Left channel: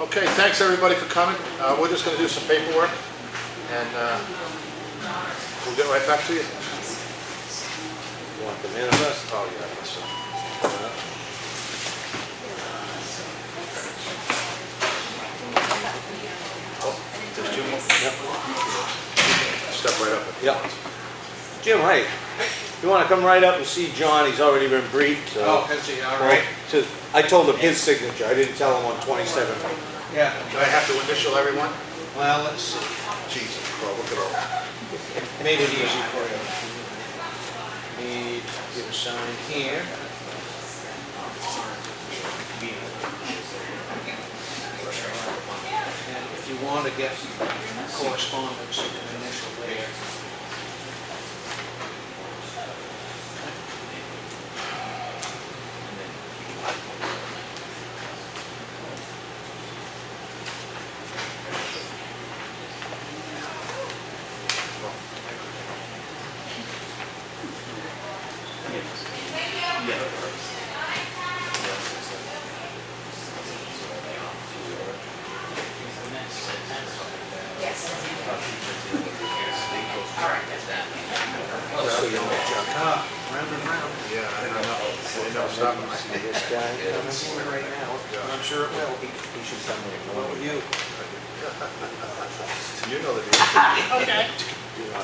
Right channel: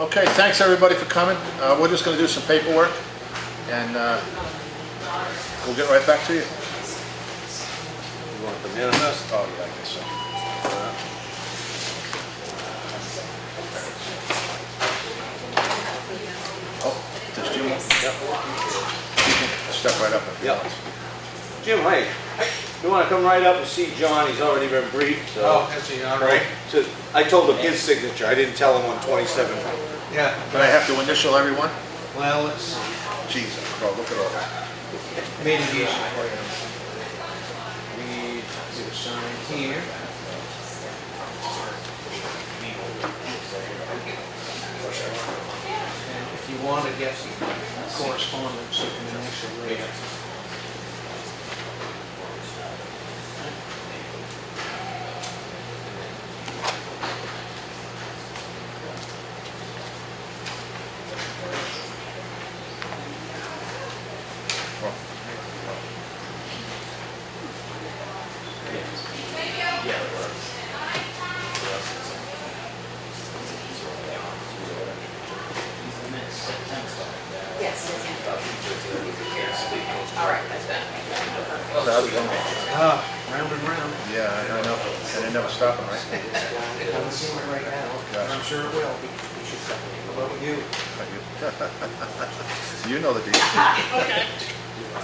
Okay, thanks everybody for coming. We're just going to do some paperwork, and we'll get right back to you. You want the manifest? Oh, yeah, I guess so. Oh, there's Jim. Yep. You can step right up if you Yep. want. Jim, hi. You want to come right up and see John? He's already been briefed. So. Oh, has he? All right. So I told him his signature. I didn't tell him on 27. Yeah. Do I have to initial everyone? Well, let's Jesus, bro, look at all that. made it easy for you. Need you to sign here. And if you want to get correspondence, you can initial there. Ah, round and round. Yeah, I know. And they never stop them, right? I'm gonna give it right now, but I'm sure it will. How about with you? You know the deal. Okay.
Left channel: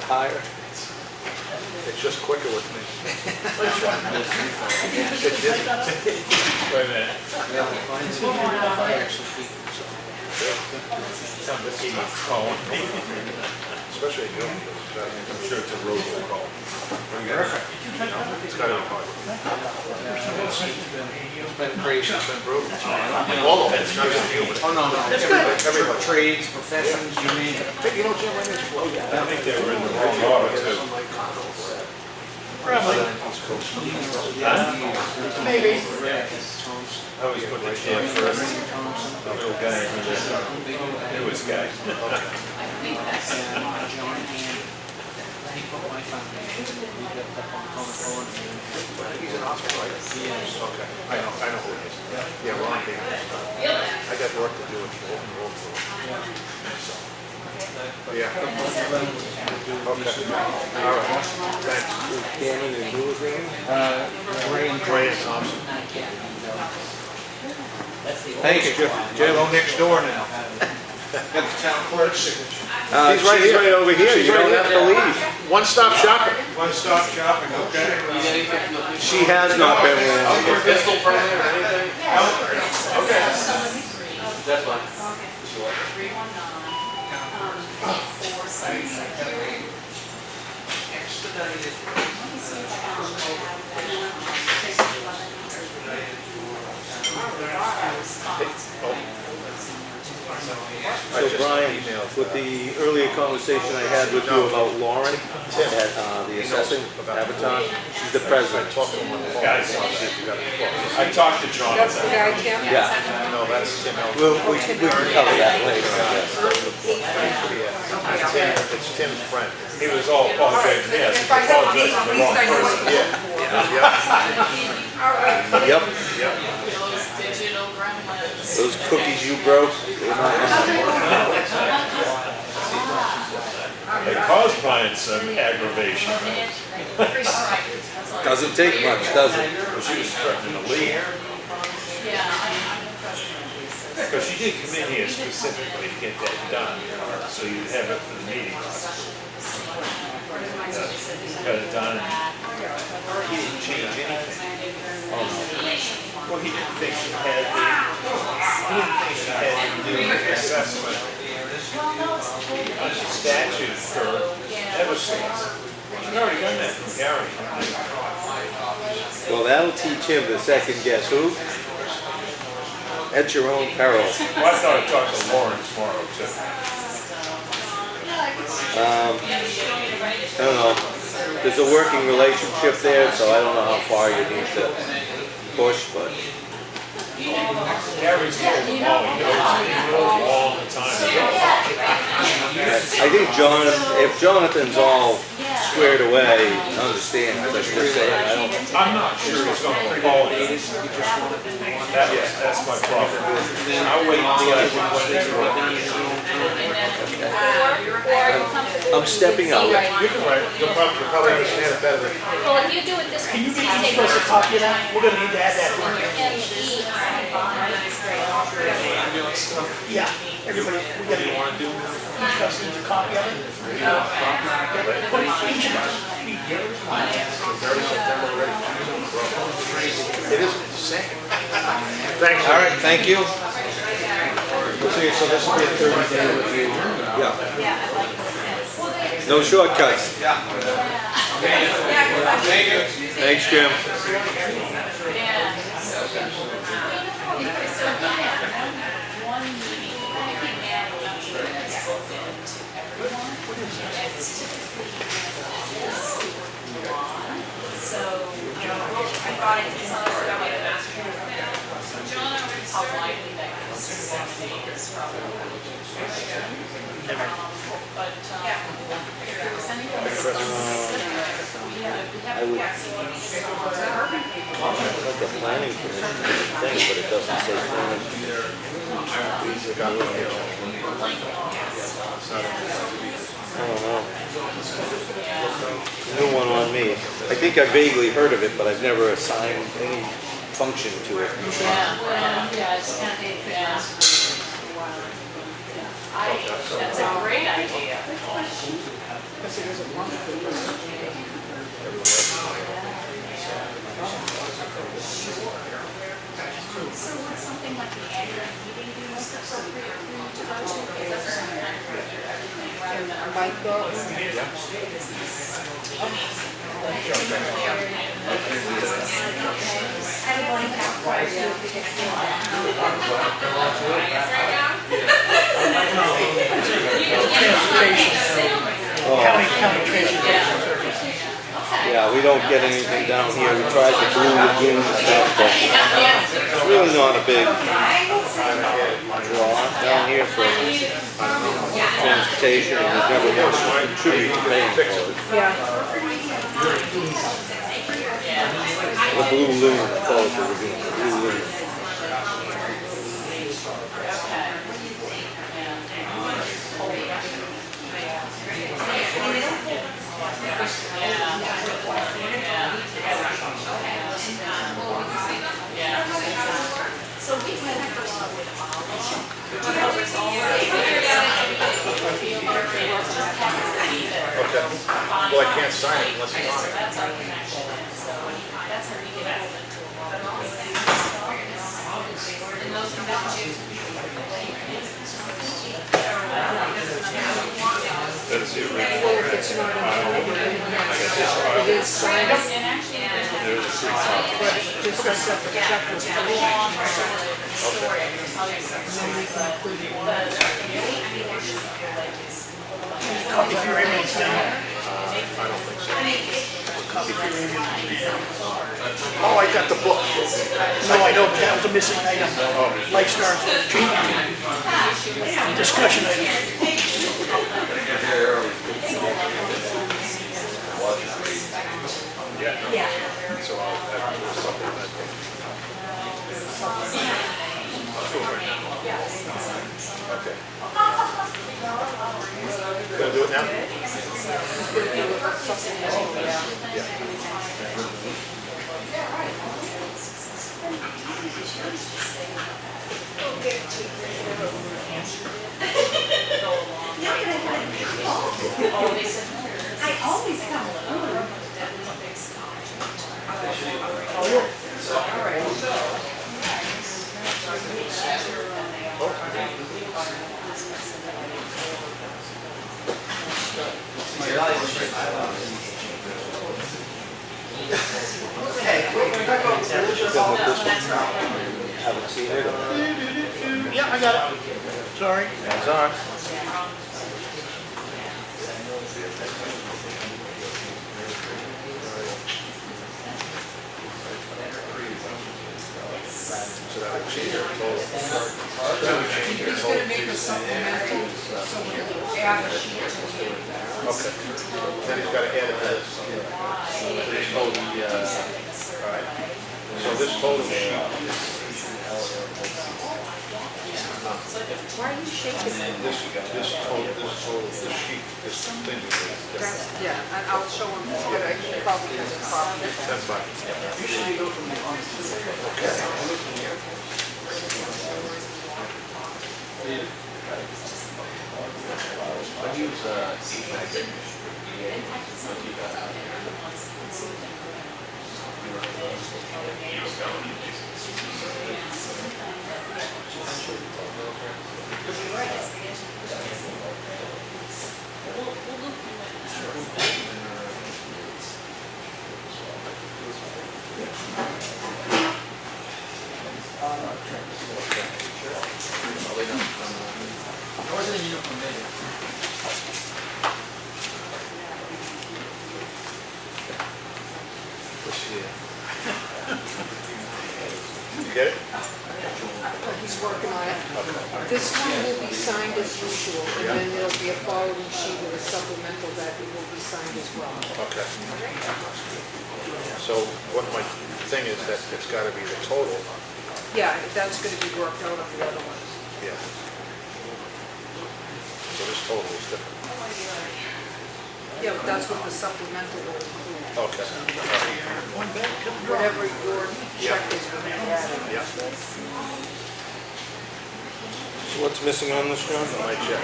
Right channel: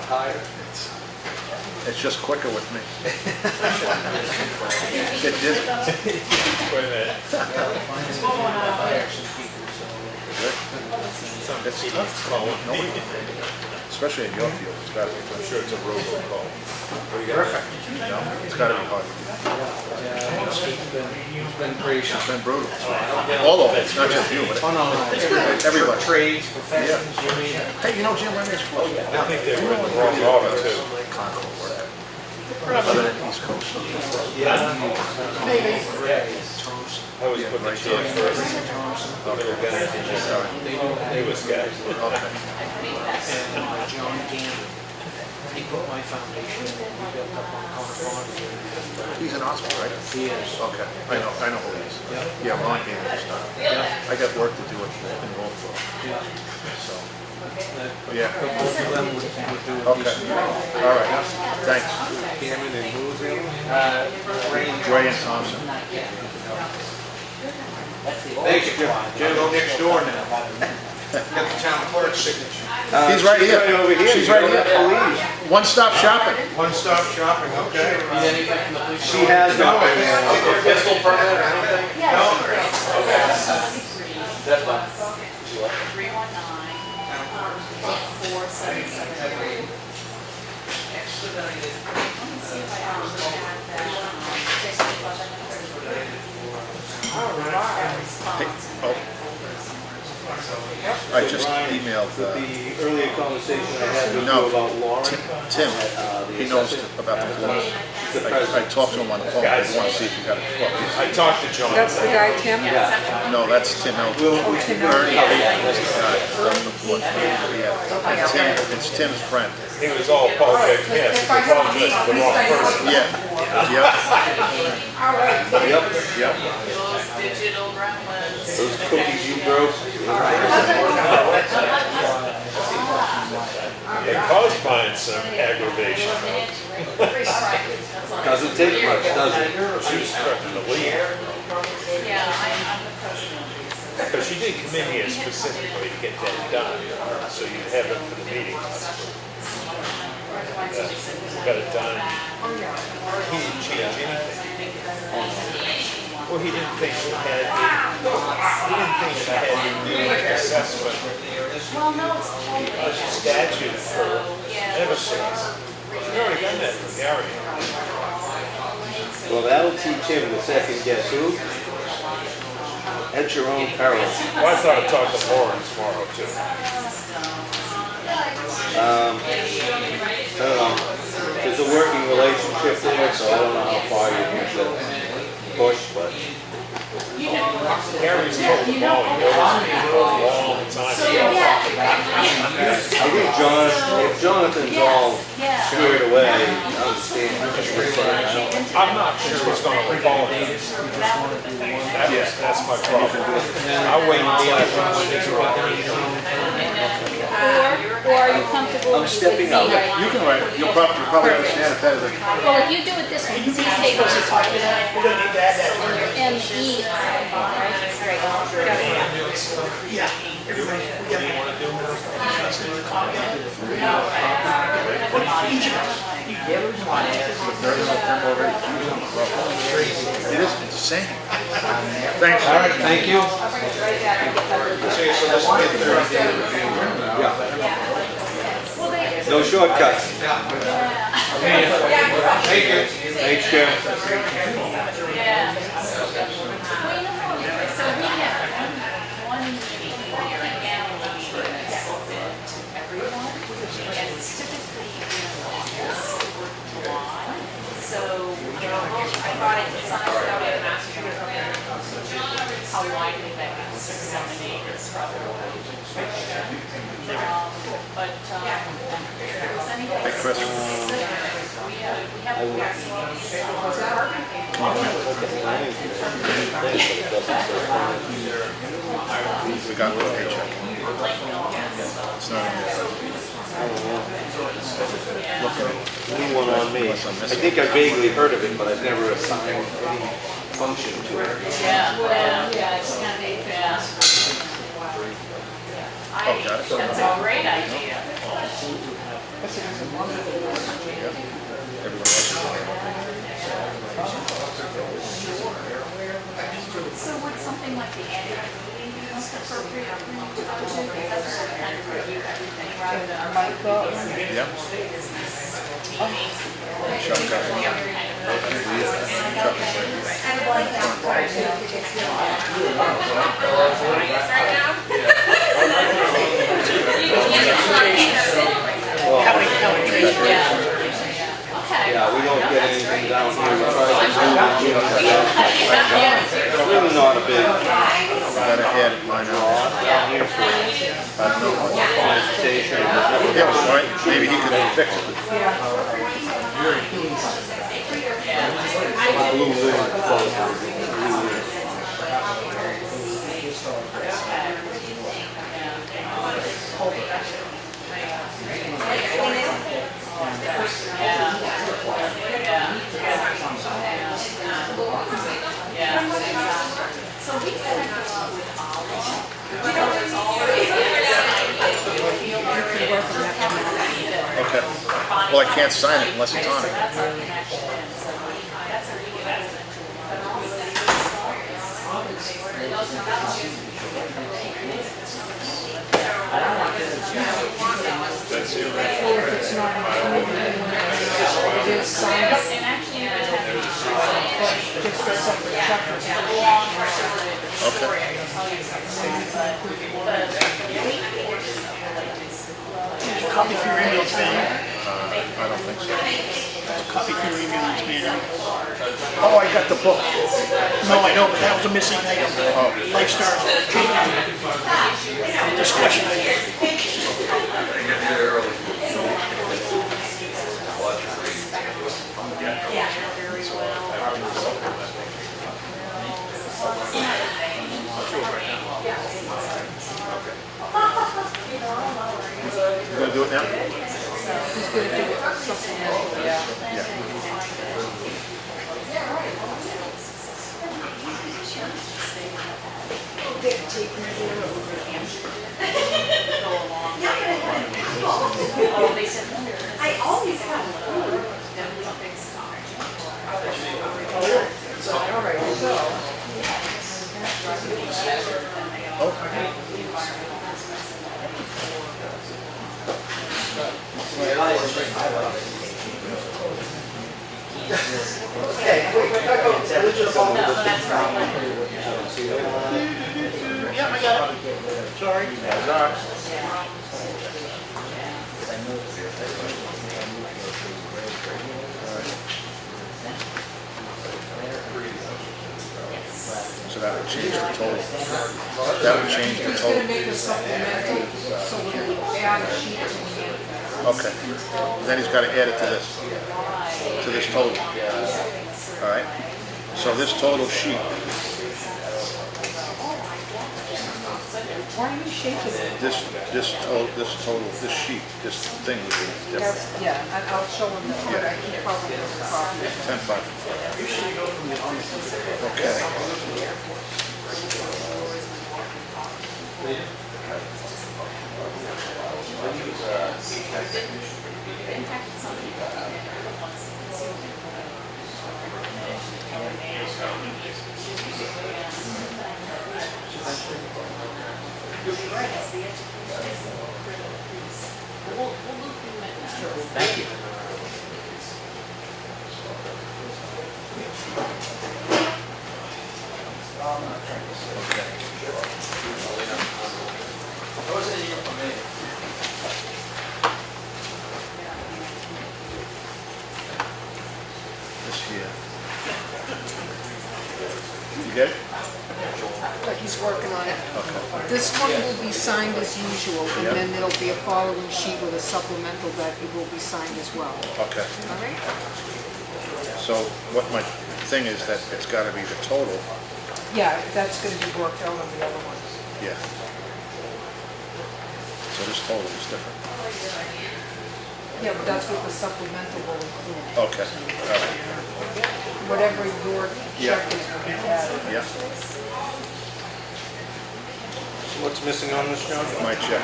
Higher? It's just quicker with me. It didn't. Yeah, finally, hire some people, so. It's tough calling. Especially in your field. I'm sure it's a robocall. Perfect. It's got to be hard. It's been crazy. It's been brutal. All of it. It's not just you, but Oh, no, no. everybody. Trades, professions, you mean. Hey, you know Jim Remy's flow? I think they were in the wrong order too. East Coast. Thompson. I always put the chair first, the middle guys and the newest guys. And John Gamble. He put my foundation, we built up on Comeau here. He's in Oxford, right? He is. Okay, I know who he is. Yeah. Yeah, Ron came. Yeah. I got work to do in Rollford, Yeah. so, Yeah. yeah. Okay, all right, thanks. Gammon and who was the other? Gray and Thompson. Thanks, Jim. Jim, go next door now. Get the town clerk's signature. He's right here. Right over here. She's You right don't here. have to leave. One-stop shopping. One-stop shopping, okay. She has not been there. Fiscal permit or anything? Okay. That's fine. 319-479. I So just Brian, emailed with the earlier conversation I had with you about Lauren, Tim. the He knows assessing, about the flow. she's the I president. talked to him on the phone. I want to see if he got it. I talked to John. That's the guy, Tim? Yeah. No, that's Tim Elton. We'll cover that later. Yeah, it's Tim's friend. He was all apologizing, yes, he apologized to the wrong person. Yeah, Yep, yep. Those digital gremlins. Those cookies you broke. It caused mine some aggravation, though. Doesn't take much, does it? Well, she was threatening to leave. Yeah, I'm the president of the association. Because she did come in here specifically to get that done, so you'd have it for the meeting. Got it done. He didn't change anything. Well, he didn't think she had to do an assessment statute for Eversource. She's already done that for Gary. Well, that'll teach him to second guess who. At your own peril. Well, I thought I'd talk to Lauren tomorrow, too. I don't know. There's a working relationship there, so I don't know how far you need to push, but Gary's told them all he knows me for a long time ago. I think if Jonathan's all squared away, I'll just understand. I just really say, I don't. I'm not sure it's gonna apologize. That's my problem. I'll wait until everyone is I'm stepping out. You can write it. You'll probably understand it better than. Well, if you do it this way, you can take those and the E. It is insane. Thanks. All right, thank you. So that's gonna be a Thursday review. No shortcuts. Thank you. Thanks, Jim. Yeah. So we had one meeting, I came down and spoke to everyone, and it's typically in August or July. So, I thought it was how likely that disseminate is probably a question. But, if there was anything specific, we have We got the paycheck. It's not New one on me. I think I vaguely heard of it, but I've never assigned any function to it. That's a great idea. So would something like the annual meeting be most appropriate for you to go to? Because that's sort of kind of review everything rather than. Yeah, we don't get anything down here. We try to do the unit stuff, but it's really not a big draw down here for consultation. Maybe he could fix it. The blue loom proposal. So we connect a lot with Okay. Well, I can't sign it unless it's on it. That's our connection, so that's how we get pulled Copy for your emails, man. Copy for your emails, man. Oh, I got the book. No, I know, but that was a missing item. Lifestyle treatment. Discussion item. You gonna do it now? Yeah, I got it. Sorry. That's all right. So that would change the total. That would change the total. Okay. And then he's gonna add it to this total. All right. So this total sheet, Why are you shaking it? this sheet, this thing is different. That's, yeah, and I'll show them what I keep covering as a copy. 10.5. Okay. This here. You get it? He's working on it. Okay. This one will be signed as usual, and Yeah. then there'll be a following sheet with a supplemental that it will be signed as well. Okay. All right? So what my thing is that it's gotta be the total. Yeah, that's gonna be worked out on the other ones. Yeah. So this total is different. Yeah, but that's what the supplemental will include. Okay. Whatever your Yeah. check is will be added. Yeah, So what's missing on this, John? my check.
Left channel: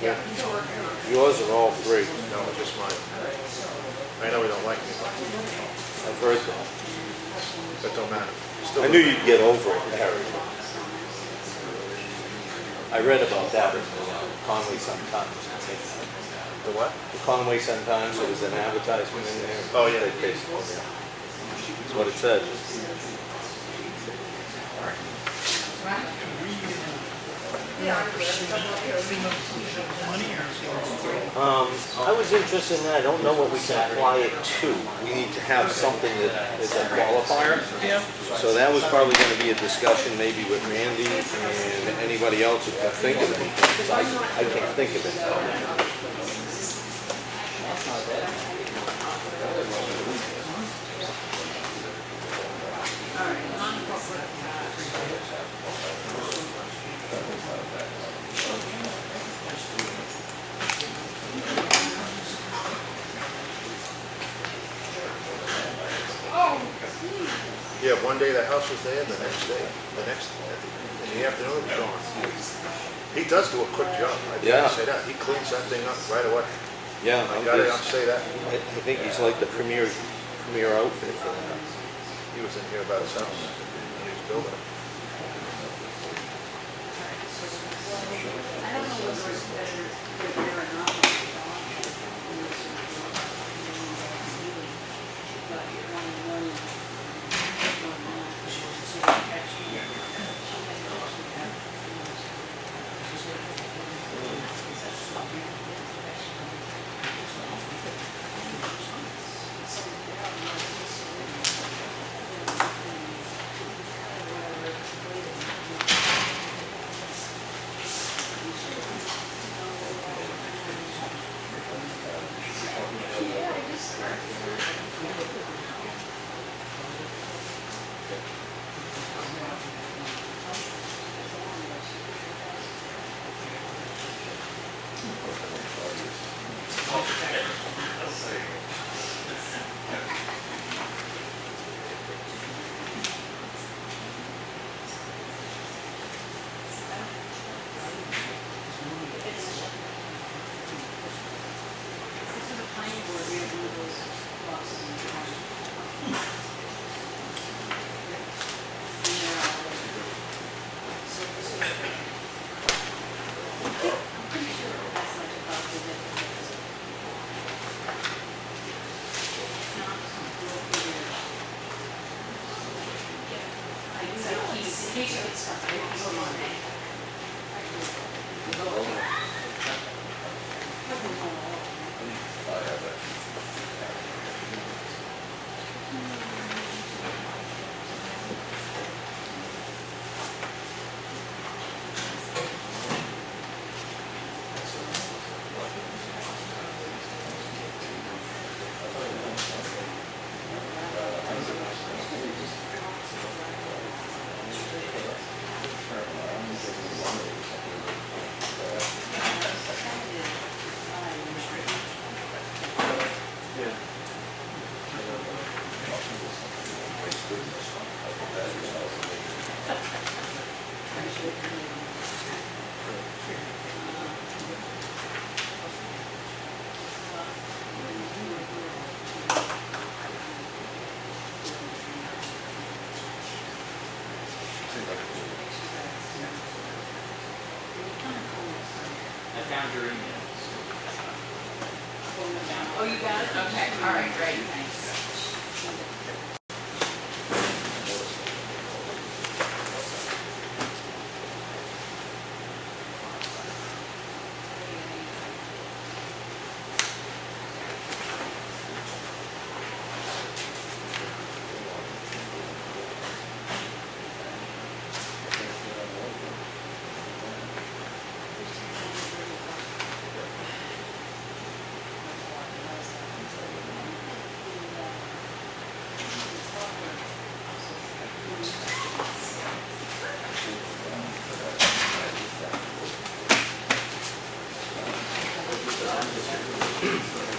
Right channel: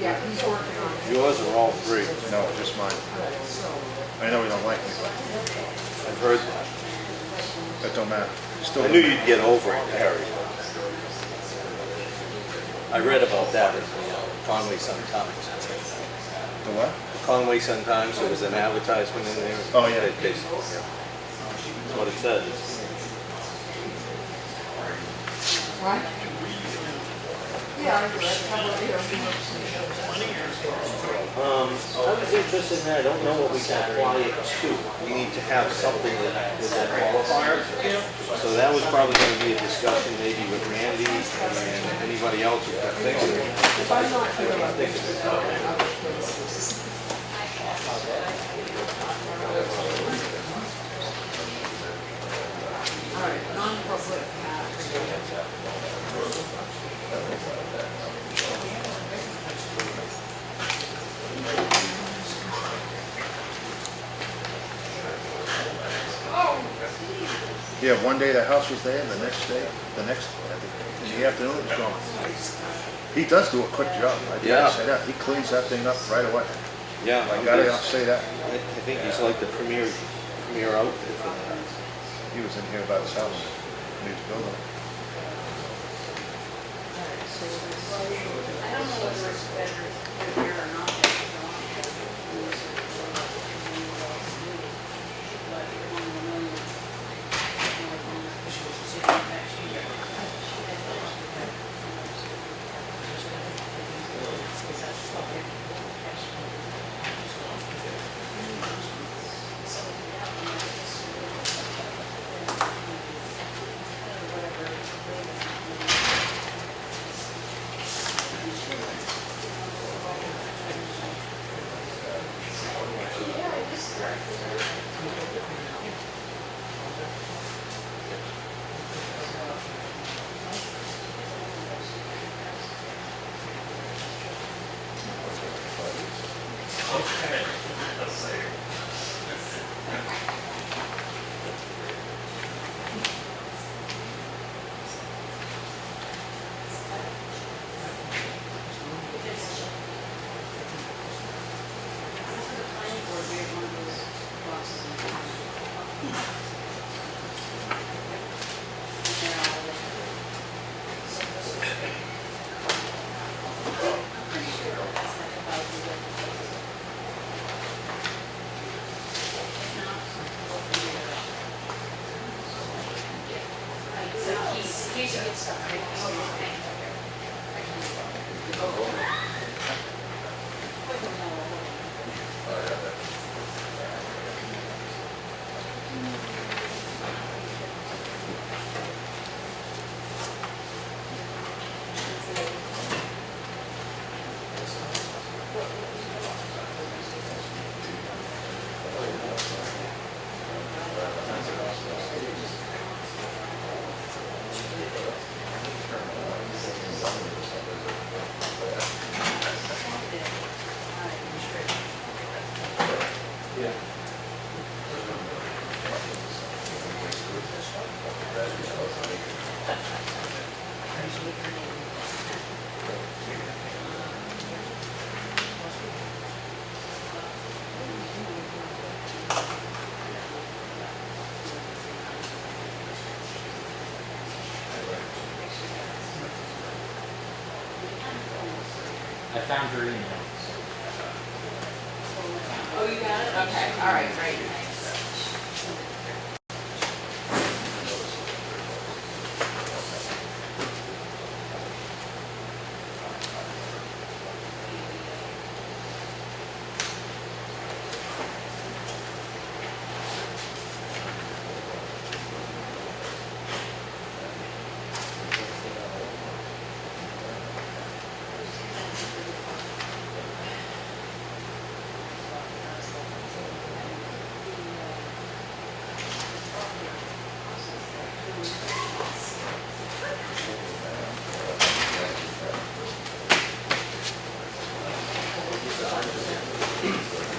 Yeah, he's working on it. Yours are all three. No, just mine. Right, so, I know we don't like me, but I've heard that. that don't matter. Still. I knew you'd get over it, Harry. I read about that in Conway Sun-Times. The what? Conway Sun-Times, there was an advertisement in there. Oh, yeah. That's what it said. what? Yeah, I read it. I was interested in that, I don't know what we can apply it to. You need to have something that is a qualifier. So that was probably gonna be a discussion maybe with Randy and anybody else who can think of it, because I can't think of it. All right, non-public. Yeah, one day the house was there, the next day, in the afternoon it was gone. He does do a quick job, I gotta Yeah. say that. He cleans that thing up right away. Yeah, I gotta say that. I think he's like the premier outfit for that. He was in here about his house when he was building it. I don't know whether it's better there or not. But you want to know. found your email. Oh, you got it? Okay, all right, great, thanks.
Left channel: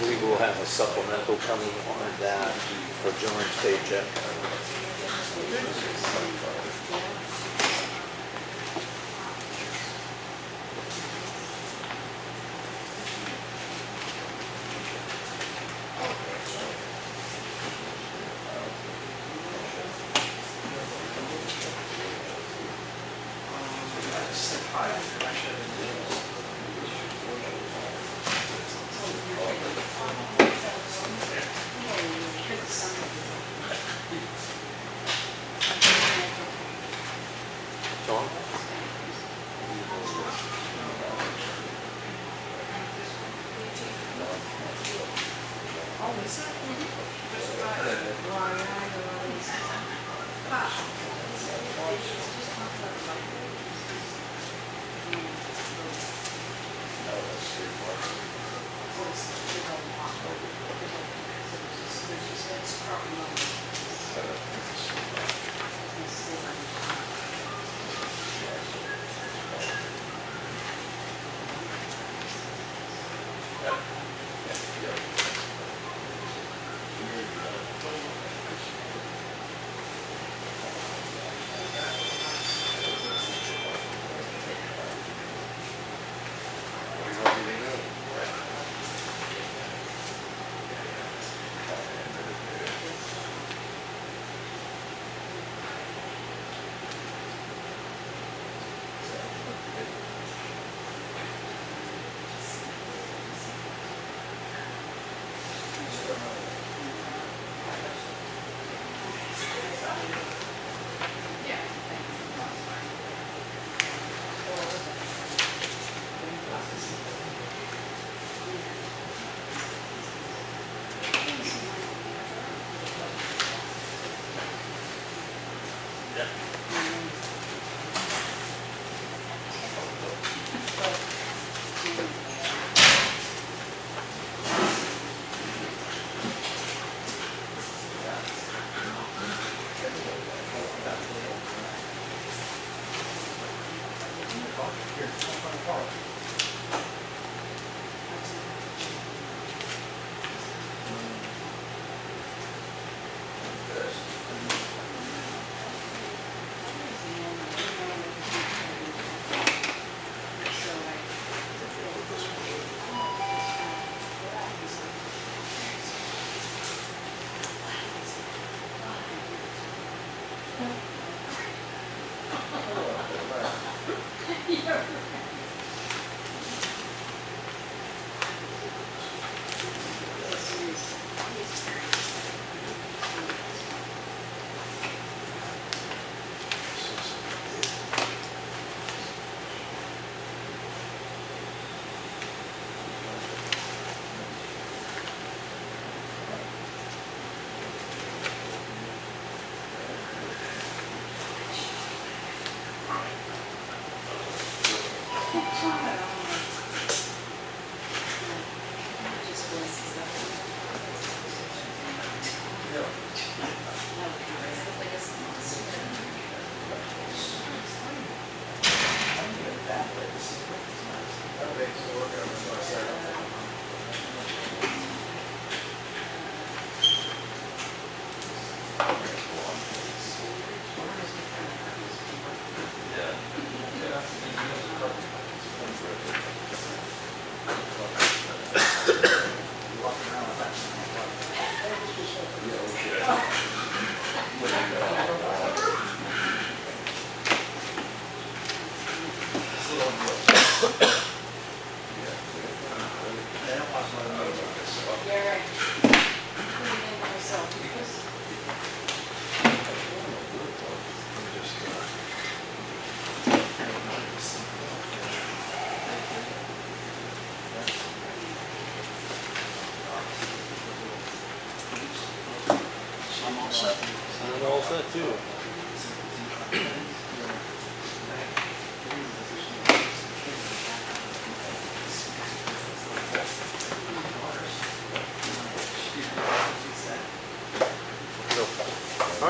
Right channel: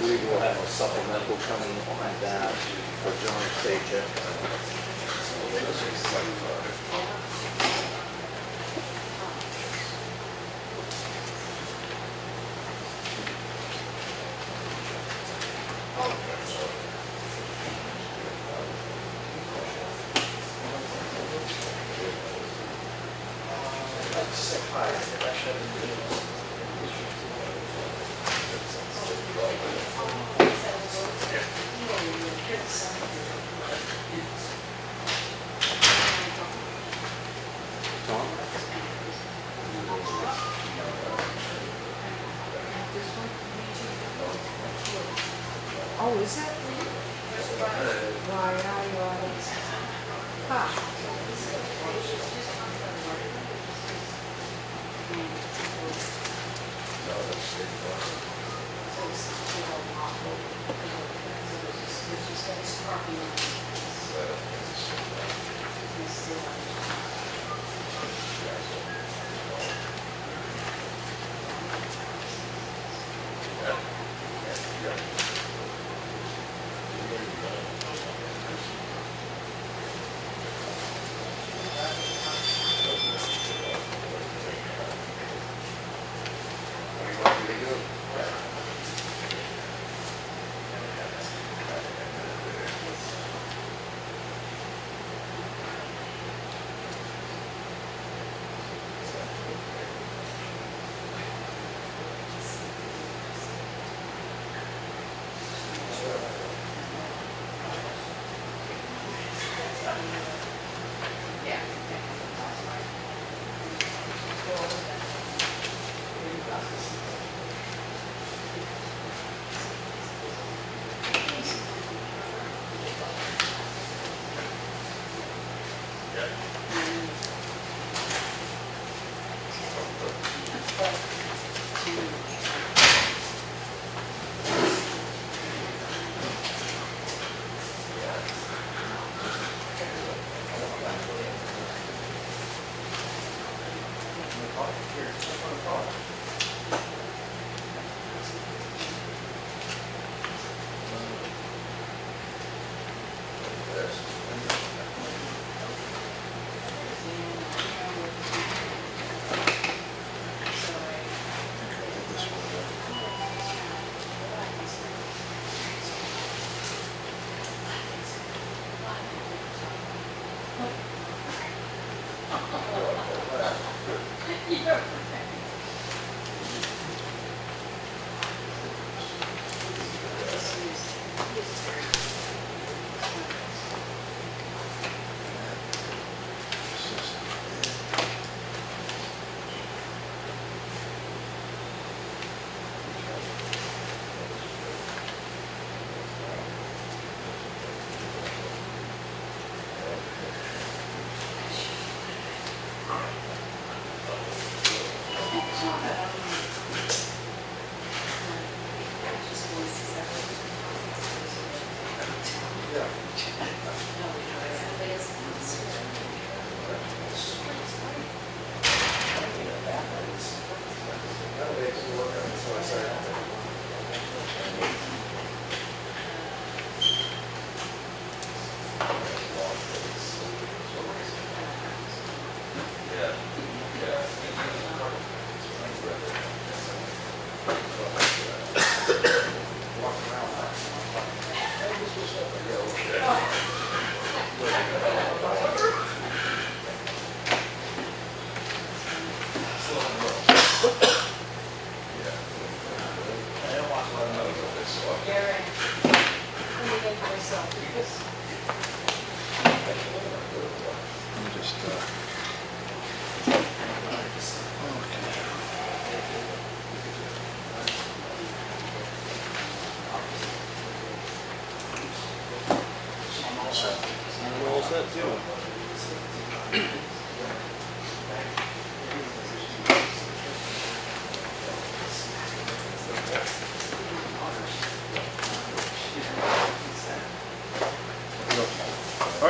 We will have a supplemental coming on that for John's paycheck. Oh, is it? Why, I know, I don't. Ah.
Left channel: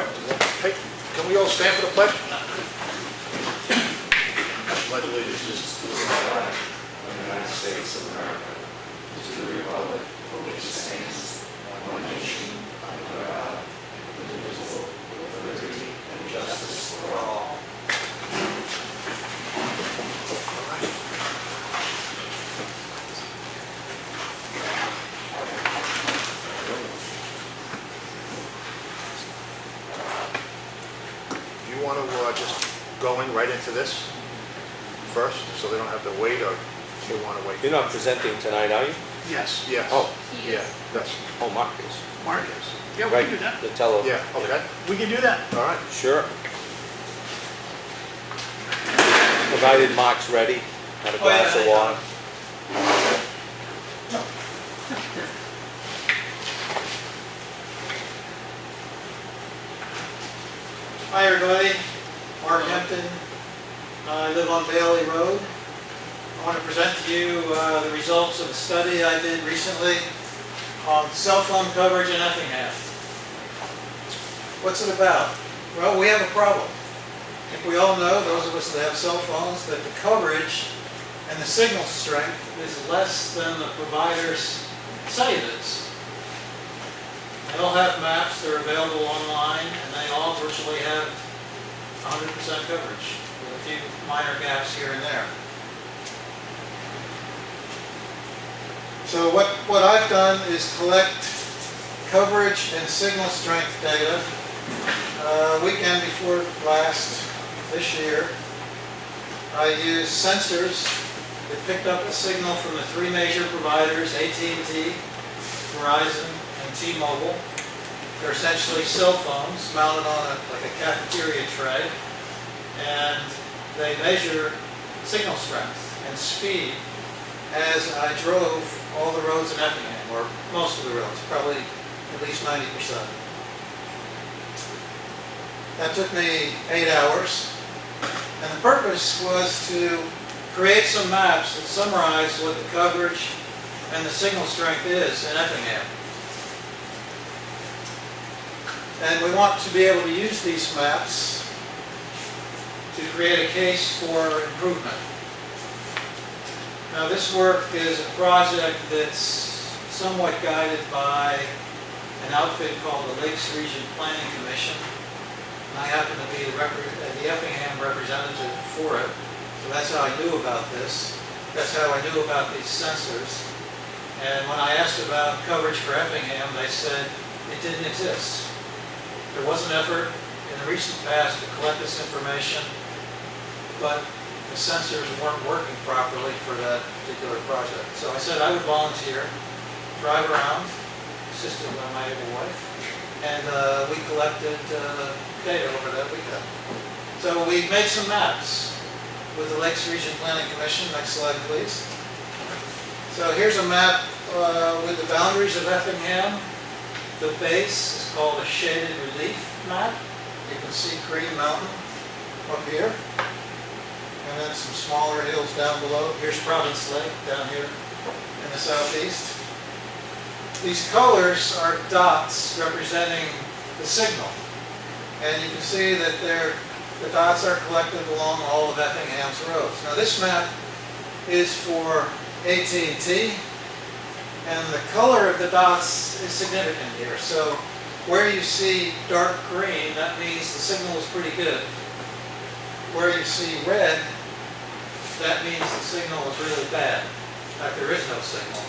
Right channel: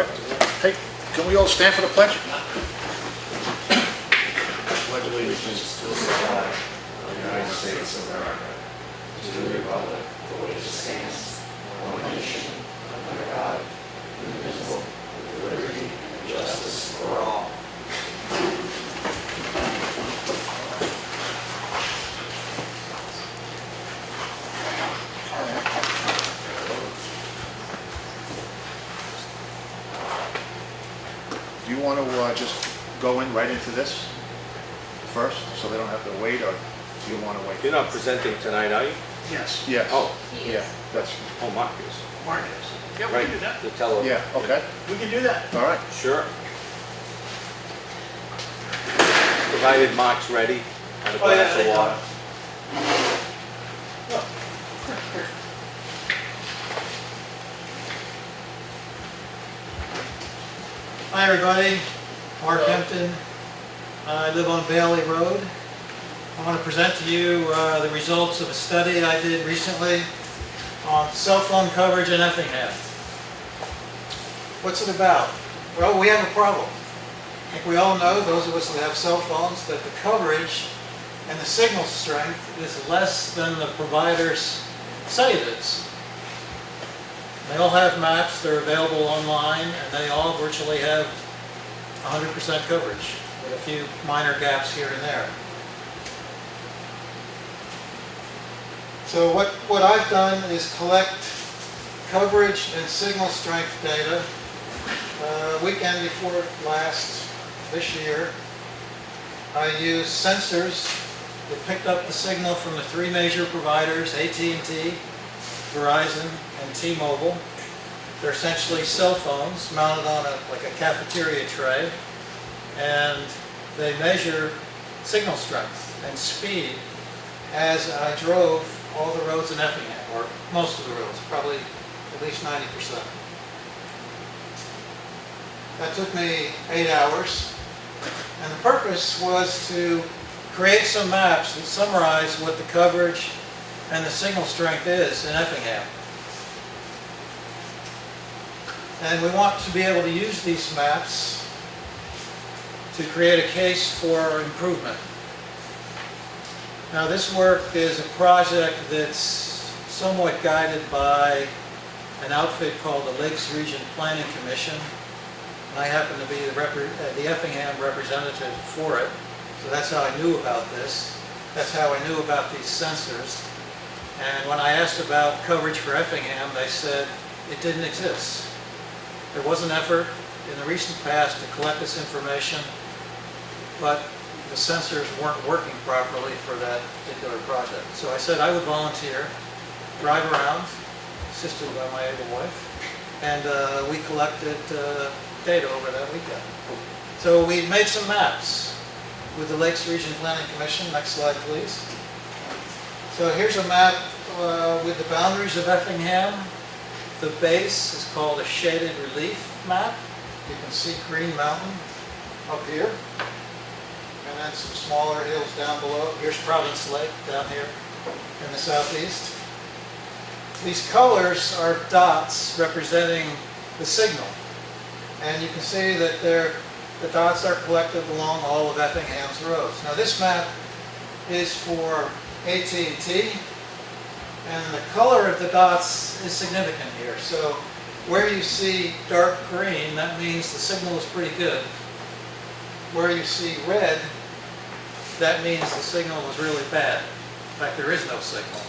right. Hey, can we all stand for the pledge? Pledge allegiance to the flag of the United States of America, to the republic for which it stands, one nation, under God, indivisible, with liberty and justice for all. Do you want to just go in right into this first, so they don't have to wait, or do you want to wait? You're not presenting tonight, are you? Yes, Yes. Oh. Yeah, that's, Oh, Mark is. Marcus. Yeah, we Right, can do that. the tele. yeah, okay, We can do that. all right. Sure. Provided Mark's ready, and a Oh, yeah, glass of I know. water. Hi everybody, Mark Hampton. I live on Bailey Road. I want to present to you the results of a study I did recently on cell phone coverage in Effingham. What's it about? Well, we have a problem. I think we all know, those of us that have cell phones, that the coverage and the signal strength is less than the providers say it is. They all have maps, they're available online, and they all virtually have 100% coverage, with a few minor gaps here and there. So what I've done is collect coverage and signal strength data weekend before last this year. I used sensors that picked up the signal from the three major providers, AT&T, Verizon, and T-Mobile. They're essentially cell phones mounted on like a cafeteria tray, and they measure signal strength and speed as I drove all the roads in Effingham, or most of the roads, probably at least 90%. That took me 8 hours, and the purpose was to create some maps that summarize what the coverage and the signal strength is in Effingham. And we want to be able to use these maps to create a case for improvement. Now, this work is a project that's somewhat guided by an outfit called the Lakes Region Planning Commission. And I happen to be the Effingham representative for it. So that's how I knew about this. That's how I knew about these sensors. And when I asked about coverage for Effingham, they said it didn't exist. There was an effort in the recent past to collect this information, but the sensors weren't working properly for that particular project. So I said I would volunteer, drive around, assisted by my able wife, and we collected data over that weekend. So we made some maps with the Lakes Region Planning Commission. Next slide, please. So here's a map with the boundaries of Effingham. The base is called a shaded relief map. You can see Green Mountain up here, and then some smaller hills down below. Here's Province Lake down here in the southeast. These colors are dots representing the signal, and you can see that the dots are collected along all of Effingham's roads. Now this map is for AT&T, and the color of the dots is significant here. So where you see dark green, that means the signal is pretty good. Where you see red, that means the signal is really bad. In fact, there is no signal.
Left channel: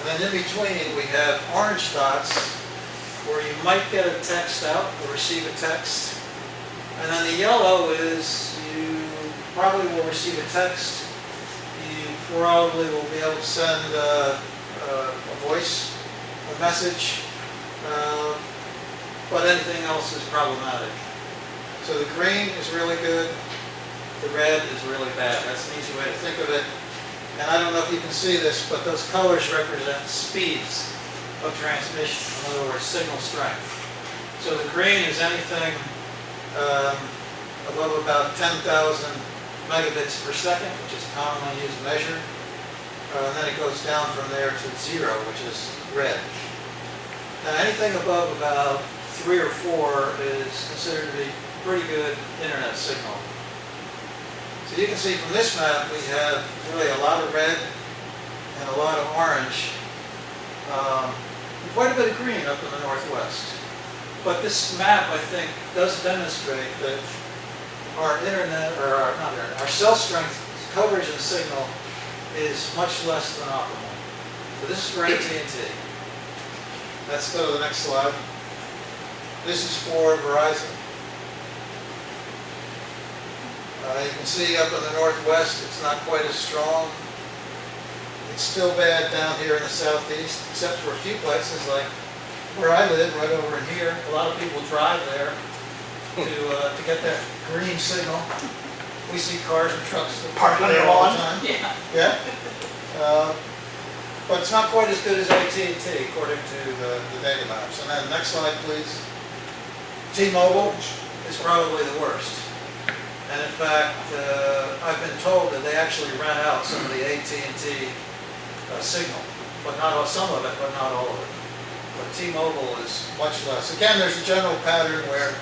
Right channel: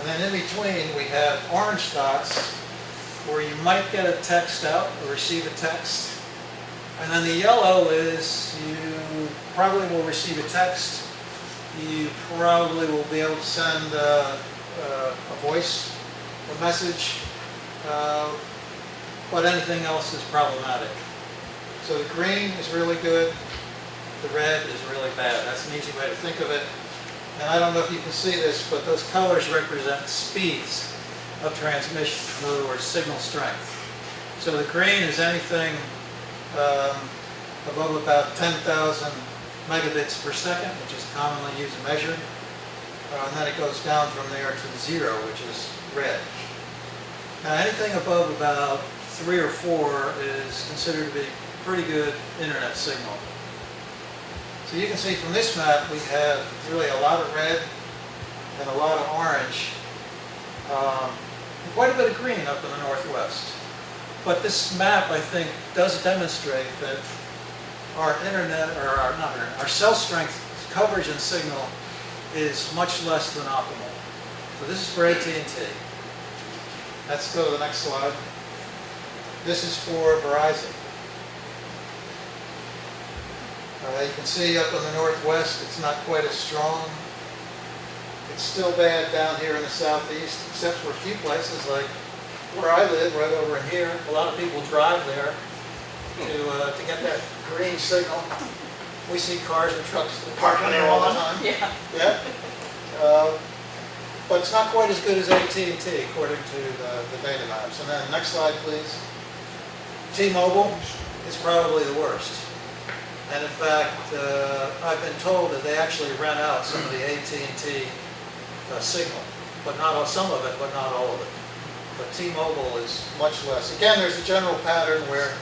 And then in between, we have orange dots where you might get a text out or receive a text. And then the yellow is you probably will receive a text. You probably will be able to send a voice, a message, but anything else is problematic. So the green is really good, the red is really bad. That's an easy way to think of it. And I don't know if you can see this, but those colors represent speeds of transmission, in other words, signal strength. So the green is anything above about 10,000 megabits per second, which is a commonly used measure. And then it goes down from there to 0, which is red. Now anything above about 3 or 4 is considered to be pretty good internet signal. So you can see from this map, we have really a lot of red and a lot of orange. Quite a bit of green up in the northwest. But this map, I think, does demonstrate that our internet, or our cell strength coverage and signal is much less than optimal. So this is for AT&T. Let's go to the next slide. This is for Verizon. You can see up in the northwest, it's not quite as strong. It's still bad down here in the southeast, except for a few places like where I live, right over in here. A lot of people drive there to get that green signal. We see cars and trucks parking there all the time. Yeah. Yeah. But it's not quite as good as AT&T according to the data maps. And then next slide, please. T-Mobile is probably the worst. And in fact, I've been told that they actually ran out some of the AT&T signal, but not all, some of it, but not all of it. But T-Mobile is much less. Again, there's a general pattern where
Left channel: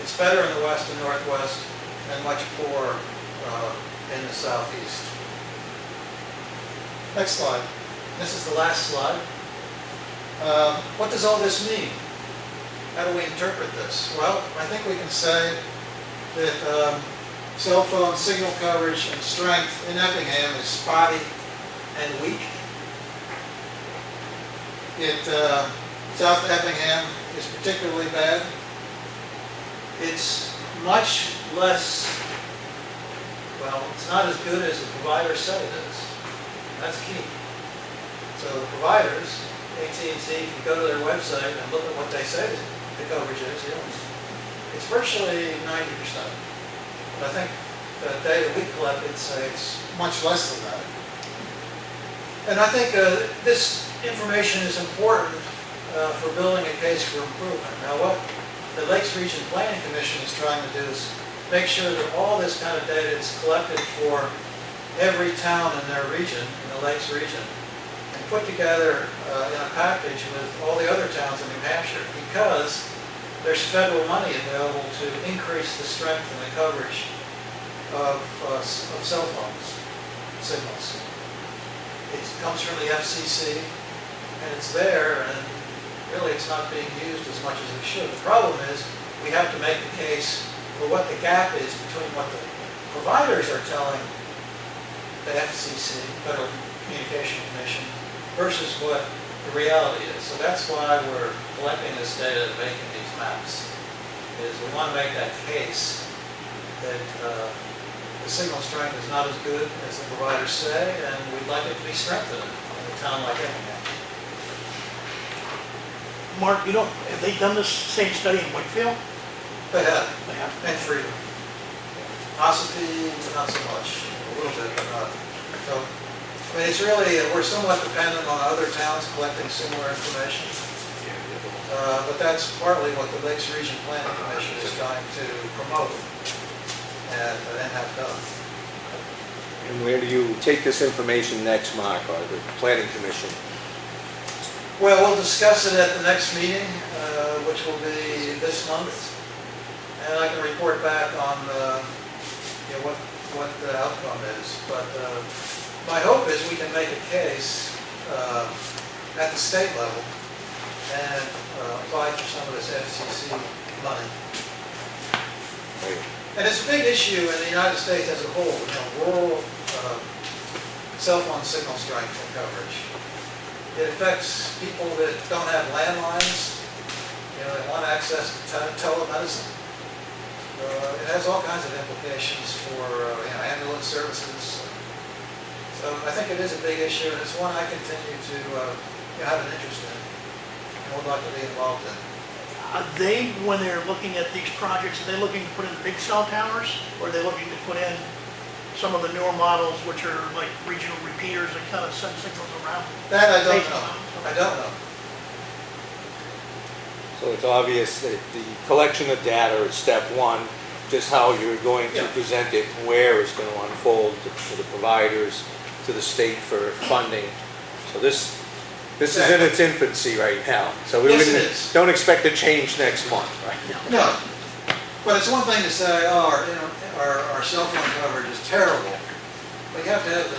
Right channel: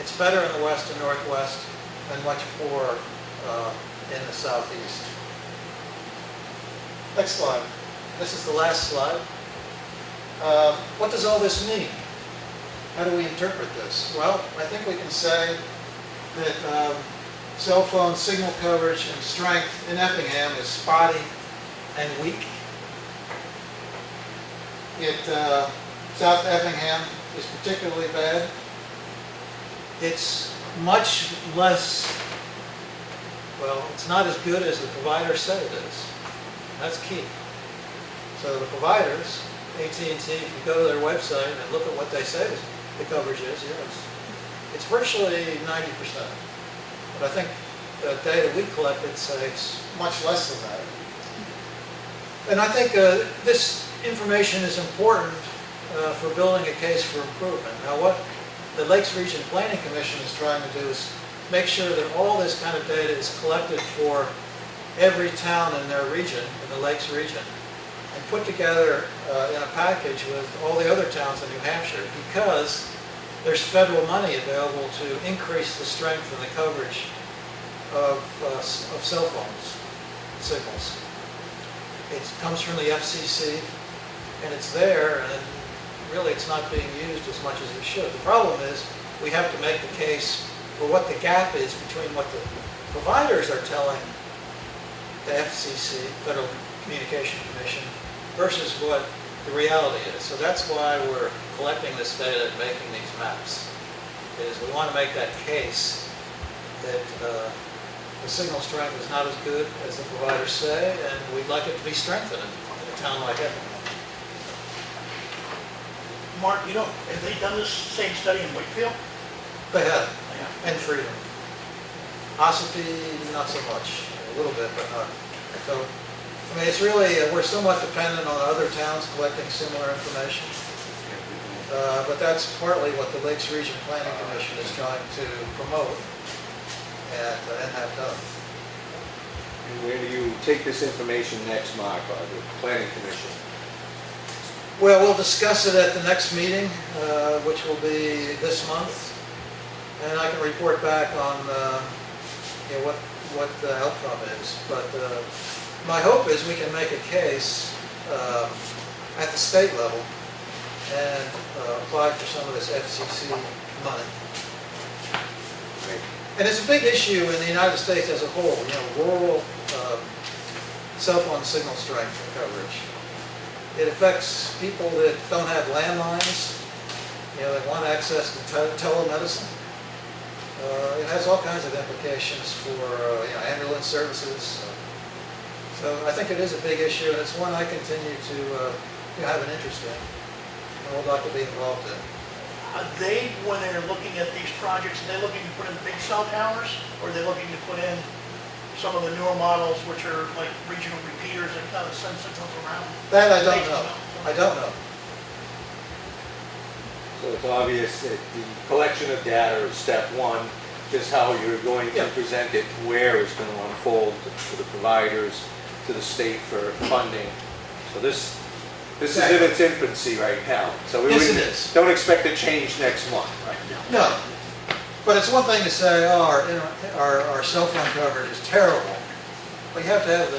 it's better in the west and northwest and much poorer in the southeast. Next slide. This is the last slide. What does all this mean? How do we interpret this? Well, I think we can say that cell phone signal coverage and strength in Effingham is spotty and weak. South Effingham is particularly bad. It's much less, well, it's not as good as the providers say it is. That's key. So the providers, AT&T, if you go to their website and look at what they say the coverage is, it's virtually 90%. But I think the data we collected says much less than that. And I think this information is important for building a case for improvement. Now what the Lakes Region Planning Commission is trying to do is make sure that all this kind of data is collected for every town in their region, in the Lakes region, and put together in a package with all the other towns in New Hampshire, because there's federal money available to increase the strength and the coverage of cell phones signals. It comes from the FCC, and it's there, and really it's not being used as much as it should. The problem is we have to make the case for what the gap is between what the providers are telling the FCC, Federal Communication Commission, versus what the reality is. So that's why we're collecting this data and making these maps. Is we want to make that case that the signal strength is not as good as the providers say, and we'd like it to be strengthened in a town like Effingham. Mark, have they done this same study in Wakefield? They have, They have. and Freedom. Possibly not so much, a little bit, but not. So, I mean, it's really, we're somewhat dependent on other towns collecting similar information. But that's partly what the Lakes Region Planning Commission is trying to promote and have done. And where do you take this information next, Mark, or the Planning Commission? Well, we'll discuss it at the next meeting, which will be this month, and I can report back on what the outcome is. But my hope is we can make a case at the state level and apply for some of this FCC money. And it's a big issue in the United States as a whole, rural cell phone signal strength coverage. It affects people that don't have landlines, that want access to telemedicine. It has all kinds of implications for ambulance services. So I think it is a big issue, and it's one I continue to have an interest in and would like to be involved in. Are they, when they're looking at these projects, are they looking to put in big cell towers, or are they looking to put in some of the newer models, which are like regional repeaters that kind of send signals around? That I don't know. I don't know. So it's obvious that the collection of data is step one, just how you're going to present it, where it's going to unfold to the providers, to the state for funding. So this This is in its infancy right now, so we Yes, it wouldn't, is. don't expect a change next month right now. No, but it's one thing to say, oh, our cell phone coverage is terrible. Well, you have to have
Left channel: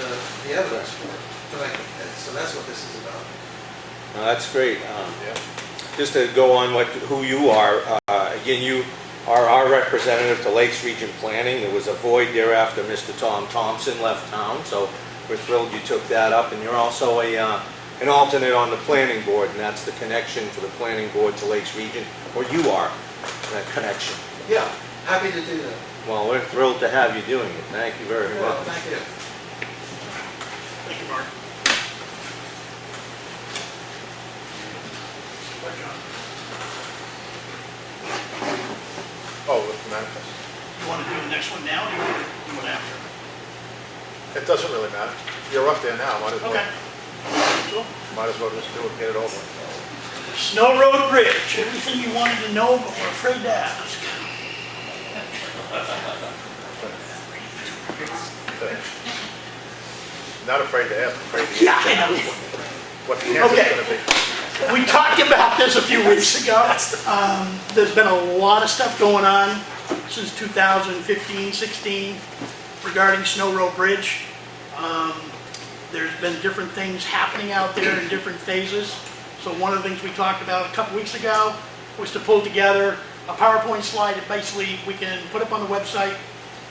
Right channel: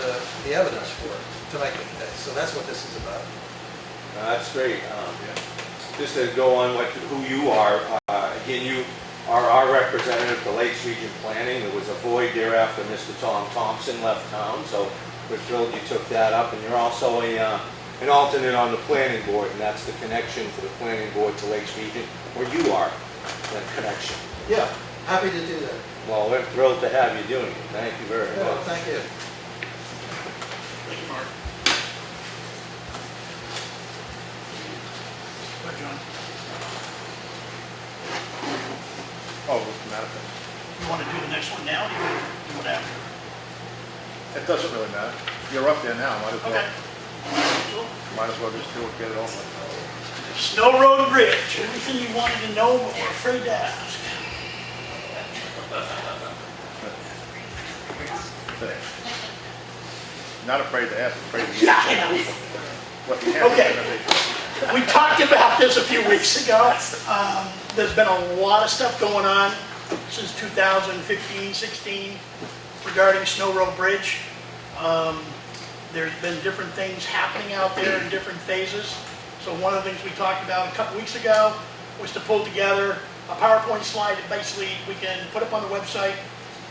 the evidence for it to make it, so that's what this is about. No, that's great. Just to go on who you are, again, you are our representative to Lakes Region Planning. There was a void there after Mr. Tom Thompson left town, so we're thrilled you took that up. And you're also an alternate on the planning board, and that's the connection for the planning board to Lakes Region, or you are that connection. Yeah, happy to do that. Well, we're thrilled to have you doing it. Thank you very Well, much. thank you. Thank you, Mark. What, John? Oh, with the manifest. You want to do the next one now, or do you want to do it after? It doesn't really matter. You're up there now, might as well, Okay. Cool. might as well just do it, get it over with. Snow Road Bridge, everything you wanted to know but were afraid to ask. Not afraid to ask, afraid to Yeah, I know. what the answer's Okay. gonna be. We talked about this a few weeks ago. There's been a lot of stuff going on since 2015, 16 regarding Snow Road Bridge. There's been different things happening out there in different phases. So one of the things we talked about a couple weeks ago was to pull together a PowerPoint slide that basically we can put up on the website.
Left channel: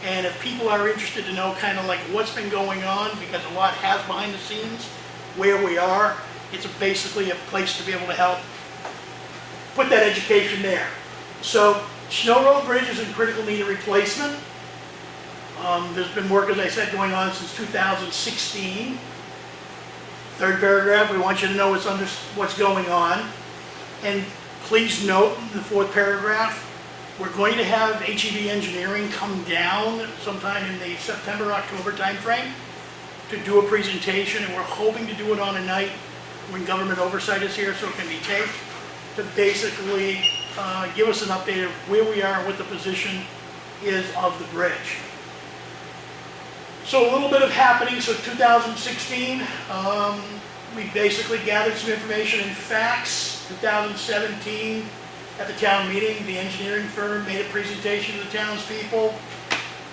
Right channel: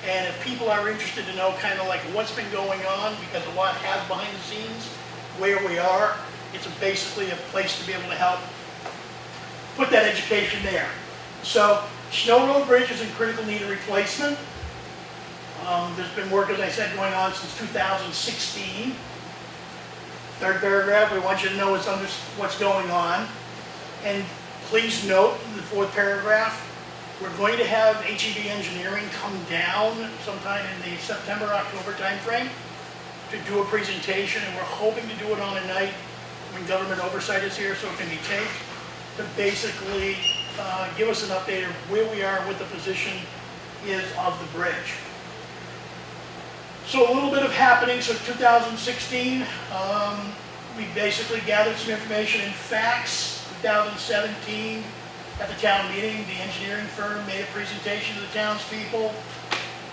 And if people are interested to know kind of like what's been going on, because a lot has behind the scenes, where we are, it's basically a place to be able to help put that education there. So Snow Road Bridge is in critical need of replacement. There's been work, as I said, going on since 2016. Third paragraph, we want you to know what's going on. And please note in the fourth paragraph, we're going to have HED Engineering come down sometime in the September, October timeframe to do a presentation, and we're hoping to do it on a night when government oversight is here so it can be taped, to basically give us an update of where we are and what the position is of the bridge. So a little bit of happening. So 2016, we basically gathered some information and facts. 2017, at the town meeting, the engineering firm made a presentation to the townspeople.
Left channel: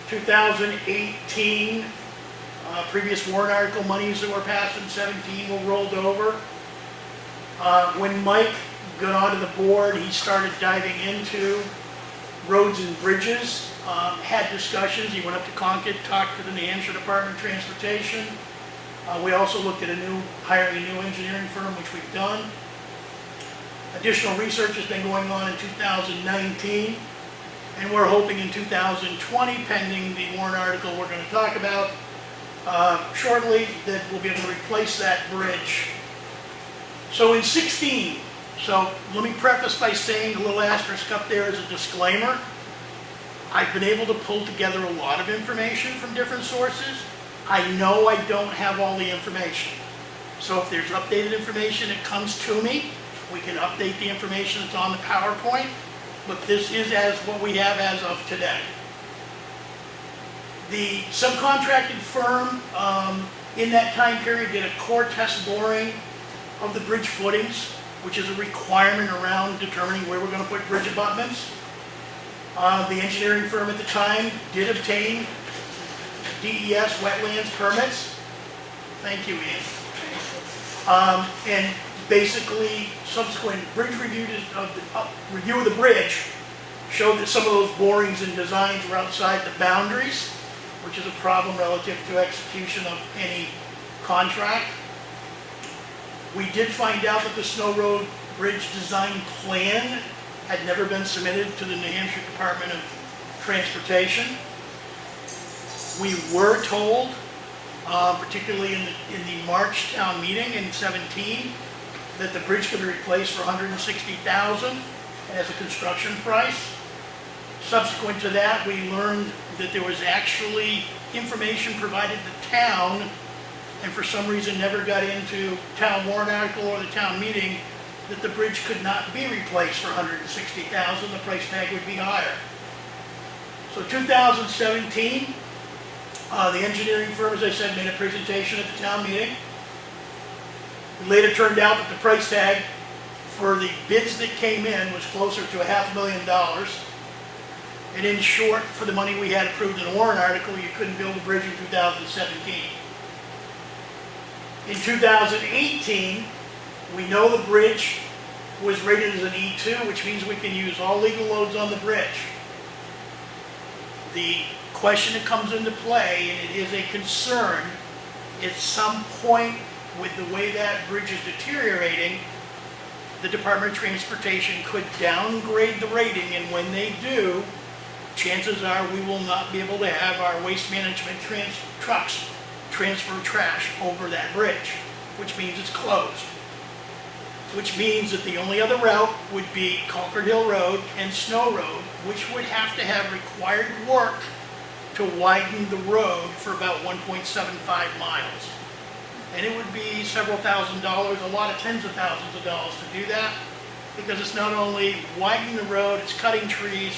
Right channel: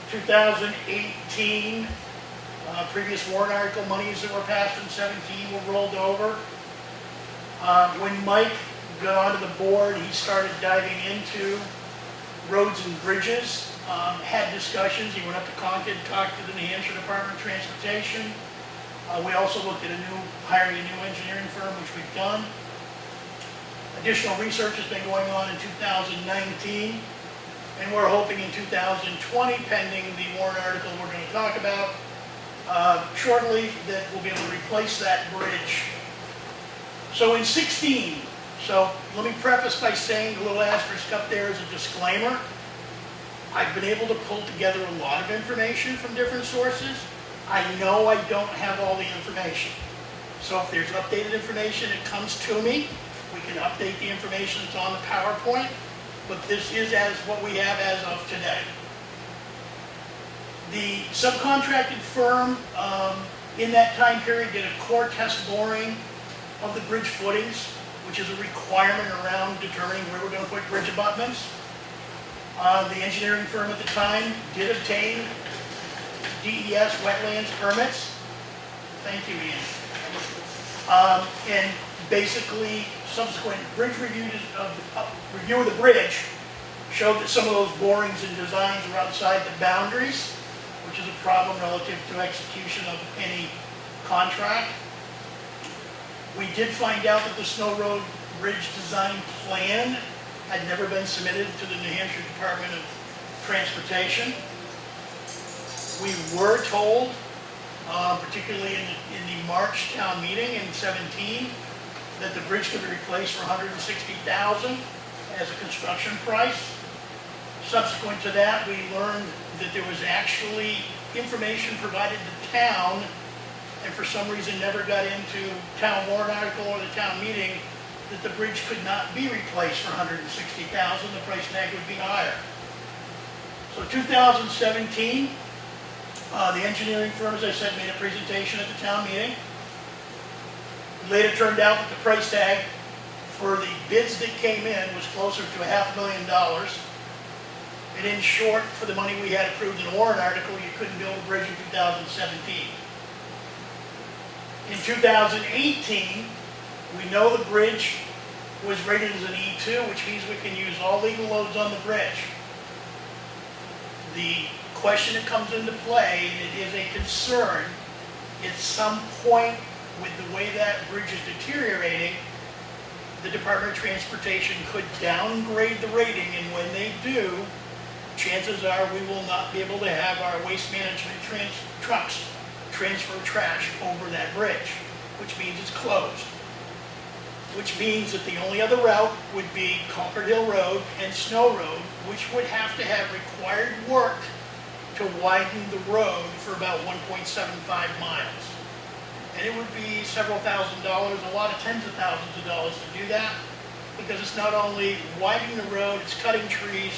2018, previous warrant article monies that were passed in 17 were rolled over. When Mike got onto the board, he started diving into roads and bridges, had discussions. He went up to Concord, talked to the New Hampshire Department of Transportation. We also looked at hiring a new engineering firm, which we've done. Additional research has been going on in 2019, and we're hoping in 2020, pending the warrant article we're going to talk about shortly, that we'll be able to replace that bridge. So in 16, so let me preface by saying a little asterisk up there as a disclaimer. I've been able to pull together a lot of information from different sources. I know I don't have all the information. So if there's updated information that comes to me, we can update the information that's on the PowerPoint, but this is as what we have as of today. The subcontracted firm in that time period did a core test boring of the bridge footings, which is a requirement around determining where we're going to put bridge abutments. The engineering firm at the time did obtain DES wetlands permits. Thank you, Ian. And basically, subsequent bridge review of the bridge showed that some of those borings and designs were outside the boundaries, which is a problem relative to execution of any contract. We did find out that the Snow Road Bridge design plan had never been submitted to the New Hampshire Department of Transportation. We were told, particularly in the March town meeting in 17, that the bridge could be replaced for $160,000 as a construction price. Subsequent to that, we learned that there was actually information provided to town, and for some reason never got into town warrant article or the town meeting, that the bridge could not be replaced for $160,000. The price tag would be higher. So 2017, the engineering firm, as I said, made a presentation at the town meeting. Later turned out that the price tag for the bids that came in was closer to $500,000. And in short, for the money we had approved in the warrant article, you couldn't build a bridge in 2017. In 2018, we know the bridge was rated as an E2, which means we can use all legal loads on the bridge. The question that comes into play, and it is a concern, at some point with the way that bridge is deteriorating, the Department of Transportation could downgrade the rating, and when they do, chances are we will not be able to have our waste management trucks transfer trash over that bridge, which means it's closed. Which means that the only other route would be Concord Hill Road and Snow Road, which would have to have required work to widen the road for about 1.75 miles. And it would be several $1,000s, a lot of tens of thousands of dollars to do that, because it's not only widening the road, it's cutting trees,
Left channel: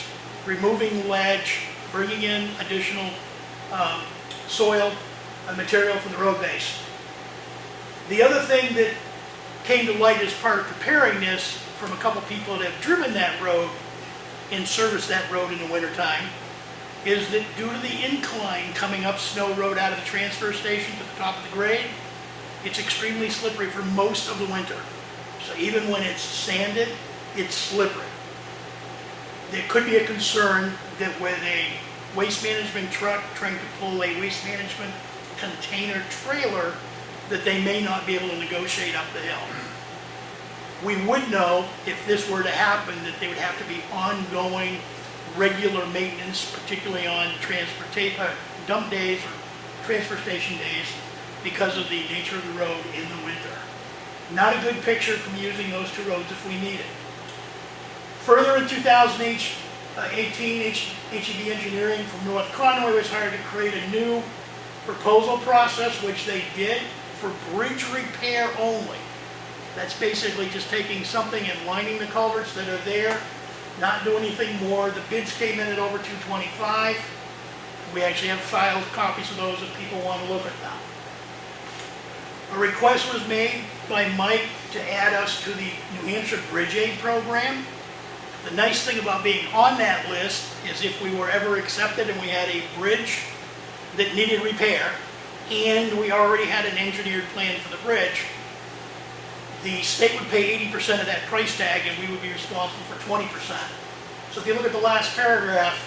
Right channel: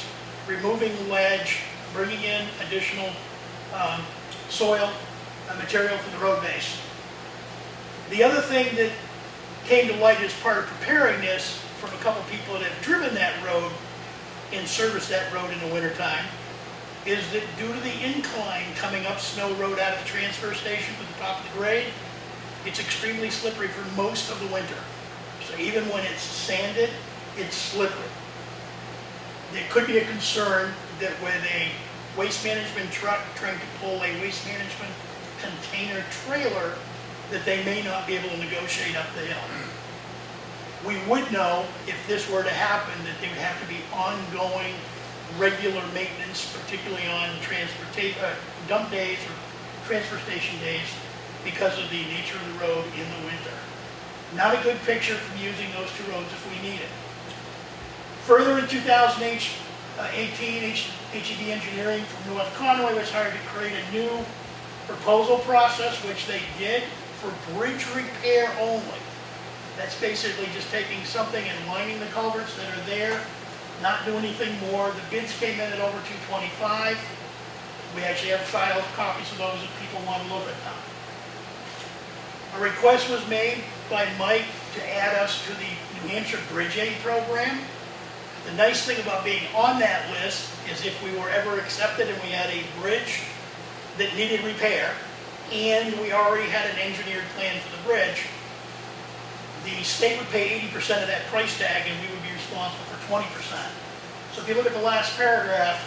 removing ledge, bringing in additional soil and material from the road base. The other thing that came to light as part of preparing this from a couple people that have driven that road and serviced that road in the wintertime is that due to the incline coming up Snow Road out of the transfer station to the top of the grade, it's extremely slippery for most of the winter. So even when it's sanded, it's slippery. There could be a concern that with a waste management truck trying to pull a waste management container trailer, that they may not be able to negotiate up the hill. We would know if this were to happen that they would have to be ongoing, regular maintenance, particularly on dump days or transfer station days, because of the nature of the road in the winter. Not a good picture from using those two roads if we need it. Further in 2018, HEB Engineering from North Conway was hired to create a new proposal process, which they did for bridge repair only. That's basically just taking something and lining the culverts that are there, not do anything more. The bids came in at over $225. We actually have filed copies of those if people want to look at them. A request was made by Mike to add us to the New Hampshire Bridge Aid program. The nice thing about being on that list is if we were ever accepted and we had a bridge that needed repair, and we already had an engineered plan for the bridge, the state would pay 80% of that price tag and we would be responsible for 20%. So if you look at the last paragraph,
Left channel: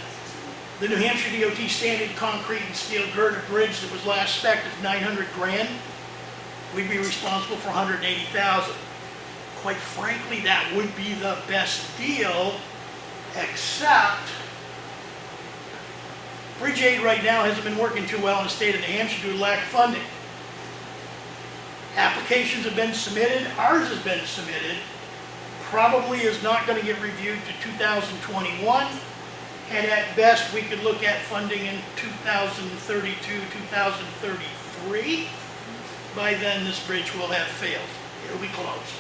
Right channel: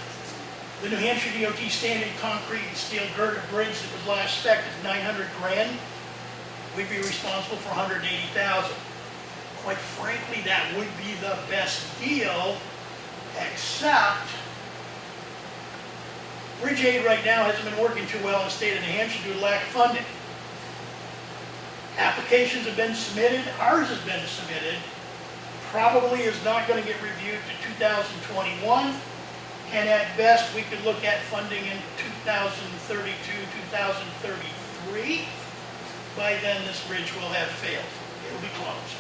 the New Hampshire DOT standard concrete and steel girder bridge that was last spec'd is 900 grand. We'd be responsible for 180,000. Quite frankly, that would be the best deal, except Bridge Aid right now hasn't been working too well in the state of New Hampshire due to lack of funding. Applications have been submitted, ours has been submitted, probably is not going to get reviewed to 2021, and at best we could look at funding in 2032, 2033. By then this bridge will have failed. It'll be closed.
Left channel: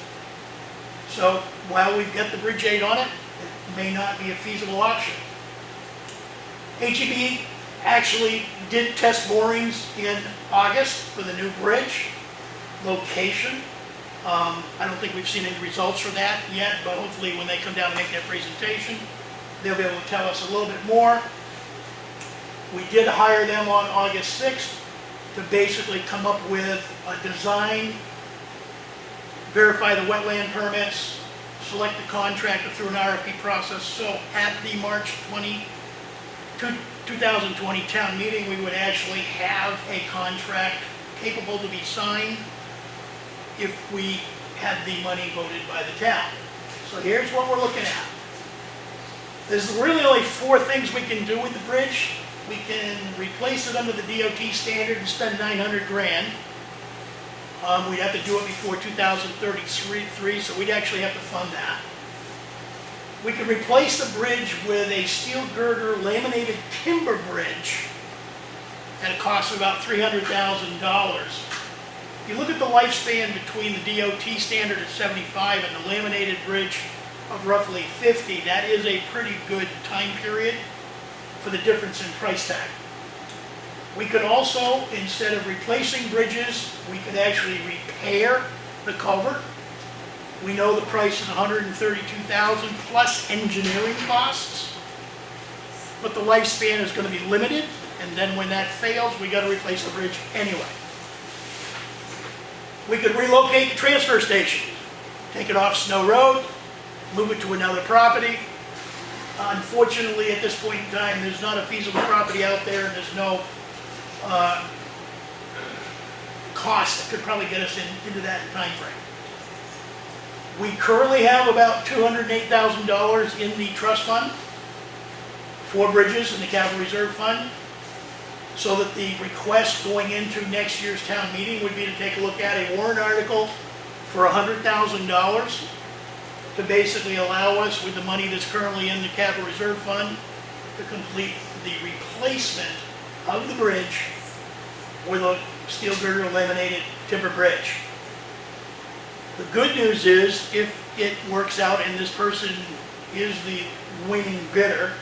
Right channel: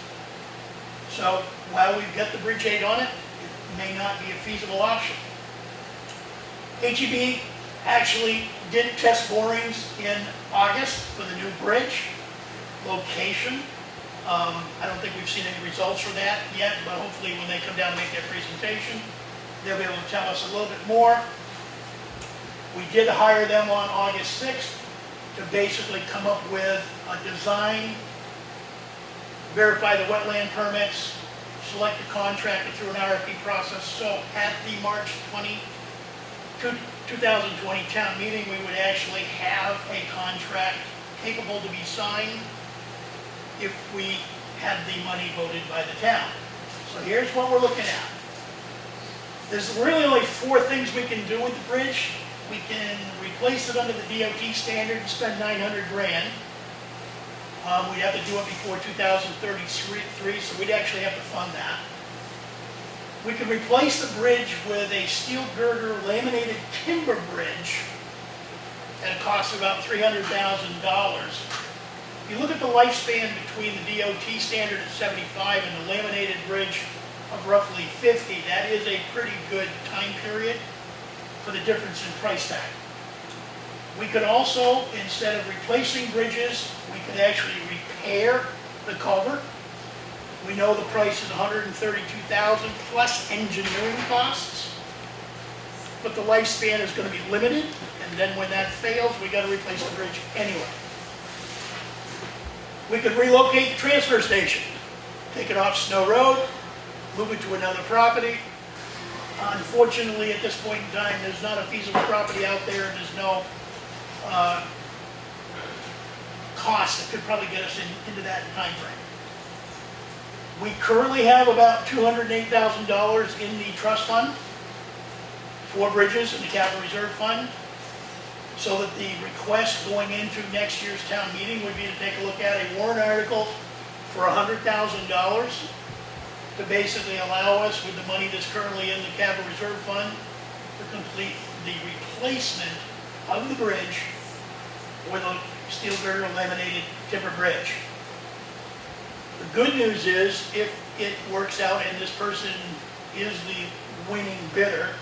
So while we've got the Bridge Aid on it, it may not be a feasible option. HEB actually did test borings in August for the new bridge location. I don't think we've seen any results for that yet, but hopefully when they come down and make their presentation, they'll be able to tell us a little bit more. We did hire them on August 6th to basically come up with a design, verify the wetland permits, select the contractor through an RFP process. So at the March 2020 town meeting, we would actually have a contract capable to be signed if we had the money voted by the town. So here's what we're looking at. There's really only 4 things we can do with the bridge. We can replace it under the DOT standard and spend 900 grand. We'd have to do it before 2033, so we'd actually have to fund that. We could replace the bridge with a steel girder laminated timber bridge at a cost of about $300,000. If you look at the lifespan between the DOT standard at 75 and the laminated bridge of roughly 50, that is a pretty good time period for the difference in price tag. We could also, instead of replacing bridges, we could actually repair the culvert. We know the price is $132,000 plus engineering costs. But the lifespan is gonna be limited, and then when that fails, we gotta replace the bridge anyway. We could relocate the transfer station, take it off Snow Road, move it to another property. Unfortunately, at this point in time, there's not a feasible property out there, there's no cost that could probably get us into that time frame. We currently have about $208,000 in the trust fund for bridges in the capital reserve fund, so that the request going into next year's town meeting would be to take a look at a warrant article for $100,000 to basically allow us, with the money that's currently in the capital reserve fund, to complete the replacement of the bridge with a steel girder laminated timber bridge. The good news is, if it works out and this person is the winning bidder,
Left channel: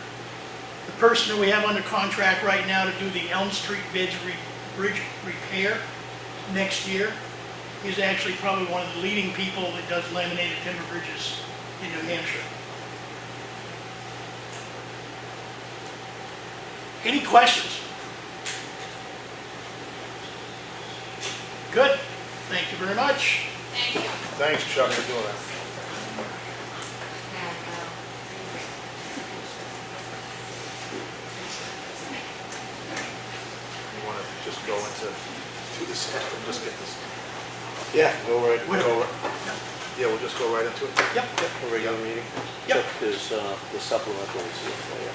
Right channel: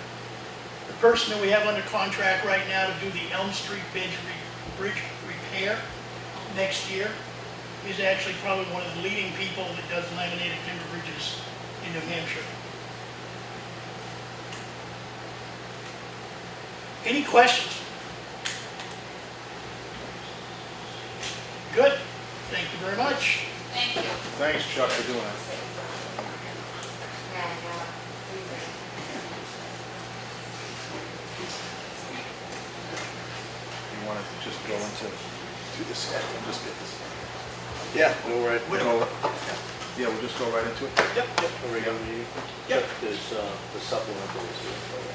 the person that we have under contract right now to do the Elm Street bridge repair next year is actually probably one of the leading people that does laminated timber bridges in New Hampshire. Any questions? Good. Thank you very much. Thank you. Thanks, Chuck, for doing that. You want to just go into this, and just get this. Yeah, go right, Yeah, we'll just go right into it. Yep. regular meeting. Yep. Chuck, there's the supplementals here for you.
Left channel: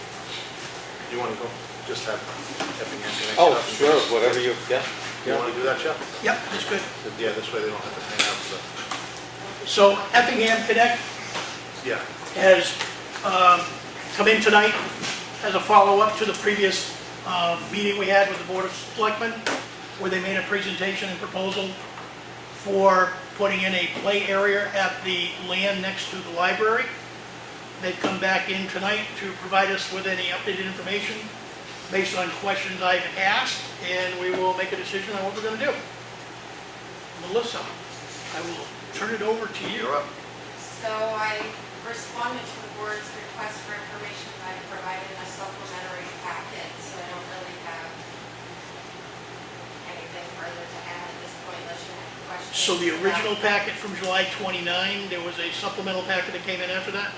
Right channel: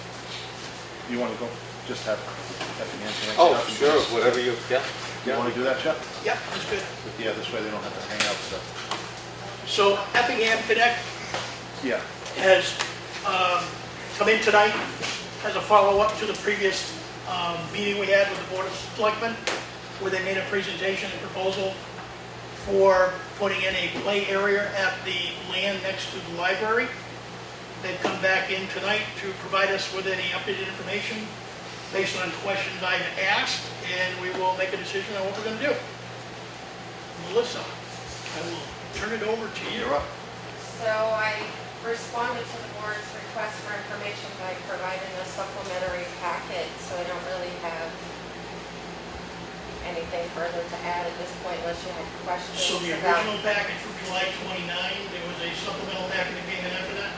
You want to go, just have Effingham connect? Oh, up and sure, just- whatever you, yeah. You want to do that, Chuck? Yep, that's good. Yeah, this way they don't have to hang out stuff. So Effingham Connect Yeah. has come in tonight as a follow-up to the previous meeting we had with the Board of Selectmen, where they made a presentation and proposal for putting in a play area at the land next to the library. They've come back in tonight to provide us with any updated information based on questions I've asked, and we will make a decision on what we're going to do. Melissa, I will turn it over to you. You're up. So I responded to the board's request for information by providing a supplementary packet, so I don't really have anything further to add at this point unless you have questions. So the about- original packet from July 29, there was a supplemental packet that came in after that?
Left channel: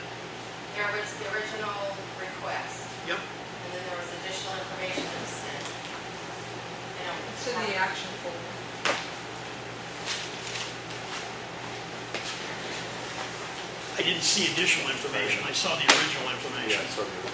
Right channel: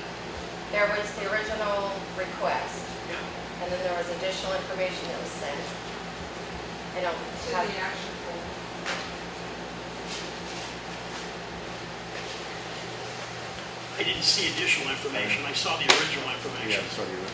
There was the original request, Yep. and then there was additional information that was sent. I don't It's in the have, action folder. I didn't see additional information, I saw the original information. Yeah, so you.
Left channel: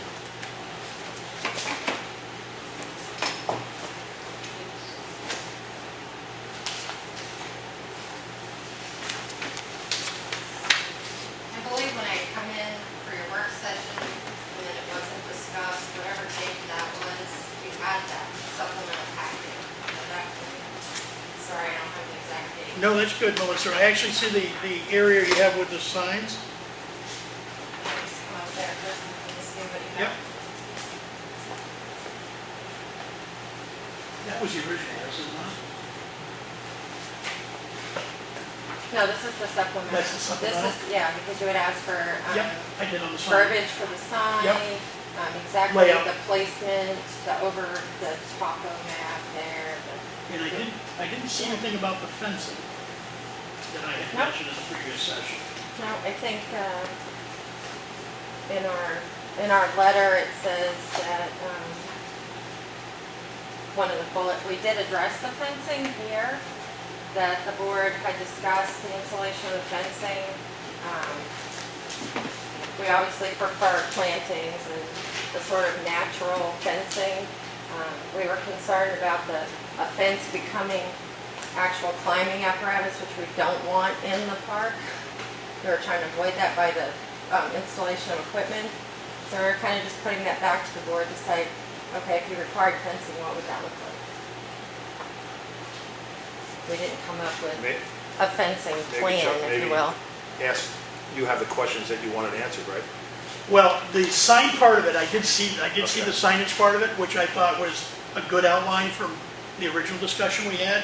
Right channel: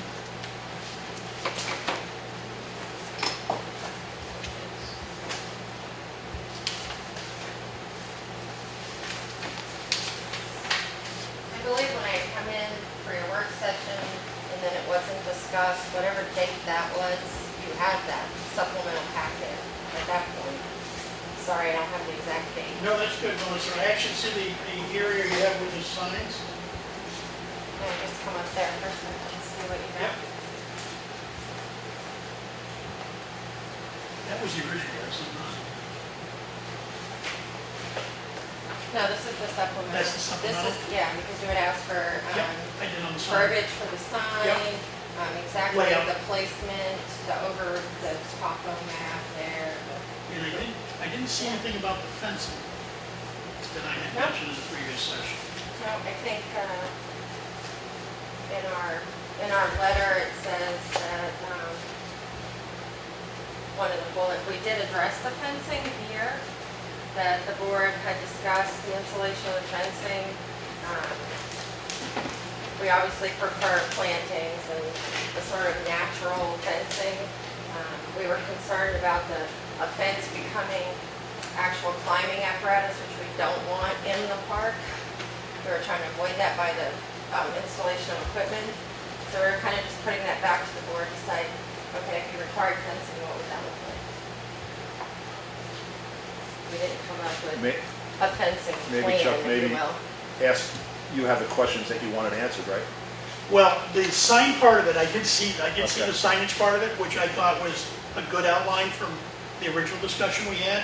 I believe when I come in for your work session, and then it wasn't discussed, whatever date that was, you had that supplemental packet at that point. Sorry, I don't have the exact date. No, that's good, Melissa. I actually see the area you have with the signs. Can I just come up there first and see what you Yep. got? That was the original, wasn't it? No, this is the supplemental. That's the supplemental? This is, yeah, because you had asked for, Yep, I did on the sign. verbiage for the sign, Yep. exactly Layout. the placement, over the topo map there. And I didn't see anything about the fencing that I had Nope. mentioned in the previous session. No, I think, in our letter, it says that, one of the bullet, we did address the fencing here, that the board had discussed the installation of the fencing. We obviously prefer plantings and the sort of natural fencing. We were concerned about a fence becoming actual climbing apparatus, which we don't want in the park. We were trying to avoid that by the installation of equipment. So we were kind of just putting that back to the board to say, okay, if you required fencing, what would that look like? We didn't come up with May- a fencing Maybe, plan, Chuck, if maybe you will. ask, you have the questions that you wanted answered, right? Well, the sign part of it, I did see Okay. the signage part of it, which I thought was a good outline from the original discussion we had.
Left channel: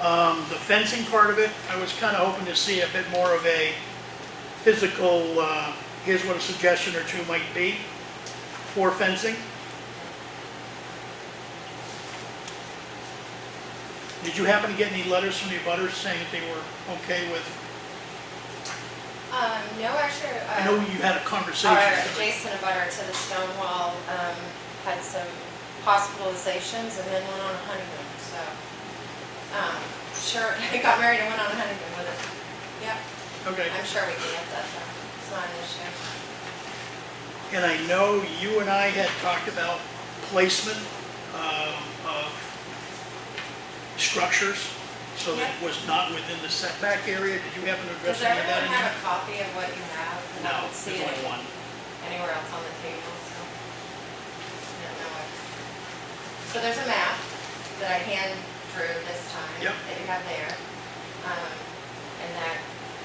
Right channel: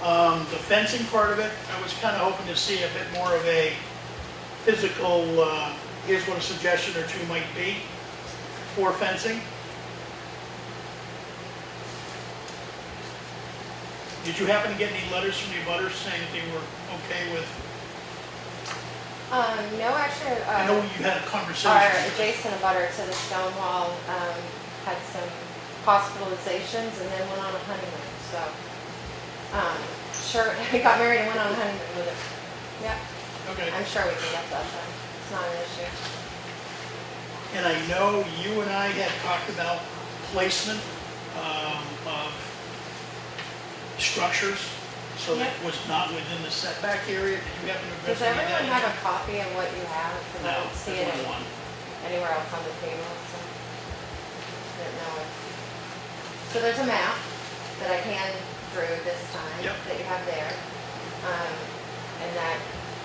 The fencing part of it, I was kind of hoping to see a bit more of a physical, here's what a suggestion or two might be for fencing. Did you happen to get any letters from the abutters saying that they were okay with? No, actually, I know you had a conversation. our adjacent abutter to the stone wall, had some hospitalizations and then went on a honeymoon, so. Sure, he got married and went on a honeymoon with it. Yep, Okay. I'm sure we can get that done. It's not an issue. And I know you and I had talked about placement of structures, so that it was not within the setback area. Did you happen to address Does any of that? everyone have a copy of what you have? 'Cause I No, don't see there's it only one. anywhere else on the table, so. Didn't know. So there's a map that I hand drew this time, Yep. that you have there. And that,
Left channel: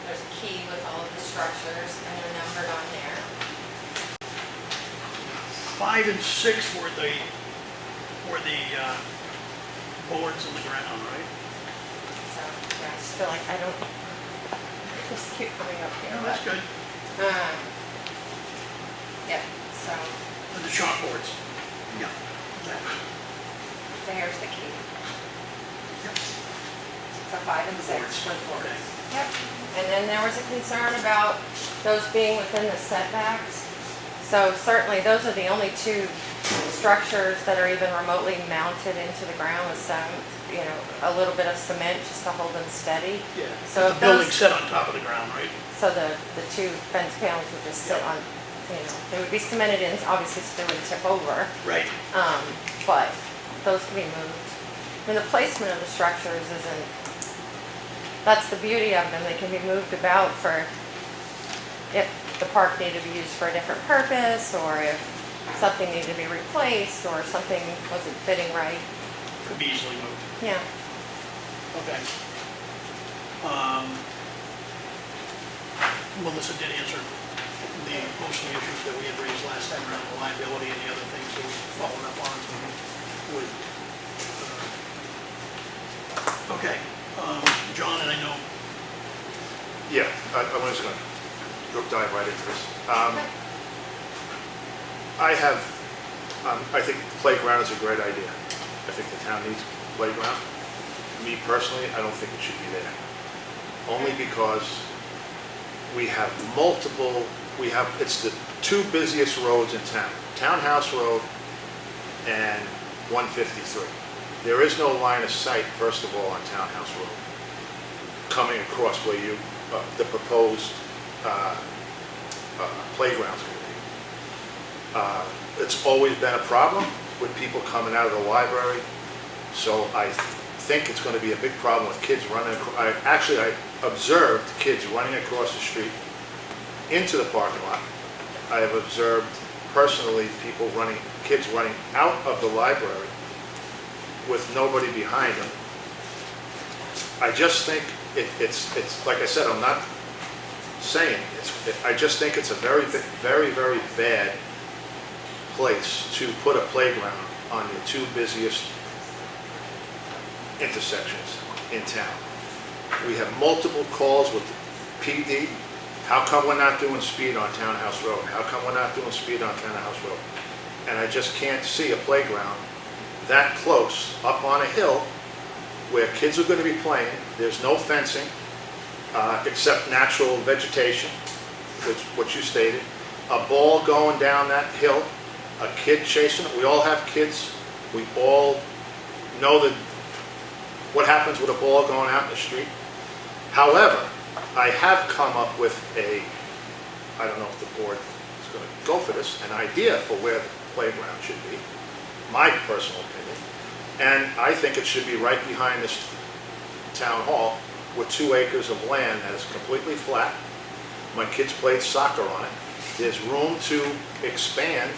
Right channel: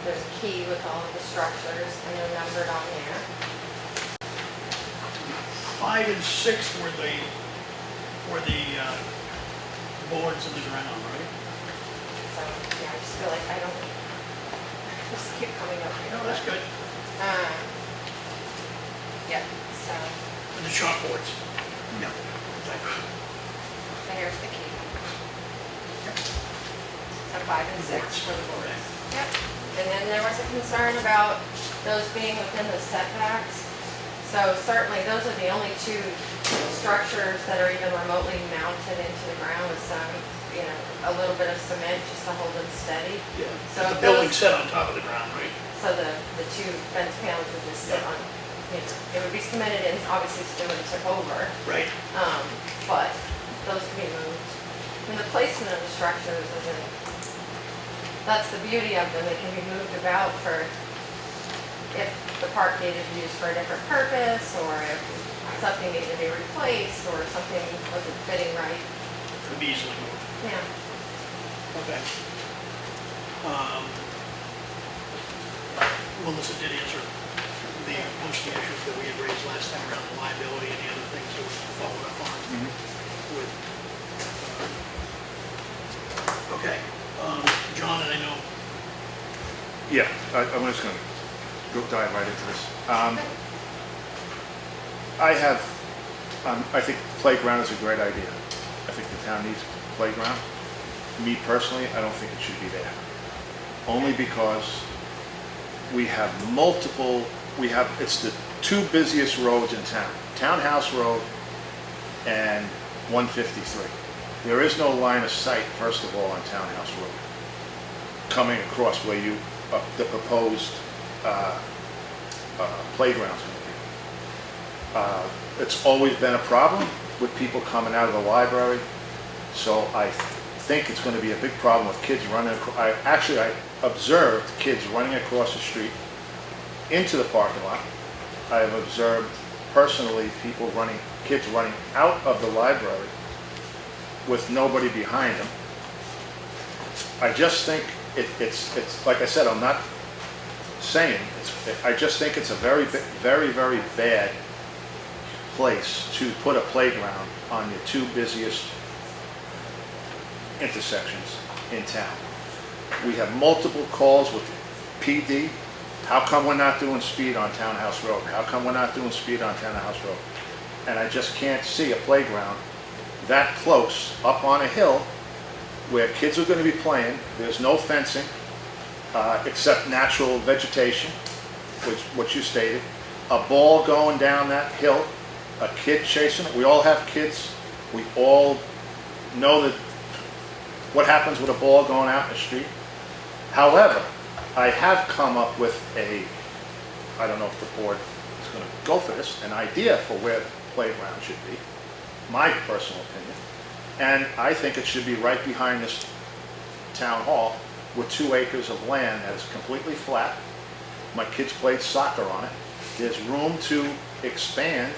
there's a key with all of the structures, and they're numbered on there. 5 and 6 were the boards of the ground, right? So, yeah, I just feel like I don't, just keep coming up here. No, that's but, good. Yeah, so, And the chalkboards. Yeah. so here's the key. So 5 and 6 Boards. were the boards. Okay. Yep. And then there was a concern about those being within the setbacks. So certainly, those are the only two structures that are even remotely mounted into the ground with some, a little bit of cement just to hold them steady. Yeah. So The if building those, set on top of the ground, right? so the two fence panels would just sit on, they would be cemented in, obviously still would tip over. Right. But those can be moved. And the placement of the structures isn't, that's the beauty of them, they can be moved about for, if the park needed to be used for a different purpose, or if something needed to be replaced, or something wasn't fitting right. Could be easily moved. Yeah. Okay. Melissa did answer most of the issues that we had raised last time around the liability and the other things that we followed up on with. Okay, John, and I know, Yeah, I'm just gonna go dive right into this. I think playground is a great idea. I think the town needs a playground. Me personally, I don't think it should be there. Only because we have it's the two busiest roads in town. Townhouse Road and 153. There is no line of sight, first of all, on Townhouse Road, coming across where the proposed playground's going to be. It's always been a problem with people coming out of the library, so I think it's going to be a big problem with kids running. I observed kids running across the street into the parking lot. I have observed personally kids running out of the library with nobody behind them. I just think it's like I said, I'm not saying, I just think it's a very, very bad place to put a playground on your two busiest intersections in town. We have multiple calls with PD. How come we're not doing speed on Townhouse Road? How come we're not doing speed on Townhouse Road? And I just can't see a playground that close up on a hill where kids are going to be playing. There's no fencing except natural vegetation, which you stated. A ball going down that hill, a kid chasing it. We all have kids. We all know what happens with a ball going out in the street. However, I have come up with I don't know if the board is going to go for this, an idea for where the playground should be, my personal opinion. And I think it should be right behind this town hall with 2 acres of land that is completely flat. My kids played soccer on it. There's room to expand.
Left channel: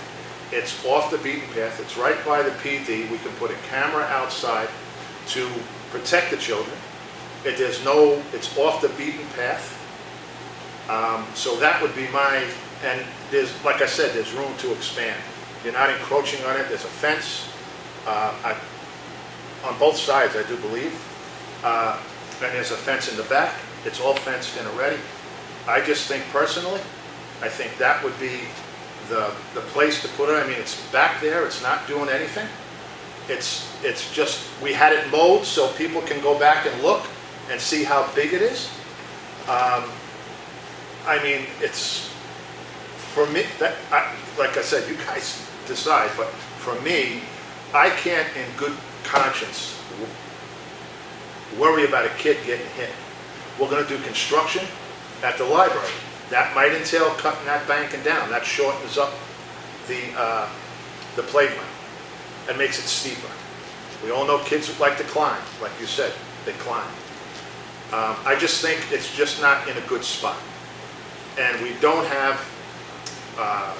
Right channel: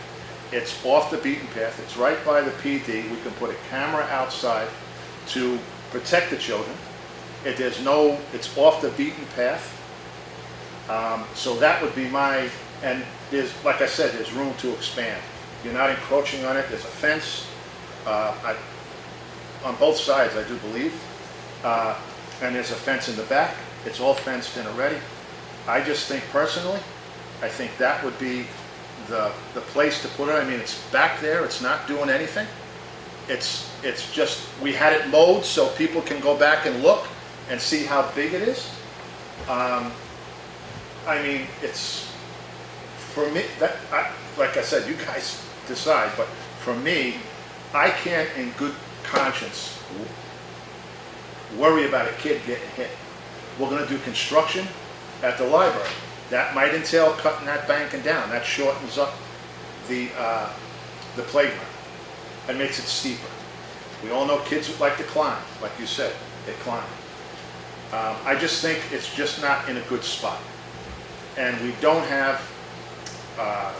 It's off the beaten path. It's right by the PD. We can put a camera outside to protect the children. It's off the beaten path. So that would be and there's, like I said, there's room to expand. You're not encroaching on it. There's a fence on both sides, I do believe. And there's a fence in the back, it's all fenced in already. I just think personally, I think that would be the place to put it. I mean, it's back there, it's not doing anything. It's just, we had it mowed so people can go back and look and see how big it is. I mean, it's, for me, like I said, you guys decide, but for me, I can't in good conscience worry about a kid getting hit. We're gonna do construction at the library. That might entail cutting that banking down. That shortens up the playground and makes it steeper. We all know kids like to climb, like you said, they climb. I just think it's just not in a good spot. And we don't have, well,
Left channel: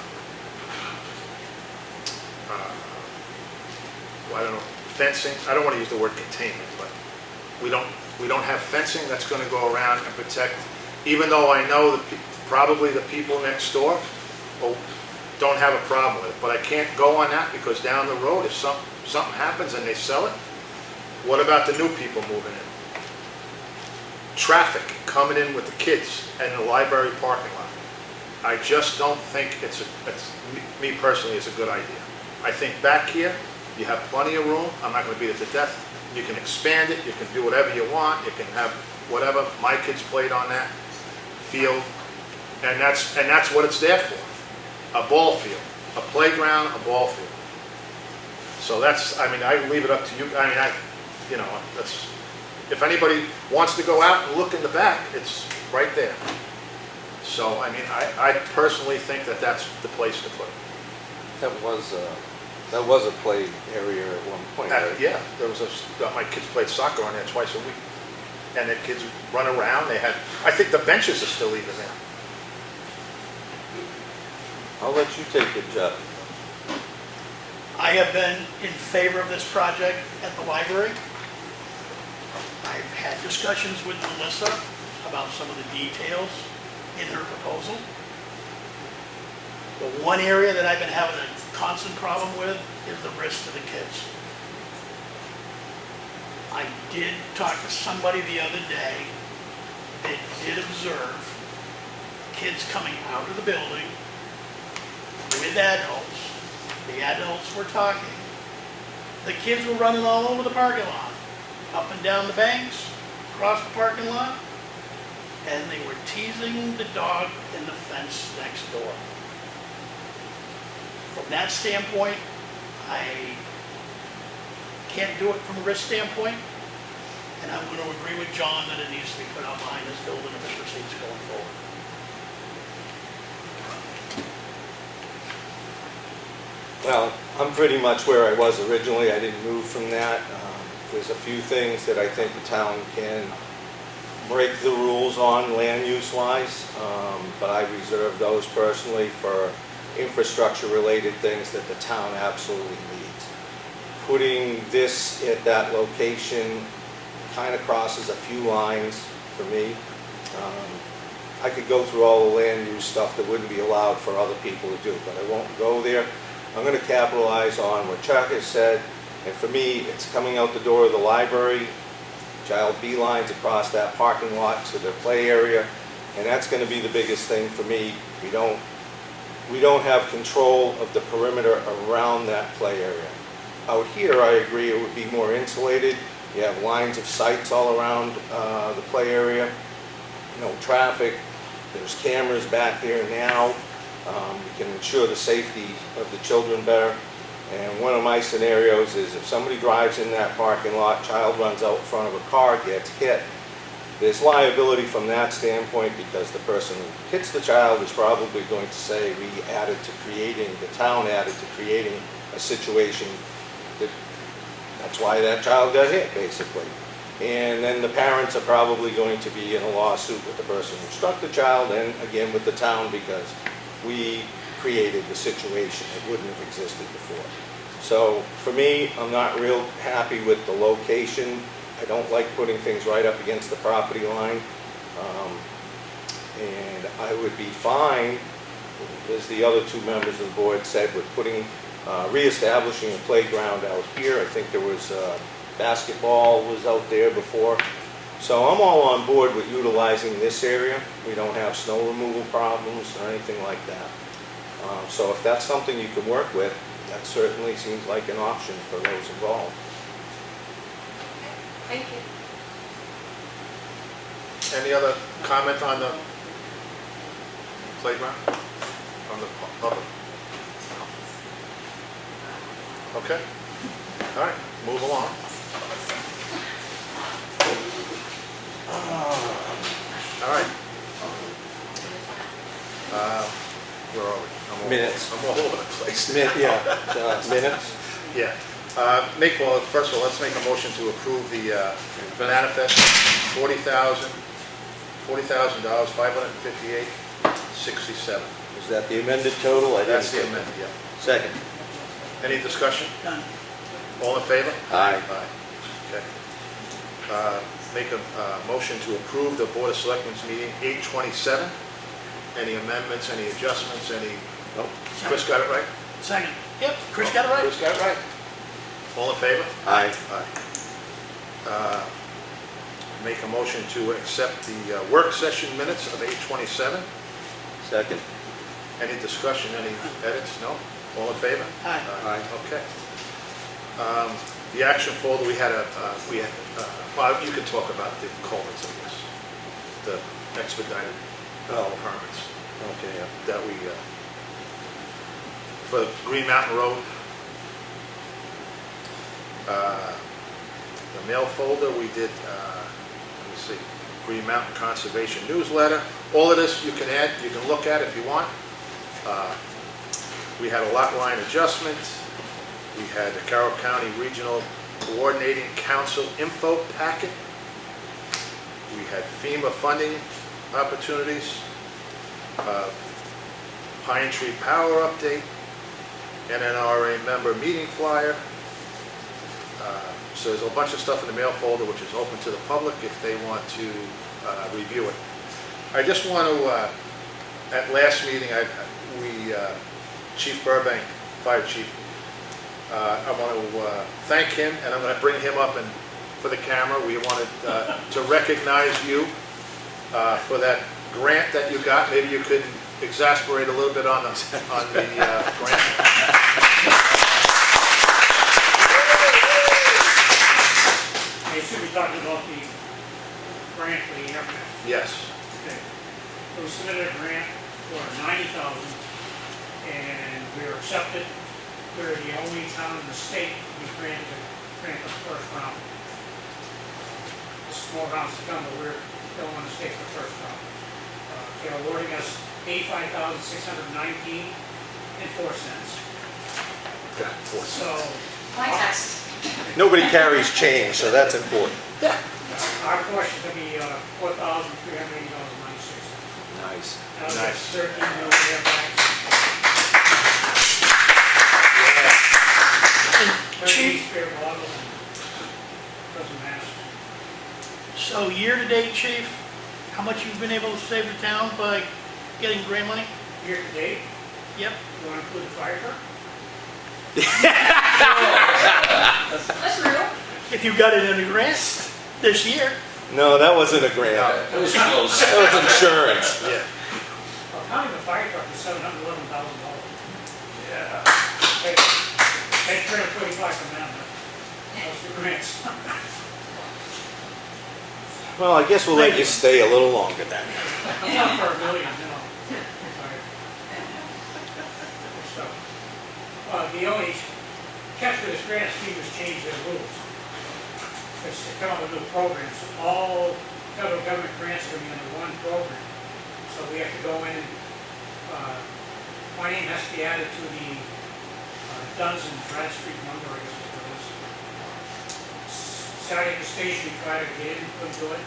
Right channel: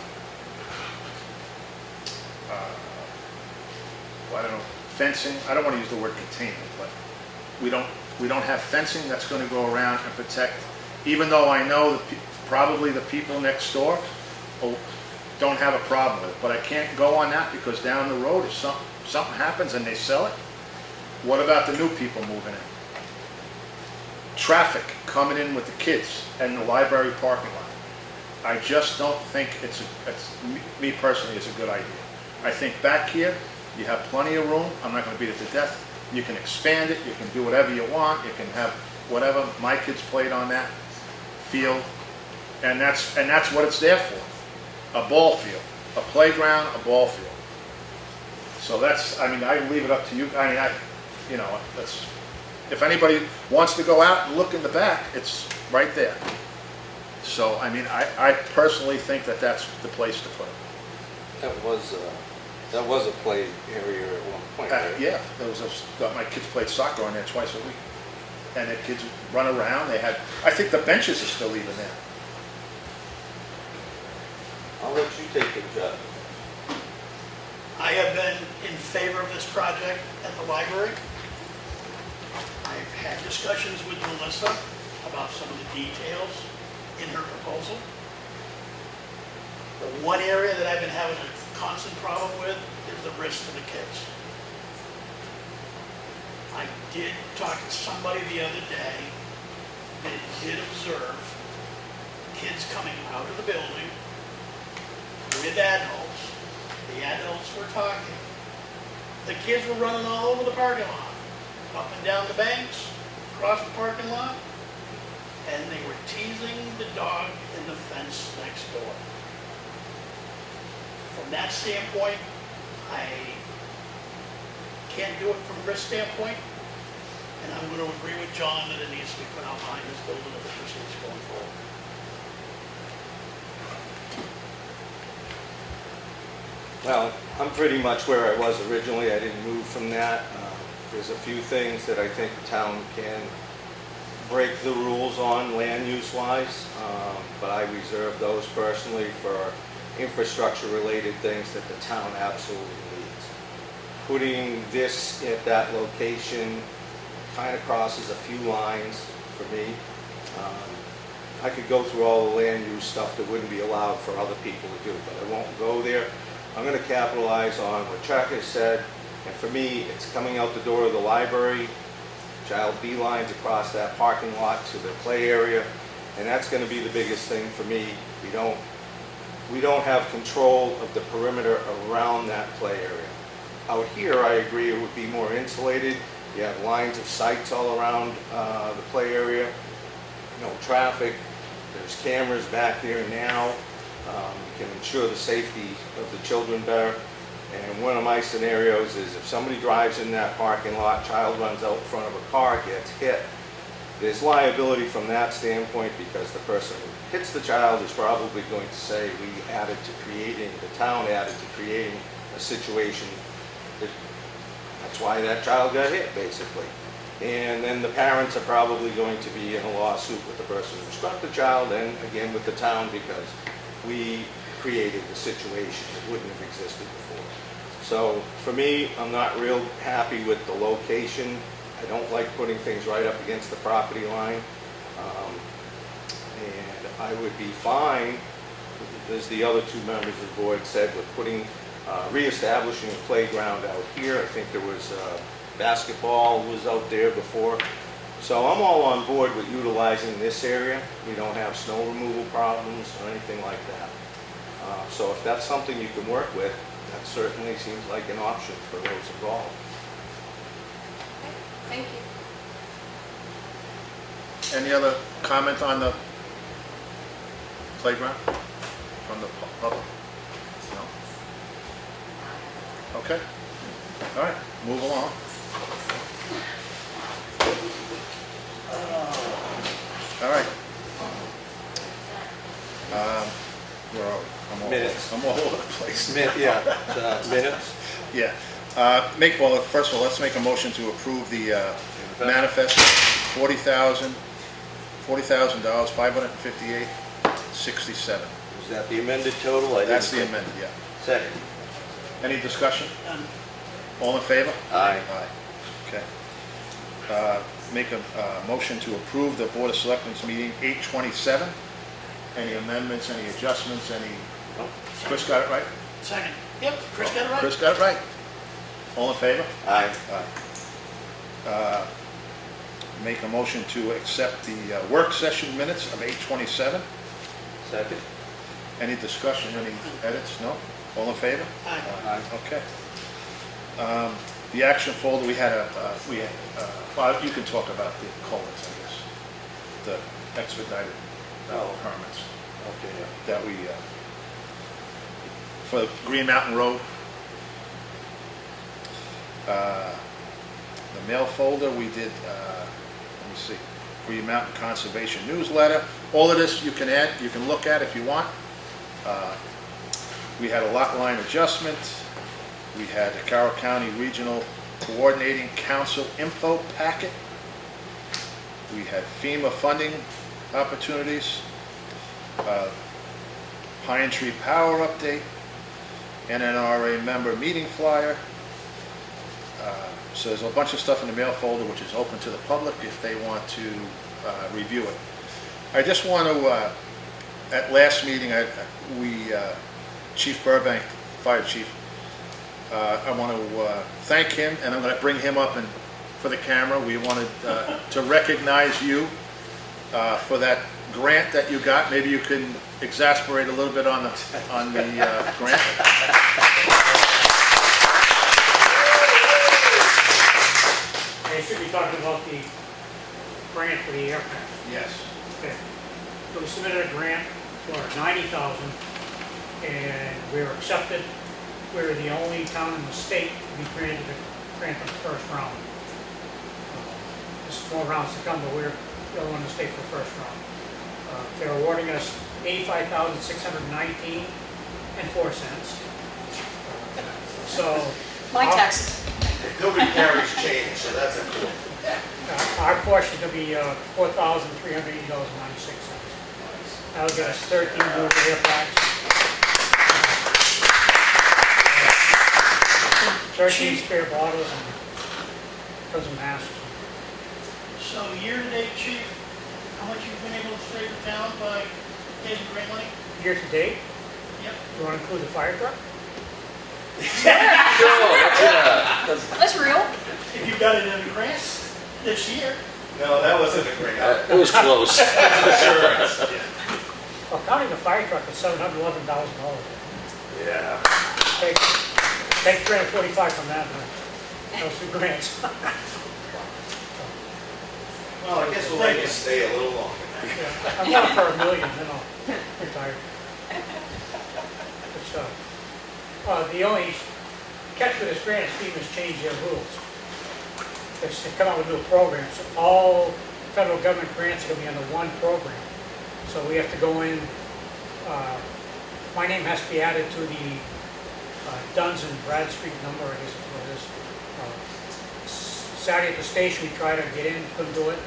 I don't know, fencing. I don't want to use the word containment, but we don't have fencing that's going to go around and protect. Even though I know that probably the people next door don't have a problem with it, but I can't go on that because down the road, if something happens and they sell it, what about the new people moving in? Traffic coming in with the kids and the library parking lot. I just don't think it's me personally, it's a good idea. I think back here, you have plenty of room. I'm not going to beat it to death. You can expand it. You can do whatever you want. You can have whatever. My kids played on that field, and that's what it's there for. A ball field, a playground, a ball field. So that's, I mean, I leave it up to you. I mean, that's, if anybody wants to go out and look in the back, it's right there. So, I mean, I personally think that that's the place to put it. That was a play area at one point. Right? Yeah, there was my kids played soccer on there twice a week. And the kids run around, they had, I think the benches are still even there. I'll let you take it, Jeff. I have been in favor of this project at the library. I've had discussions with Melissa about some of the details in her proposal. The one area that I've been having a constant problem with is the risk to the kids. I did talk to somebody the other day that did observe kids coming out of the building with adults. The adults were talking. The kids were running all over the parking lot, up and down the banks, across the parking lot, and they were teasing the dog in the fence next door. From that standpoint, I can't do it from a risk standpoint, and I'm going to agree with John that it needs to be put out behind this building if it proceeds going forward. Well, I'm pretty much where I was originally. I didn't move from that. There's a few things that I think the town can break the rules on land use wise, but I reserve those personally for infrastructure related things that the town absolutely needs. Putting this at that location kind of crosses a few lines for me. I could go through all the land use stuff that wouldn't be allowed for other people to do, but I won't go there. I'm going to capitalize on what Chuck has said, and for me, it's coming out the door of the library, child beelines across that parking lot to the play area, and that's going to be the biggest thing for me. We don't have control of the perimeter around that play area. Out here, I agree, it would be more insulated. You have lines of sights all around the play area, no traffic. There's cameras back there now. We can ensure the safety of the children better. And one of my scenarios is if somebody drives in that parking lot, child runs out in front of a car, gets hit, there's liability from that standpoint because the person who hits the child is probably going to say the town added to creating a situation that's why that child got hit, basically. And then the parents are probably going to be in a lawsuit with the person who struck the child and again with the town because we created the situation. It wouldn't have existed before. So for me, I'm not real happy with the location. I don't like putting things right up against the property line. And I would be fine, as the other two members of the board said, with reestablishing a playground out here. I think there was basketball was out there before. So I'm all on board with utilizing this area. We don't have snow removal problems or anything like that. So if that's something you can work with, that certainly seems like an option for those involved. Thank you. Any other comment on the playground from the public? No? Okay. All right, move along. All right. Where are we? Minutes. I'm all over the place. Minutes? Yeah. First of all, let's make a motion to approve the manifest, $40,000, $558.67. Is that the amended total? That's the amendment, yeah. Second. Any discussion? All in favor? Aye. Aye. Okay. Make a motion to approve the Board of Selectmen's meeting 8/27. Any amendments, any adjustments, any, nope. Chris got it right? Second. Yep, Chris got it right. Chris got it right. All in favor? Aye. Aye. Make a motion to accept the work session minutes of 8/27. Second. Any discussion, any edits? No? All in favor? Aye. Aye. Okay. The action folder, we had well, you can talk about the culverts, I guess. The expedited permits Okay. that we, for Green Mountain Road. The mail folder, we did, let me see, Green Mountain Conservation Newsletter. All of this you can add, you can look at if you want. We had a lot line adjustment. We had the Carroll County Regional Coordinating Council info packet. We had FEMA funding opportunities. Pine Tree Power update. NNRA member meeting flyer. So there's a bunch of stuff in the mail folder which is open to the public if they want to review it. I just want to, at last meeting, Chief Burbank, Fire Chief, I want to thank him, and I'm going to bring him up for the camera. We wanted to recognize you for that grant that you got. Maybe you can exasperate a little bit on the grant. You're talking about the grant for the aircraft. Yes. Okay. So we submitted a grant for $90,000 and we were accepted. We're the only town in the state to be granted the grant for the first round. This more rounds to come, but we're the only one in the state for the first round. They're awarding us $85,619.04. So My tax. Nobody carries change, so that's important. our portion could be $4,380.96. Nice. That was at 13 delivery airplanes. 13 spare bottles and dozen masks. So year-to-date, Chief, how much you've been able to save the town by getting grant money? Year to date, Yep. you want to include the fire truck? That's real. If you got it in a grant this year. No, that wasn't a grant. It was close. That was insurance. Well, counting the fire truck is $711,000. Yeah. Take 345 from that, huh? Those two grants. Well, I guess we'll let you stay a little longer then. I'm not for $1 million, then I'll retire. Good stuff. The only catch with this grant, FEMA's changed their rules. It's to come up with new programs. All federal government grants are going to be under one program. So we have to go in, my name has to be added to the Duns and Bradstreet number, I guess is what it is. Saturday at the station, we try to get in, couldn't do it.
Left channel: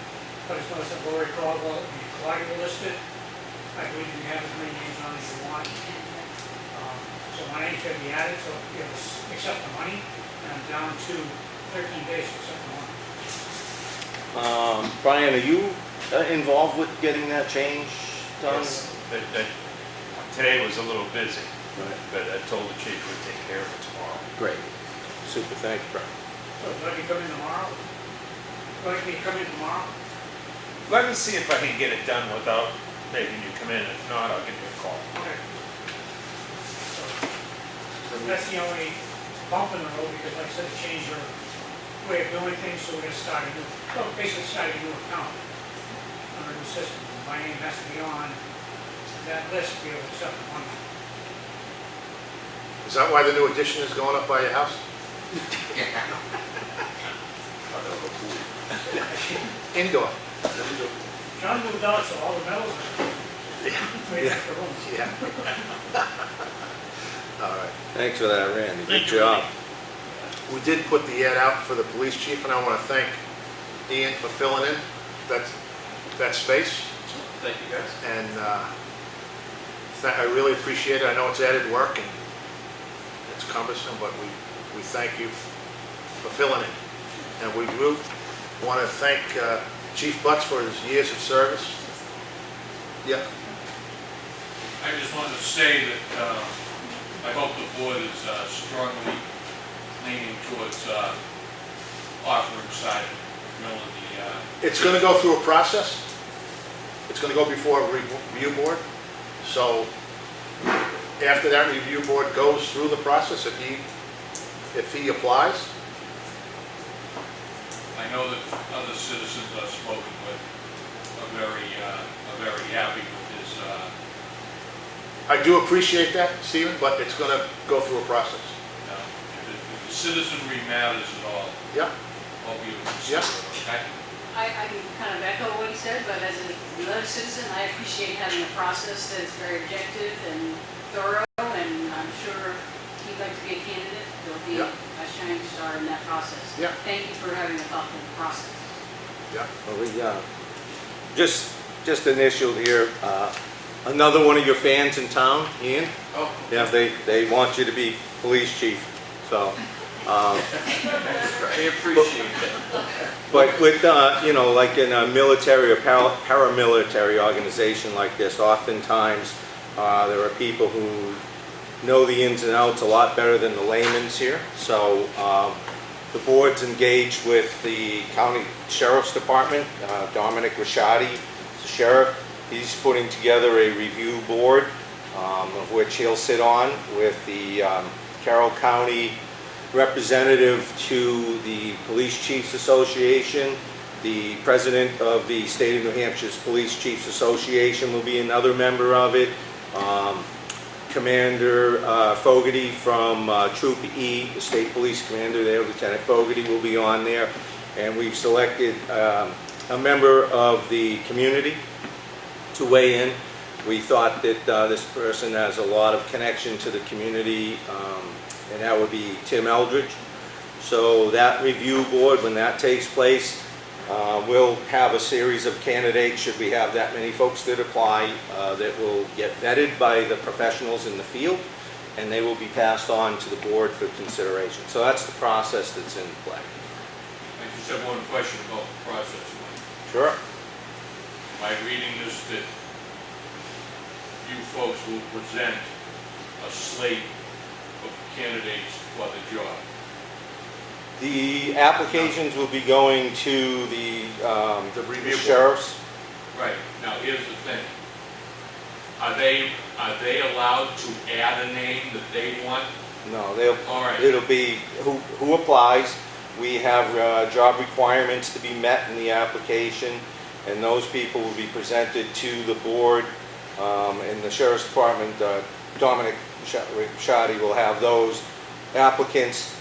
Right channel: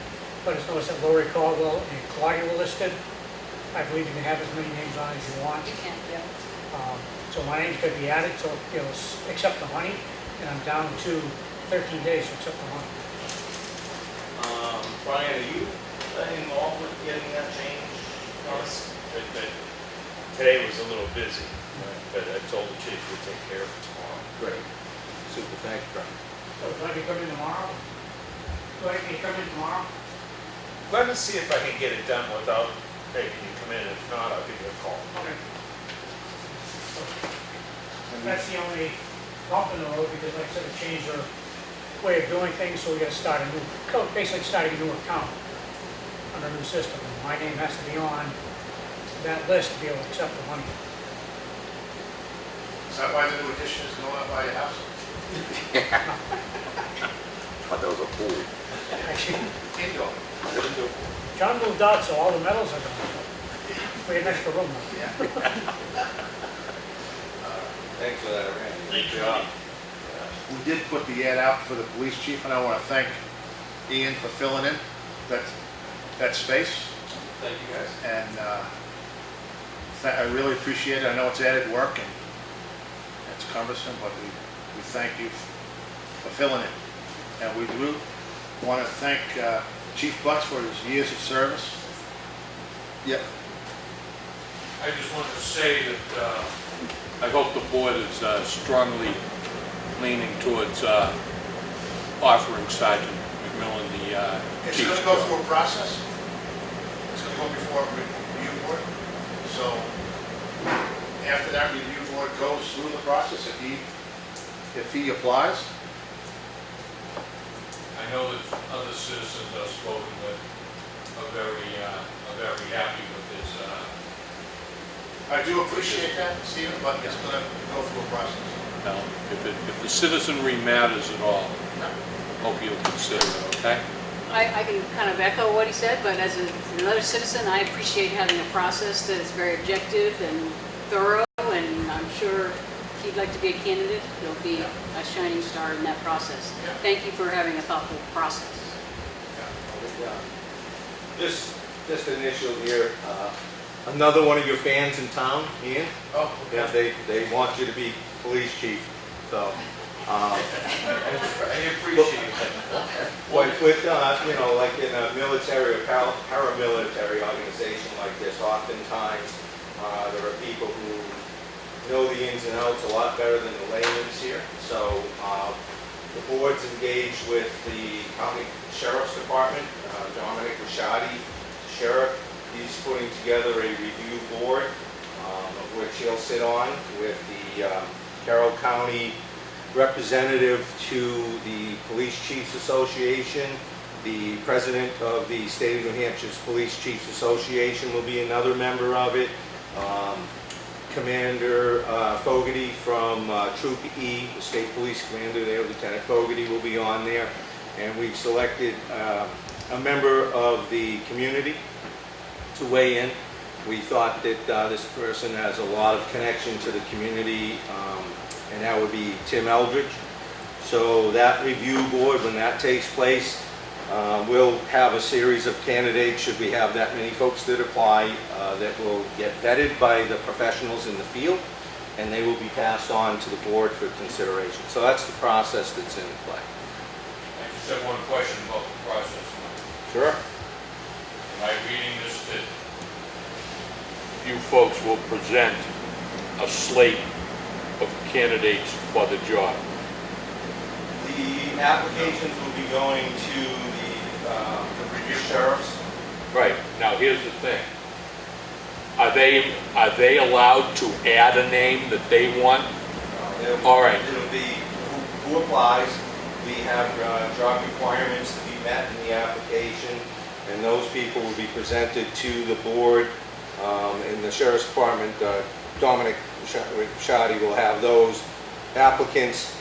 But it's noticed that Lori Caldwell and Claudia were listed. I believe you can have as many names on as you want. So my name's going to be added, so it'll accept the money, and I'm down to 13 days to accept the money. Brian, are you involved with getting that change done? Yes. Today was a little busy, but I told the chief we'd take care of it tomorrow. Great. Super, thanks, Brian. So let me come in tomorrow? Let me come in tomorrow? Let me see if I can get it done without making you come in. If not, I'll give you a call. Okay. That's the only bump in the road, because like I said, it changed their way of doing things, so we gotta start a new, so basically start a new account under a new system. My name has to be on that list to be able to accept the money. Is that why the new addition is going up by your house? Thought that was a pool. Indoor. John moved out, so all the metals are for your next room. Yeah. All right. Thanks for that, Randy. Good job. We did put the ad out for the police chief, and I want to thank Ian for filling in that space. Thank you, guys. And I really appreciate it. I know it's added work and it's cumbersome, but we thank you for filling in. And we do want to thank Chief Butts for his years of service. Yeah. I just wanted to say that I hope the board is strongly leaning towards offering Sergeant McMillan the... It's going to go through a process. It's going to go before a review board. So after that review board goes through the process, if he applies, I know that other citizens I've spoken with are very happy with this. I do appreciate that, Stephen, but it's going to go through a process. If the citizenry matters at all, Yeah. hope you'll consider it, okay? I can kind of echo what he said, but as another citizen, I appreciate having a process that is very objective and thorough, and I'm sure if you'd like to be a candidate, you'll be a shining star in that process. Yeah. Thank you for having a thoughtful process. Yeah. Well, just initial here, another one of your fans in town, Ian? Oh. Yeah, they want you to be police chief, so. I appreciate that. But with, like in a military or paramilitary organization like this, oftentimes there are people who know the ins and outs a lot better than the layman's here. So the board's engaged with the county sheriff's department, Dominic Rashadi, the sheriff. He's putting together a review board of which he'll sit on with the Carroll County representative to the Police Chiefs Association. The president of the State of New Hampshire's Police Chiefs Association will be another member of it. Commander Fogarty from Troop E, the state police commander there, Lieutenant Fogarty, will be on there. And we've selected a member of the community to weigh in. We thought that this person has a lot of connection to the community, and that would be Tim Eldridge. So that review board, when that takes place, we'll have a series of candidates, should we have that many folks that apply, that will get vetted by the professionals in the field, and they will be passed on to the board for consideration. So that's the process that's in play. I just have one question about the process. Sure. Am I reading this that you folks will present a slate of candidates for the job? The applications will be going to the sheriffs. Right, now here's the thing. Are they allowed to add a name that they want? No, All right. It'll be who applies. We have job requirements to be met in the application, and those people will be presented to the board. In the sheriff's department, Dominic Rashadi will have those applicants,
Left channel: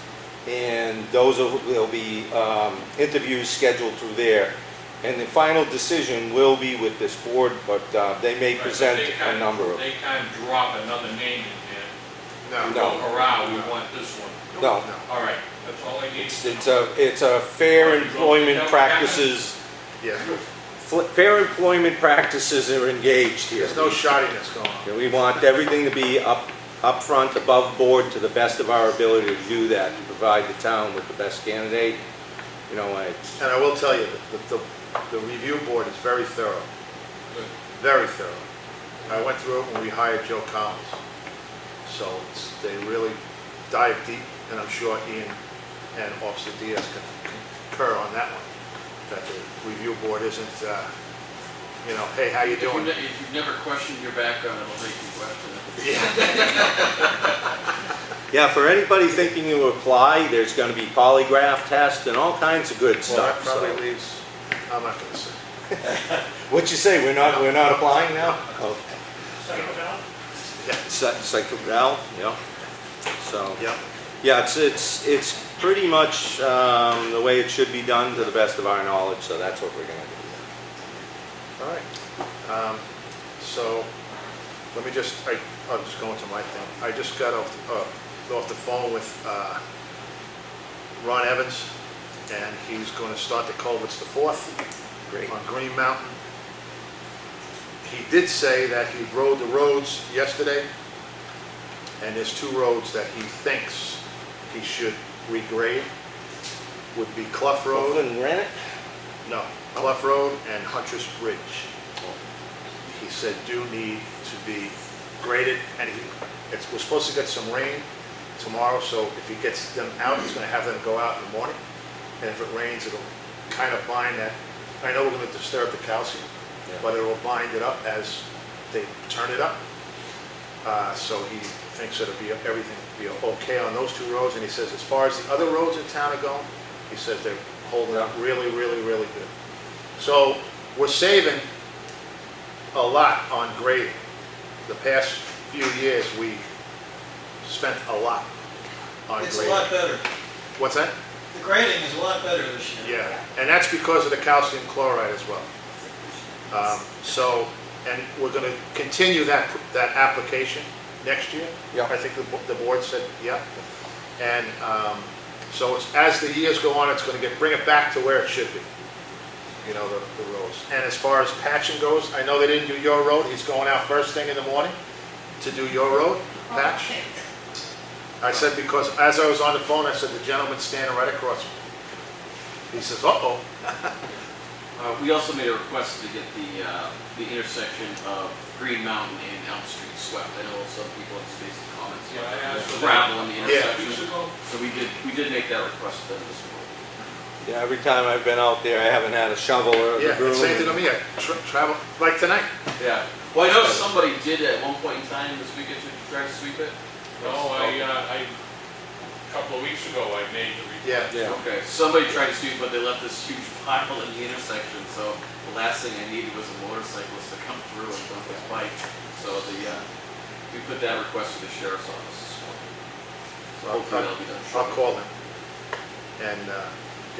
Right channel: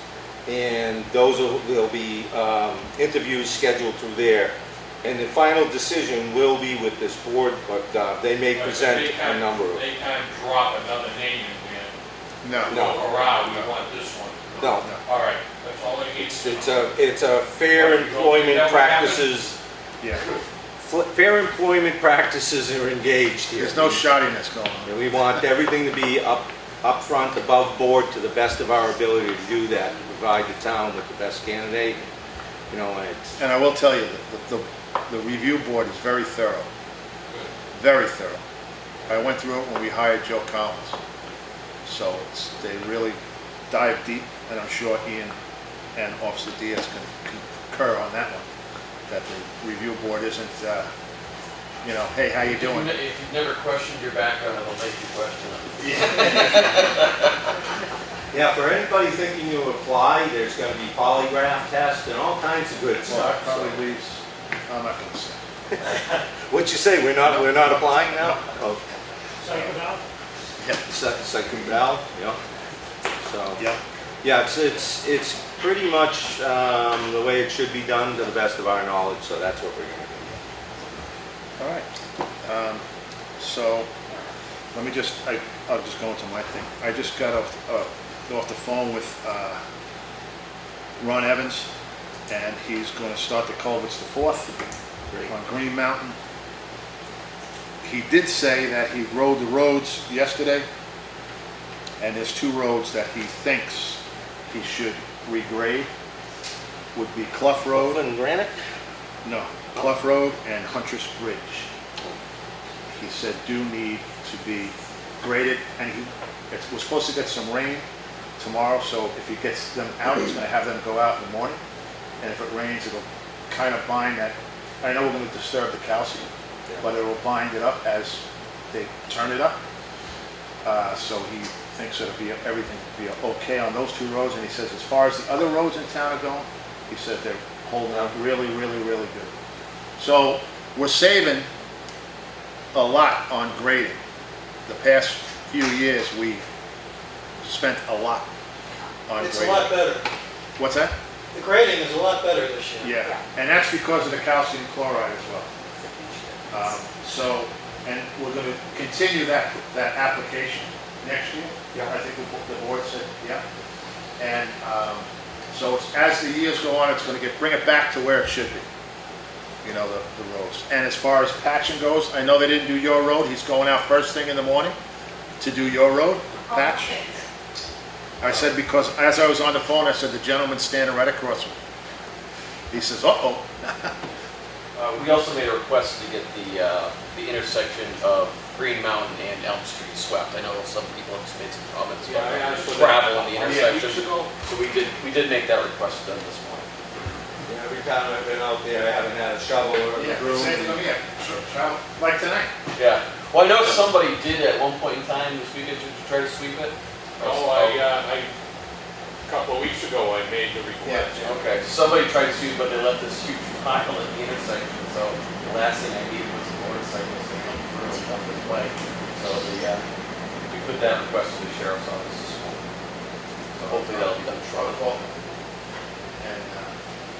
and there'll be interviews scheduled through there. And the final decision will be with this board, but they may present a number of. They can't drop another name in there. No. Go around, we want this one. No. All right, that's all I need. It's a fair employment practices. Yeah. Fair employment practices are engaged here. There's no shoddiness going on. We want everything to be up front, above board, to the best of our ability to do that, to provide the town with the best candidate. And And I will tell you, the review board is very thorough. Very thorough. I went through it when we hired Joe Collins. So they really dive deep, and I'm sure Ian and Officer Diaz can concur on that one, that the review board isn't, you know, hey, how you doing? If you've never questioned your background, it'll make you question it. Yeah, for anybody thinking to apply, there's gonna be polygraph tests and all kinds of good Well, stuff. that probably leaves, I'm not gonna say. What'd you say, we're not applying now? Oh, Psych Val, yeah. So, Yep. yeah, it's pretty much the way it should be done to the best of our knowledge, so that's what we're gonna do. All right. So, let me just, I'll just go into my thing. I just got off the phone with Ron Evans, and he's going to start the culverts the 4th on Green Mountain. He did say that he rode the roads yesterday, and there's 2 roads that he thinks he should regrade. Would be Clough Road. Buffalo and Granite? No, Clough Road and Huntress Bridge. He said do need to be graded, and we're supposed to get some rain tomorrow, so if he gets them out, he's going to have them go out in the morning, and if it rains, it'll kind of bind that. I know we're going to disturb the calcium, but it will bind it up as they turn it up. So he thinks it'll be everything will be okay on those 2 roads, and he says as far as the other roads in town are going, he said they're holding up really, really, really good. So we're saving a lot on grading. The past few years, we spent a lot on grading. It's a lot better. What's that? The grading is a lot better this year. Yeah, and that's because of the calcium chloride as well. So, and we're going to continue that application next year. Yeah. I think the board said, yeah. And so it's, as the years go on, it's going to bring it back to where it should be. You know, the roads. And as far as patching goes, I know they didn't do your road. He's going out first thing in the morning to do your road patch. I said, because as I was on the phone, I said, the gentleman's standing right across from me. He says, uh-oh. We also made a request to get the intersection of Green Mountain and Elm Street swept. I know some people have made some comments about gravel on the intersection. So we did make that request to them this morning. Yeah, every time I've been out there, I haven't had a shovel or a broom. Same thing with me. I travel like tonight. Yeah. Well, I know somebody did at one point in time this weekend to try to sweep it. Oh, a couple of weeks ago, I made the request. Yeah. Okay, somebody tried to sweep, but they left this huge pile in the intersection, so the last thing I needed was a motorcyclist to come through and dump his bike. So we put that request to the sheriff's office this morning. So hopefully that'll be done I'll shortly. call him and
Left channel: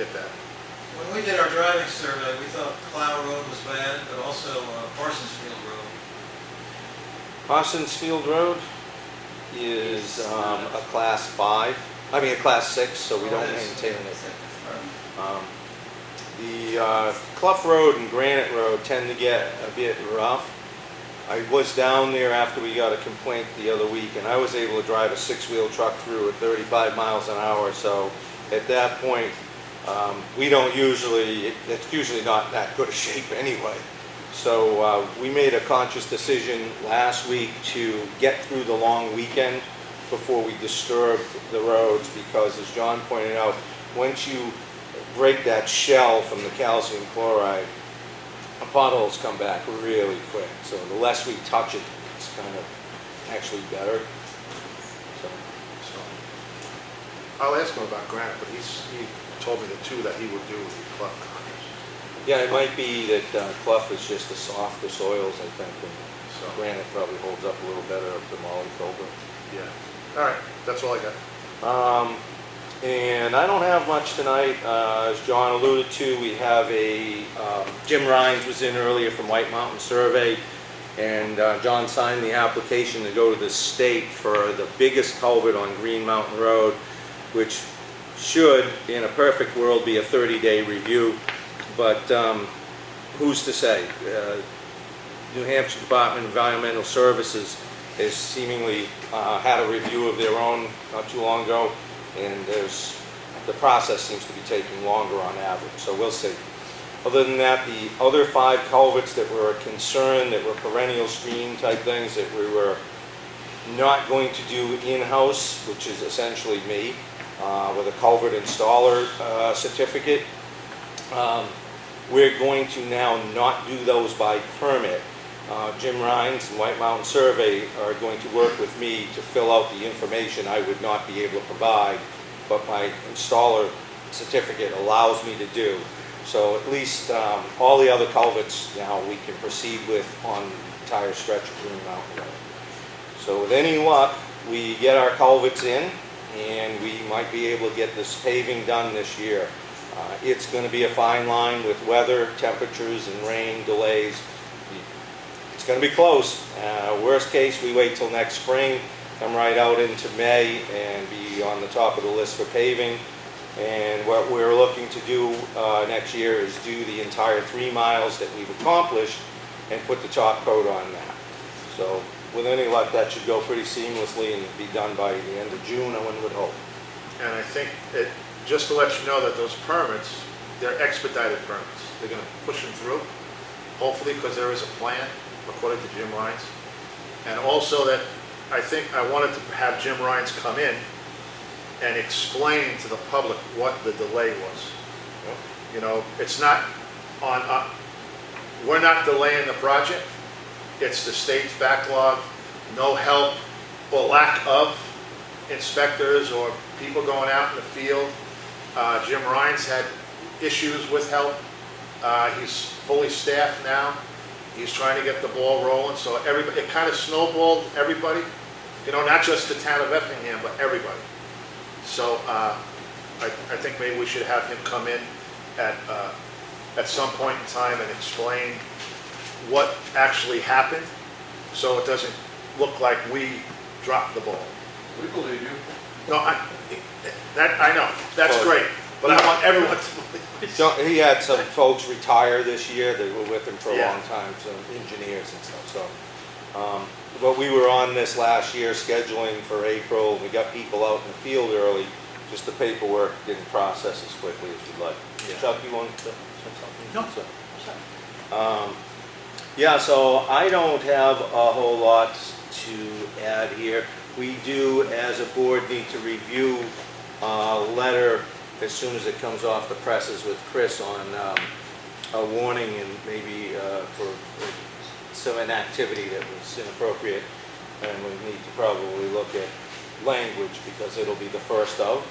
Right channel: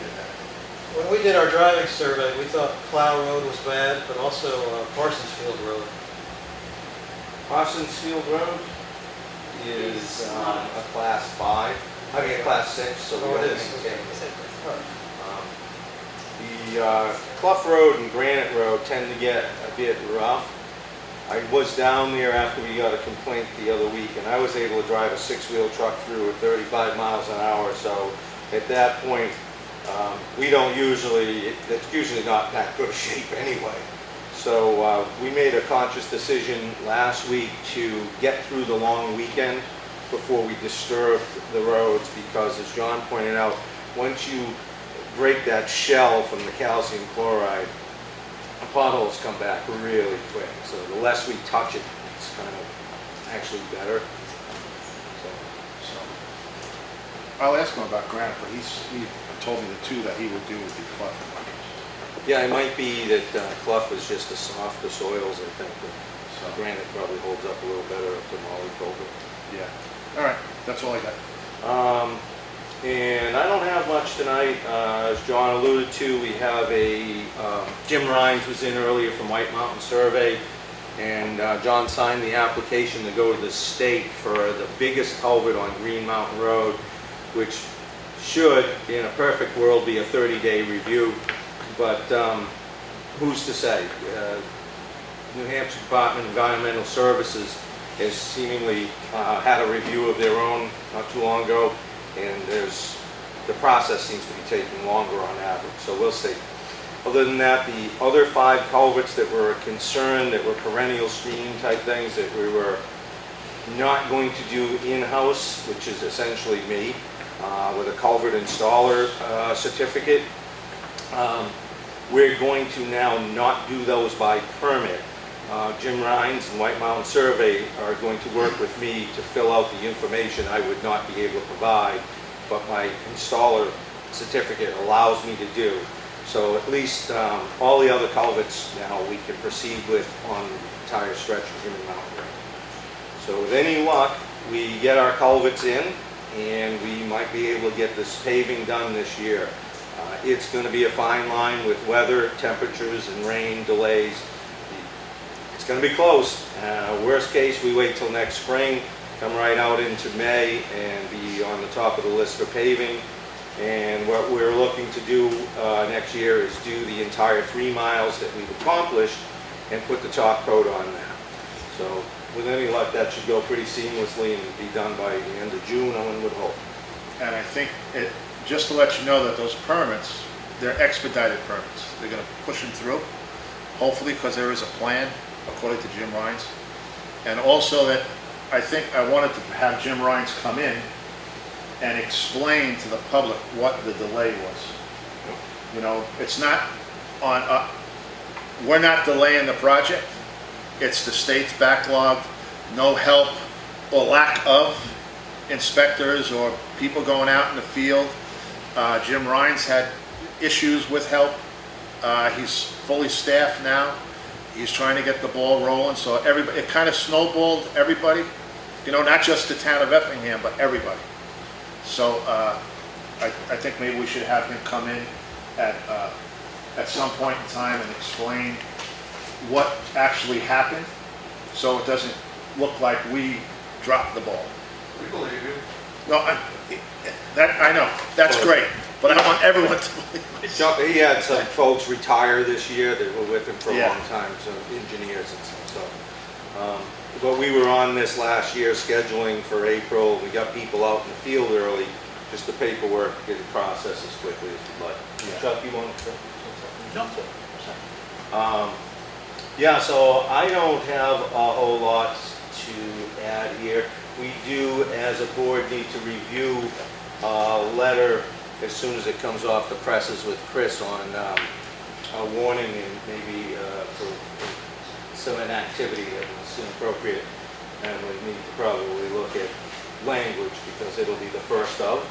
get that. When we did our driving survey, we thought Clough Road was bad, but also Parsons Field Road. Parsons Field Road is a class 5, I mean a class 6, so we don't maintain it. The Clough Road and Granite Road tend to get a bit rough. I was down there after we got a complaint the other week, and I was able to drive a 6-wheel truck through at 35 miles an hour, so at that point, it's usually not that good a shape anyway. So we made a conscious decision last week to get through the long weekend before we disturb the roads, because as John pointed out, once you break that shell from the calcium chloride, the potholes come back really quick. So the less we touch it, it's kind of actually better. I'll ask him about granite, but he told me the 2 that he would do with the Clough. Yeah, it might be that Clough is just the softer soils, I think. So granite probably holds up a little better up to Molly Colbert. Yeah. All right, that's all I got. And I don't have much tonight. As John alluded to, we have Jim Rhines was in earlier from White Mountain Survey, and John signed the application to go to the state for the biggest culvert on Green Mountain Road, which should, in a perfect world, be a 30-day review. But who's to say? New Hampshire Department of Environmental Services has seemingly had a review of their own not too long ago, and the process seems to be taking longer on average, so we'll see. Other than that, the other 5 culverts that were a concern, that were perennial screening type things that we were not going to do in-house, which is essentially me, with a culvert installer certificate. We're going to now not do those by permit. Jim Rhines and White Mountain Survey are going to work with me to fill out the information I would not be able to provide, but my installer certificate allows me to do. So at least all the other culverts now we can proceed with on the entire stretch of Green Mountain River. So with any luck, we get our culverts in and we might be able to get this paving done this year. It's going to be a fine line with weather, temperatures, and rain delays. It's going to be close. Worst case, we wait till next spring, come right out into May and be on the top of the list for paving. And what we're looking to do next year is do the entire 3 miles that we've accomplished and put the top coat on that. So with any luck, that should go pretty seamlessly and be done by the end of June, one would hope. And I think just to let you know that those permits, they're expedited permits. They're going to push them through, hopefully, because there is a plan, according to Jim Rhines. And also that I think I wanted to have Jim Rhines come in and explain to the public what the delay was. You know, it's not on, we're not delaying the project. It's the state's backlog, no help or lack of inspectors or people going out in the field. Jim Rhines had issues with help. He's fully staffed now. He's trying to get the ball rolling, so everybody, it kind of snowballed everybody, you know, not just the town of Effingham, but everybody. So I think maybe we should have him come in at some point in time and explain what actually happened, so it doesn't look like we dropped the ball. We believe you. No, I know, that's great, but I want everyone to. He had some folks retire this year that were with him for a Yeah. long time, some engineers and stuff. So, but we were on this last year scheduling for April. We got people out in the field early. Just the paperwork didn't process as quickly as you'd like. Yeah. Chuck, you want to say something? No. Yeah, so I don't have a whole lot to add here. We do, as a board, need to review a letter as soon as it comes off the presses with Chris on a warning and maybe for some inactivity that was inappropriate. And we need to probably look at language because it'll be the first of.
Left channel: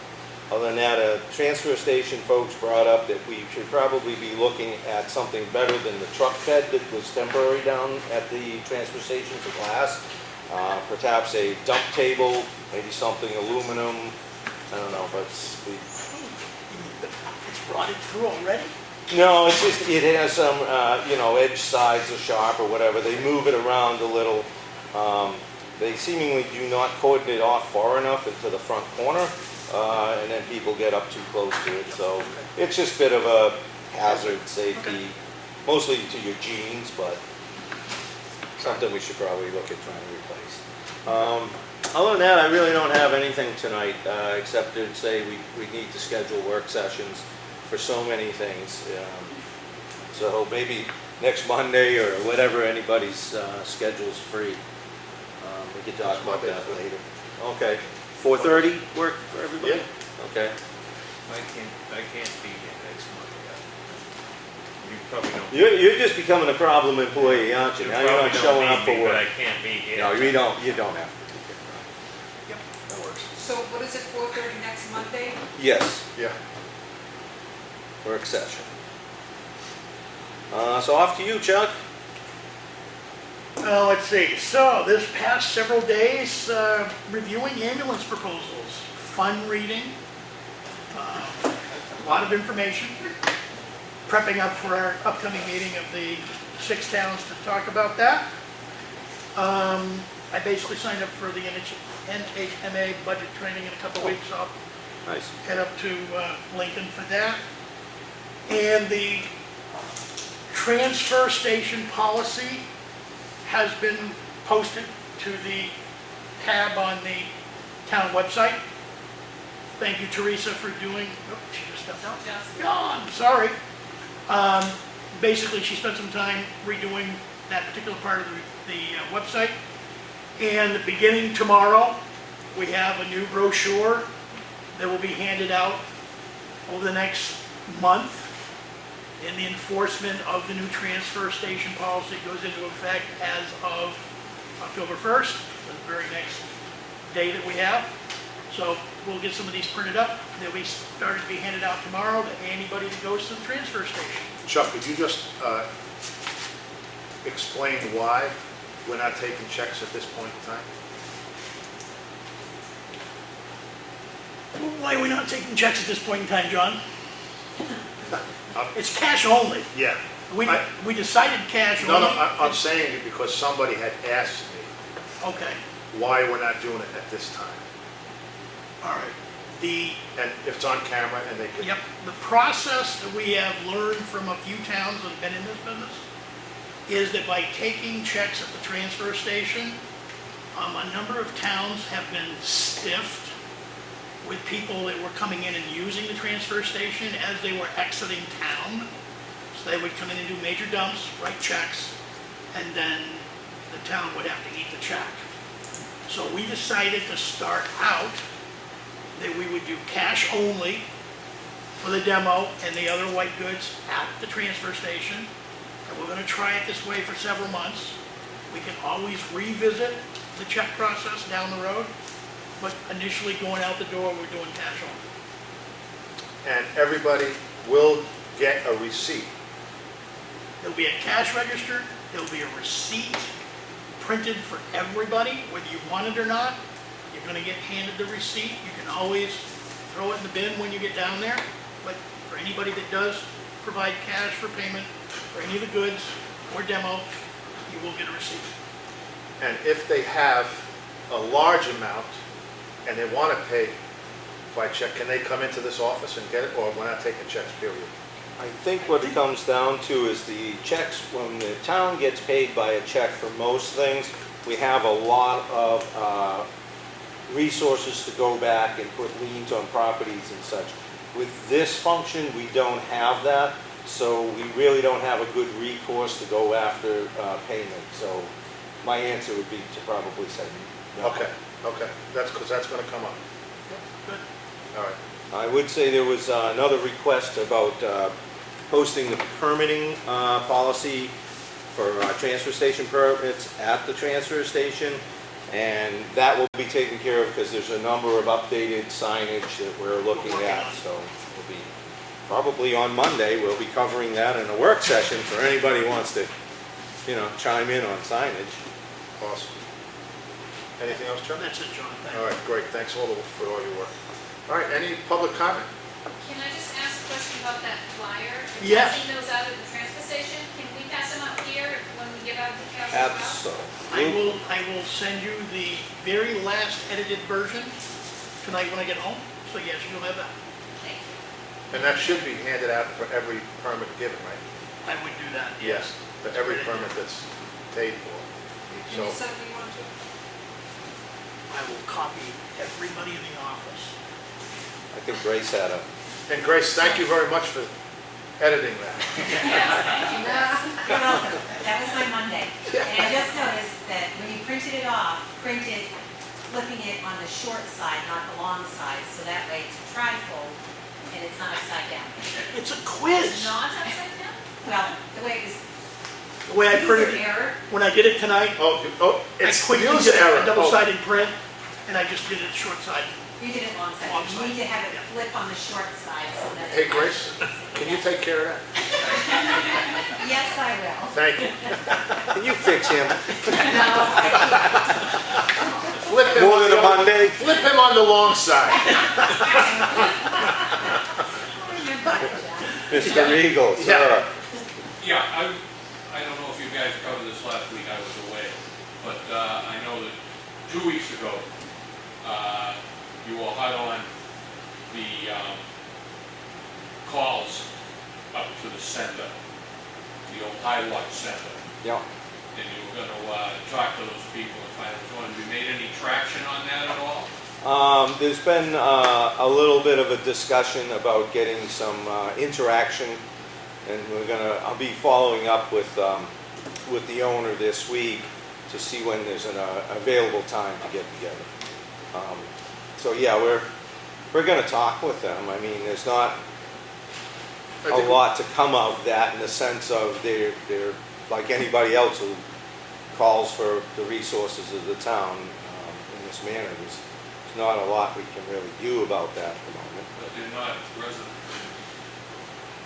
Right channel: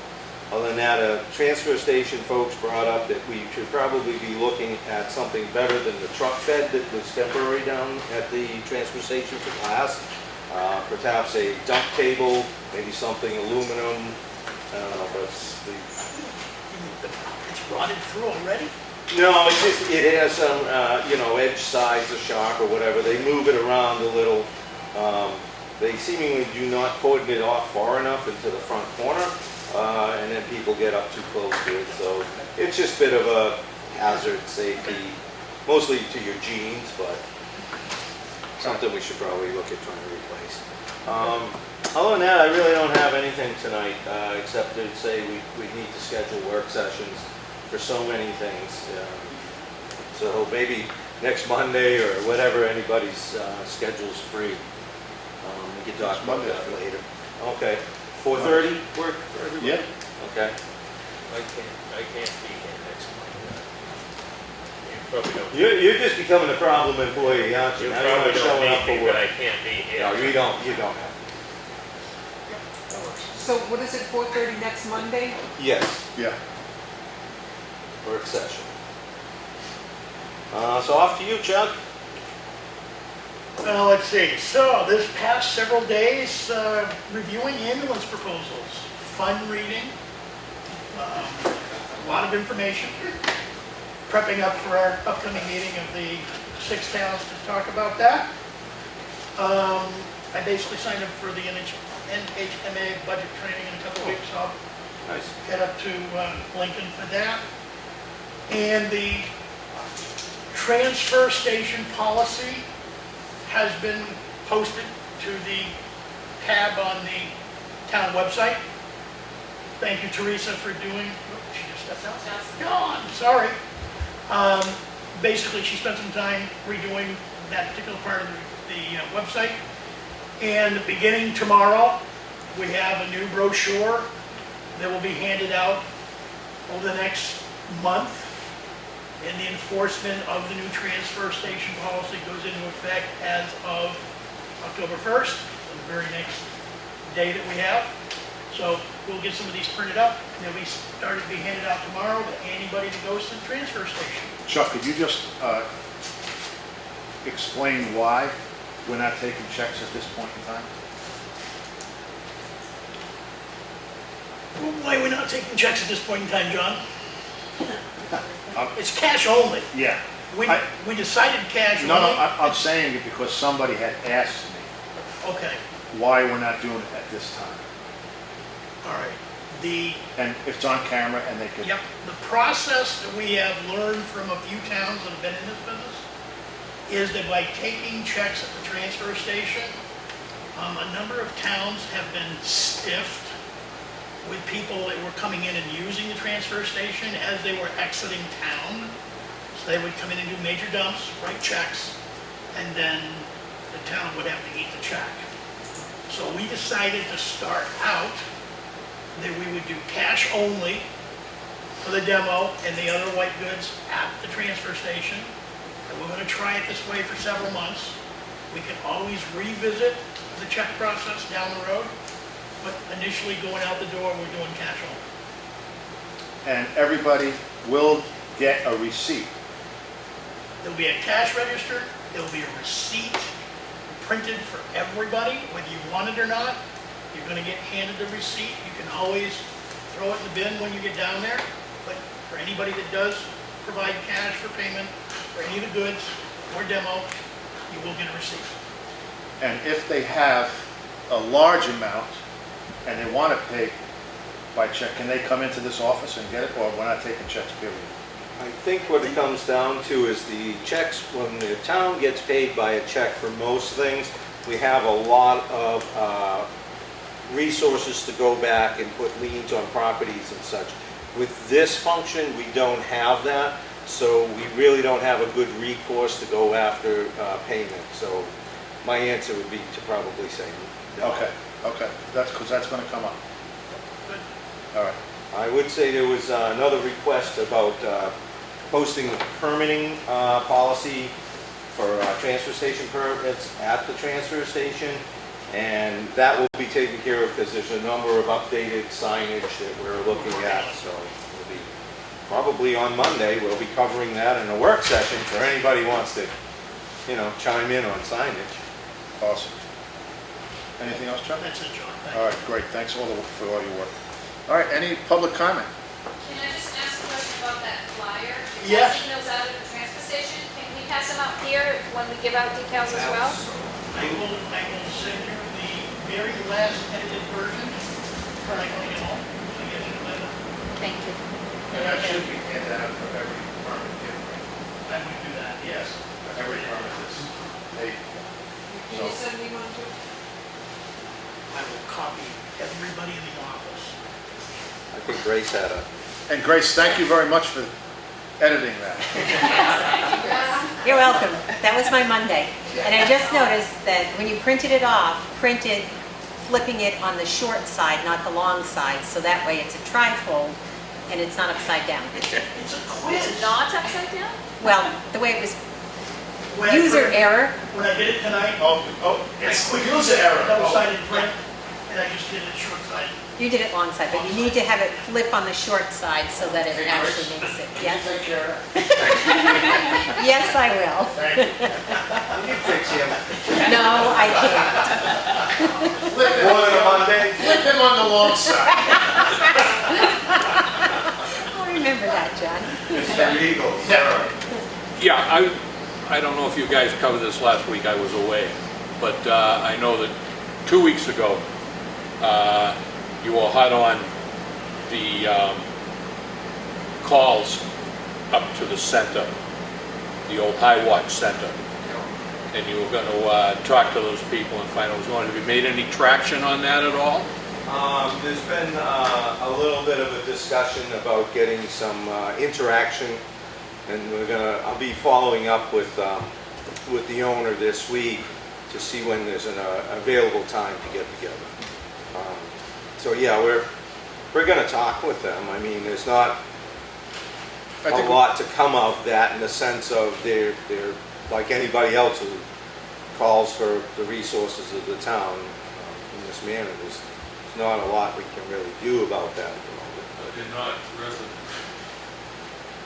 Other than that, transfer station folks brought up that we should probably be looking at something better than the truck shed that was temporary down at the transfer station for glass. Perhaps a dump table, maybe something aluminum. I don't know, but It's rotted through already? no, it's just, it has some, you know, edge sides are sharp or whatever. They move it around a little. They seemingly do not cordon it off far enough into the front corner, and then people get up too close to it. So it's just a bit of a hazard, safety, mostly to your jeans, but something we should probably look at trying to replace. Other than that, I really don't have anything tonight, except to say we need to schedule work sessions for so many things. So maybe next Monday or whatever anybody's schedule's free. We can talk about that later. Okay. 4:30 work for everybody? Yeah. Okay. I can't be here next month. You probably don't. You're just becoming a problem employee, aren't you? You Now you're probably not showing don't up need for me, but I work. can't be here. No, you don't have to. So what is it, 4:30 next Monday? Yes. Yeah. Work session. So off to you, Chuck. Well, let's see. So this past several days, reviewing ambulance proposals, fun reading, a lot of information, prepping up for our upcoming meeting of the 6 towns to talk about that. I basically signed up for the NHMA budget training in a couple weeks, so I'll Nice. head up to Lincoln for that. And the transfer station policy has been posted to the tab on the town website. Thank you, Teresa, for doing, oh, she just stepped out. No, I'm sorry. Basically, she spent some time redoing that particular part of the website. And beginning tomorrow, we have a new brochure that will be handed out over the next month. And the enforcement of the new transfer station policy goes into effect as of October 1st, the very next day that we have. So we'll get some of these printed up. They'll be started to be handed out tomorrow to anybody that goes to the transfer station. Chuck, could you just explain why we're not taking checks at this point in time? Why are we not taking checks at this point in time, John? It's cash only. Yeah. We decided cash No, only. I'm saying it because somebody had asked me Okay, why we're not doing it at this time. all right. And it's on camera and they can. Yep, the process that we have learned from a few towns that have been in this business is that by taking checks at the transfer station, a number of towns have been stiffed with people that were coming in and using the transfer station as they were exiting town. So they would come in and do major dumps, write checks, and then the town would have to eat the check. So we decided to start out that we would do cash only for the demo and the other white goods at the transfer station. And we're gonna try it this way for several months. We can always revisit the check process down the road, but initially going out the door, we're doing cash only. And everybody will get a receipt. There'll be a cash register, there'll be a receipt printed for everybody, whether you want it or not. You're gonna get handed the receipt. You can always throw it in the bin when you get down there, but for anybody that does provide cash for payment for any of the goods or demo, you will get a receipt. And if they have a large amount and they want to pay by check, can they come into this office and get it, or we're not taking checks, period? I think what it comes down to is the checks, when the town gets paid by a check for most things, we have a lot of resources to go back and put liens on properties and such. With this function, we don't have that, so we really don't have a good recourse to go after payment. So my answer would be to probably say no. Okay, that's because that's going to come up. Good. All right. I would say there was another request about posting the permitting policy for transfer station permits at the transfer station, and that will be taken care of because there's a number of updated signage that we're looking at. So we'll be probably on Monday. We'll be covering that in a work session for anybody who wants to, chime in on signage. Awesome. Anything else, Chuck? That's it, John. All right, great. Thanks for all your work. All right, any public comment? Can I just ask a question about that flyer? Yes. Passing those out at the transfer station, can we pass them out here when we give out decals as well? I will send you the very last edited version when I get home, so yes, you have that. Thank you. And that should be handed out for every permit given, right? I would do that, Yes. For every permit that's paid for. So, I will copy everybody in the office. I think Grace had a. and Grace, thank you very much for editing that. You're welcome. That was my Monday. And I just noticed that when you printed it off, printed flipping it on the short side, not the long side, so that way it's a trifold and it's not upside down. It's a quiz. Not upside down? Well, the way it was When I user print it- error. When I get it tonight, It's I quick user error. double-sided print, and I just did it short side. You did it long side, but you need to have it flip on the short side so that it Hey, Grace, actually makes it. can you Yes, take care of that? yes, I will. Thank you. Can you fix him? No, I Flip him More on than a the- Monday? Flip him on the long side. don't remember that, John. Mr. Legal, Yeah. sir. Yeah, I don't know if you guys covered this last week, I was away, but I know that 2 weeks ago, you were hot on the calls up to the center, the old High Watch Center, Yeah. and you were gonna talk to those people and find out what's going on. Have you made any traction on that at all? There's been a little bit of a discussion about getting some interaction, and I'll be following up with the owner this week to see when there's an available time to get together. So yeah, we're gonna talk with them. I mean, there's not I a think- lot to come of that in the sense of they're like anybody else who calls for the resources of the town in this manner. There's not a lot we can really do about that at the moment. But they're not residents.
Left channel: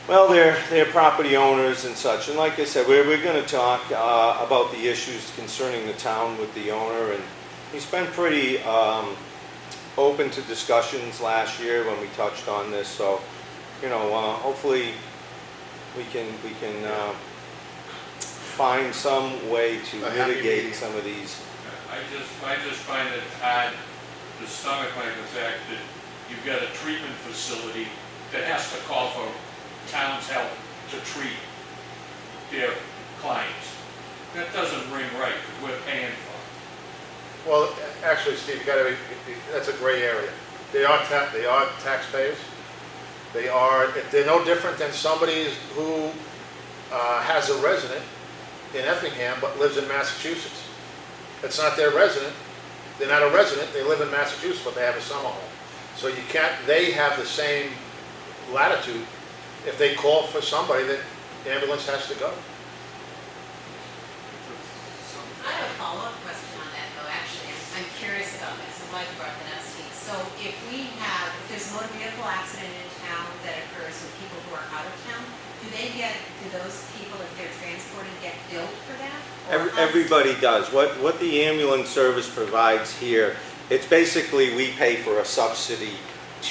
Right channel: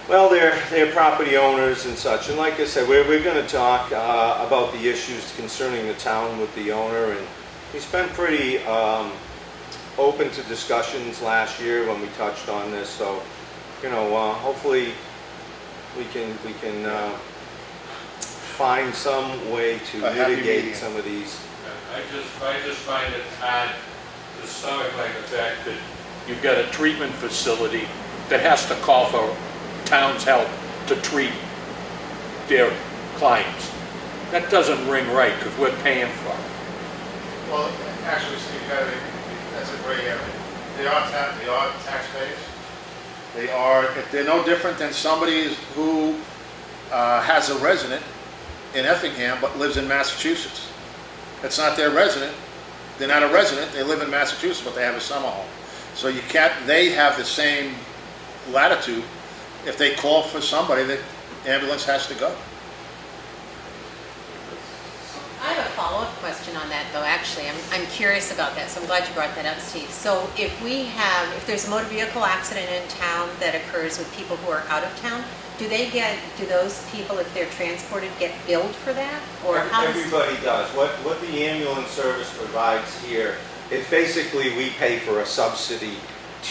Well, they're property owners and such, and like I said, we're going to talk about the issues concerning the town with the owner, and he's been pretty open to discussions last year when we touched on this. So, you know, hopefully we can find some way to A happy mitigate medium. some of these. I just find it hard to stomach like the fact that you've got a treatment facility that has to call for town's help to treat their clients. That doesn't ring right, because we're paying for it. Well, actually, Steve, that's a gray area. They are taxpayers. They're no different than somebody who has a resident in Effingham but lives in Massachusetts. That's not their resident. They're not a resident, they live in Massachusetts, but they have a summer home. So they have the same latitude. If they call for somebody, the ambulance has to go. I have a follow-up question on that, though, actually. I'm curious about that, so I'm glad you brought that up, Steve. So if there's a motor vehicle accident in town that occurs with people who are out of town, do those people, if they're transported, get billed for that? Or how does- Everybody does. What the ambulance service provides here, it's basically we pay for a subsidy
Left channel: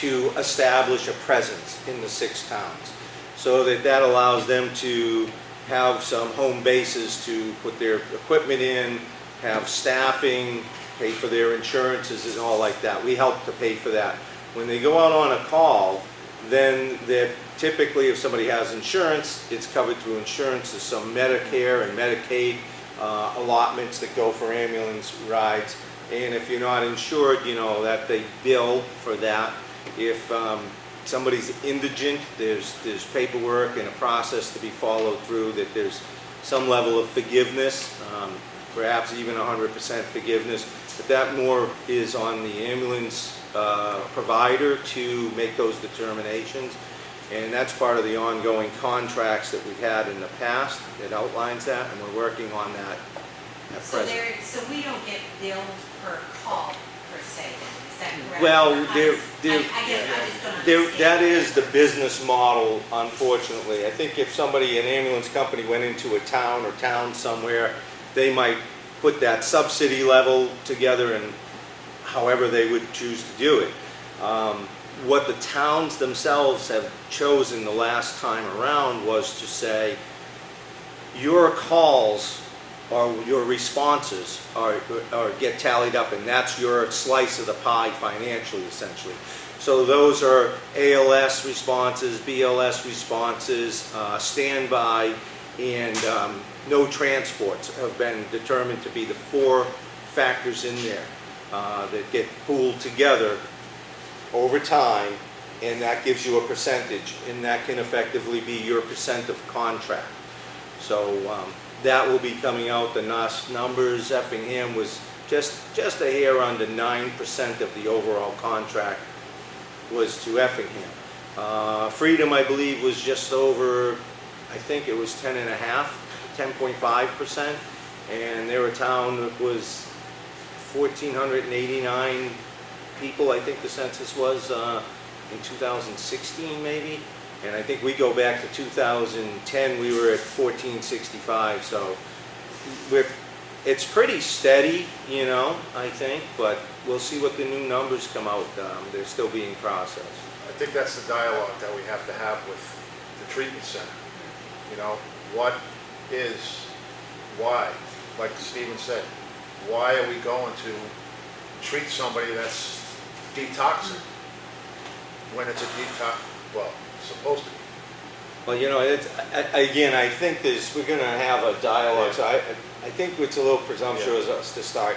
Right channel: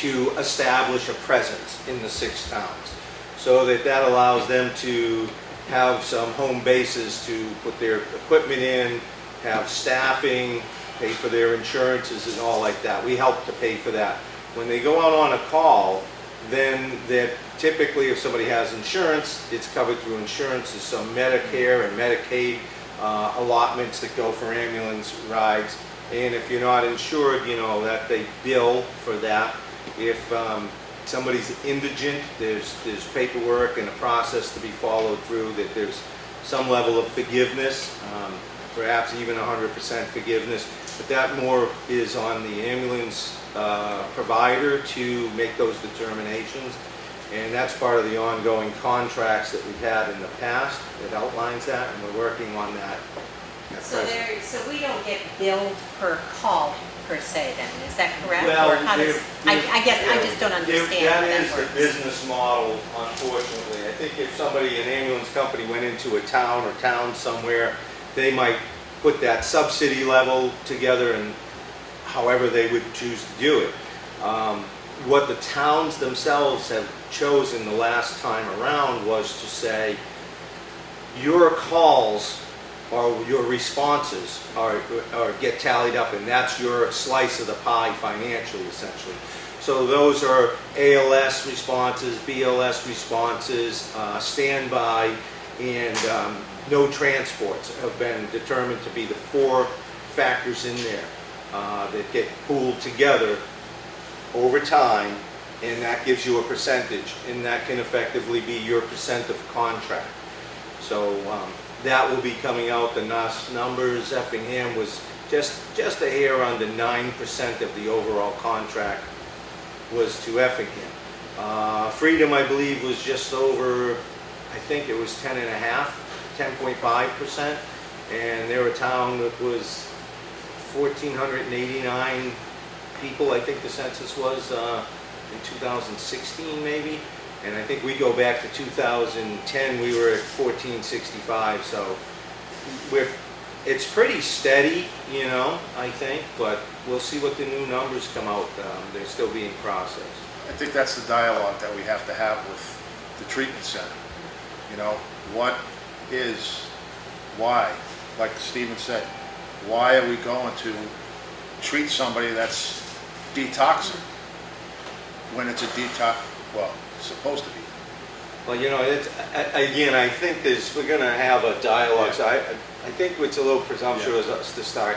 to establish a presence in the 6 towns. So that allows them to have some home bases to put their equipment in, have staffing, pay for their insurances and all like that. We help to pay for that. When they go out on a call, then typically if somebody has insurance, it's covered through insurance. There's some Medicare and Medicaid allotments that go for ambulance rides. And if you're not insured, you know, that they bill for that. If somebody's indigent, there's paperwork and a process to be followed through, that there's some level of forgiveness, perhaps even 100% forgiveness, but that more is on the ambulance provider to make those determinations. And that's part of the ongoing contracts that we've had in the past that outlines that, and we're working on that at So present. we don't get billed per call, per se, then, is that correct? Well, Or how does- I guess I just don't understand. That how is the works. business model, unfortunately. I think if an ambulance company went into a town or town somewhere, they might put that subsidy level together and however they would choose to do it. What the towns themselves have chosen the last time around was to say, your calls or your responses are get tallied up, and that's your slice of the pie financially, essentially. So those are ALS responses, BLS responses, standby, and no transports have been determined to be the 4 factors in there that get pooled together over time, and that gives you a percentage, and that can effectively be your percent of contract. So that will be coming out. The NOS numbers, Effingham was just a hair under 9% of the overall contract was to Effingham. Freedom, I believe, was just over, I think it was 10.5%, and they're a town that was 1,489 people, I think the census was in 2016 maybe, and I think we go back to 2010, we were at 1465, so it's pretty steady, you know, I think, but we'll see what the new numbers come out. They're still being processed. I think that's the dialogue that we have to have with the treatment center. You know, what is, why, like Stephen said, why are we going to treat somebody that's detoxing when it's a detox, well, it's supposed to be. Well, you know, again, I think we're going to have a dialogue, so I think it's a little presumptuous of us to start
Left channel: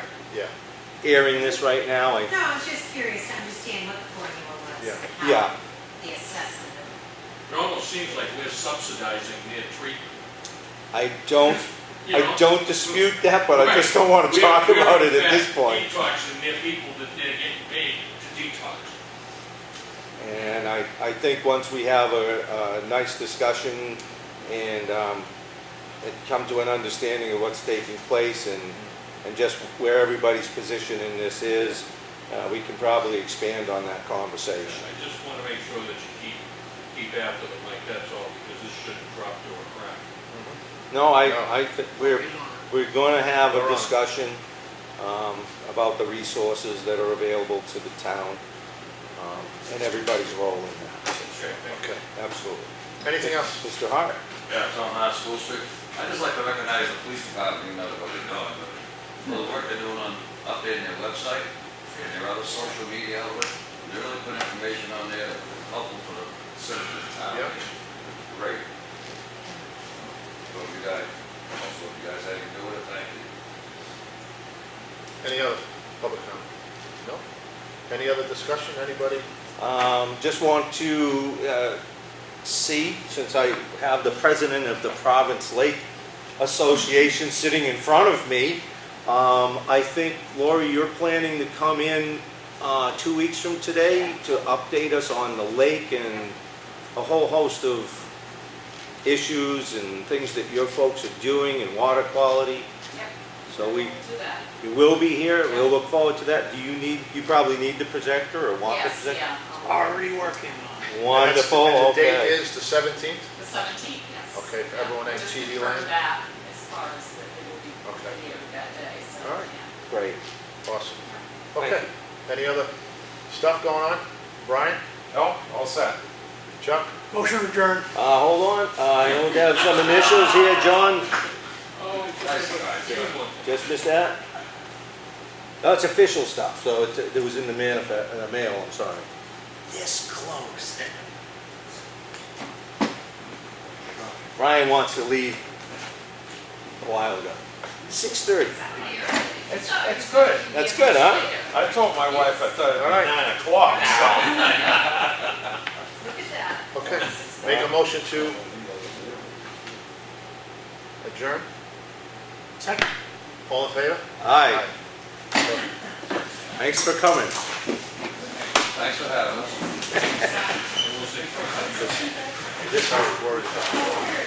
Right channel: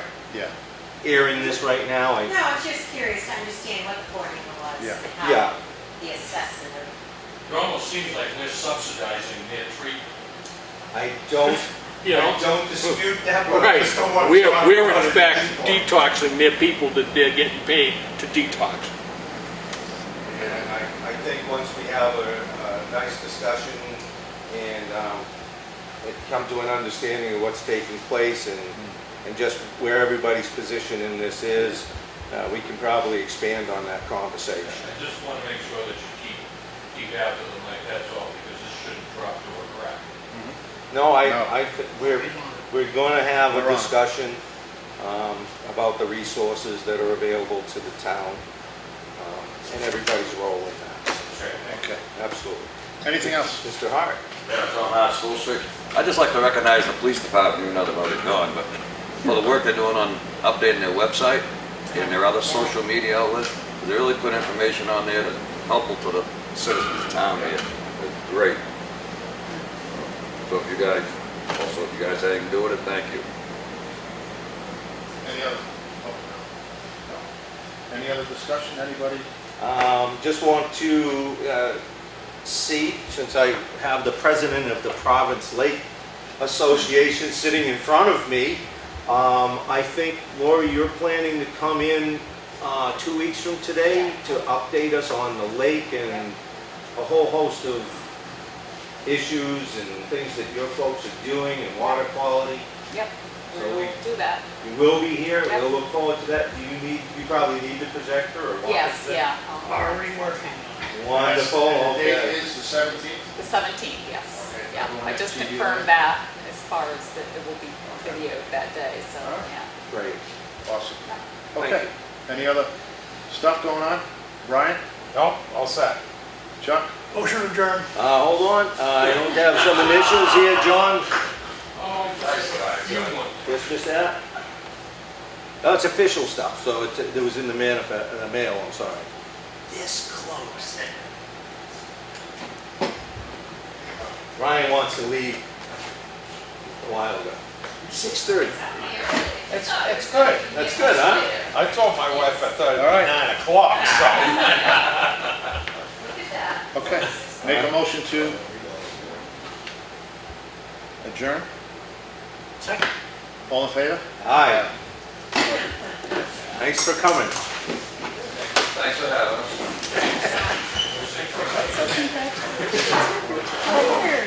airing this right now. No, I was just curious to understand what the formula was, Yeah. and Yeah. how the assessment of It almost seems like we're subsidizing their treatment. I don't You know? I don't dispute that, but I Right. just don't want to We're- talk we're about in it at fact this point. detoxing their people that they're getting paid to detox. I think once we have a nice discussion and come to an understanding of what's taking place and just where everybody's position in this is, we can probably expand on that conversation. I just want to make sure that you keep after them like that's all, because this shouldn't drop through a crack. No, we're going to have a discussion about the resources that are available to the town and everybody's role in that. Okay. Absolutely. Anything else? Mr. Hart? Yeah, Tom Hart, School Street. I'd just like to recognize the police department, even though they've already gone, but for the work they're doing on updating their website and their other social media outlets. They really put information on there that's helpful to the citizens of town here. It's great. So if you guys have anything to do with it, thank you. Any other public comment? No? Any other discussion, anybody? Just want to see, since I have the president of the Province Lake Association sitting in front of me, I think, Lori, you're planning to come in 2 weeks from today to update us on the lake and a whole host of issues and things that your folks are doing and water quality. Yep. So We'll do that. we will be here. Yep. We'll look forward to that. Do you probably need the projector or want the Yes, projector? yeah. Already working. Wonderful, And the date okay. is the 17th? The 17th, yes. Okay, Yeah, everyone I has just TV on confirmed it? that as far as that it will be videoed that day, so, All right. yeah. Great. Awesome. Thank Okay. Any other stuff going on? Brian? No, all set. Chuck? Motion adjourned. Hold on, we have some initials here, John. Oh, Just that? No, it's official stuff, so it was in the mail, I'm sorry. This close. Ryan wants to leave a while ago. 6:30. It's good. That's good, huh? I told my wife I thought it'd be 9 o'clock, so. Look at that. Okay. Make a motion to adjourn? Second. All in favor? Hi. Thanks for coming. Thanks for having us. Oh,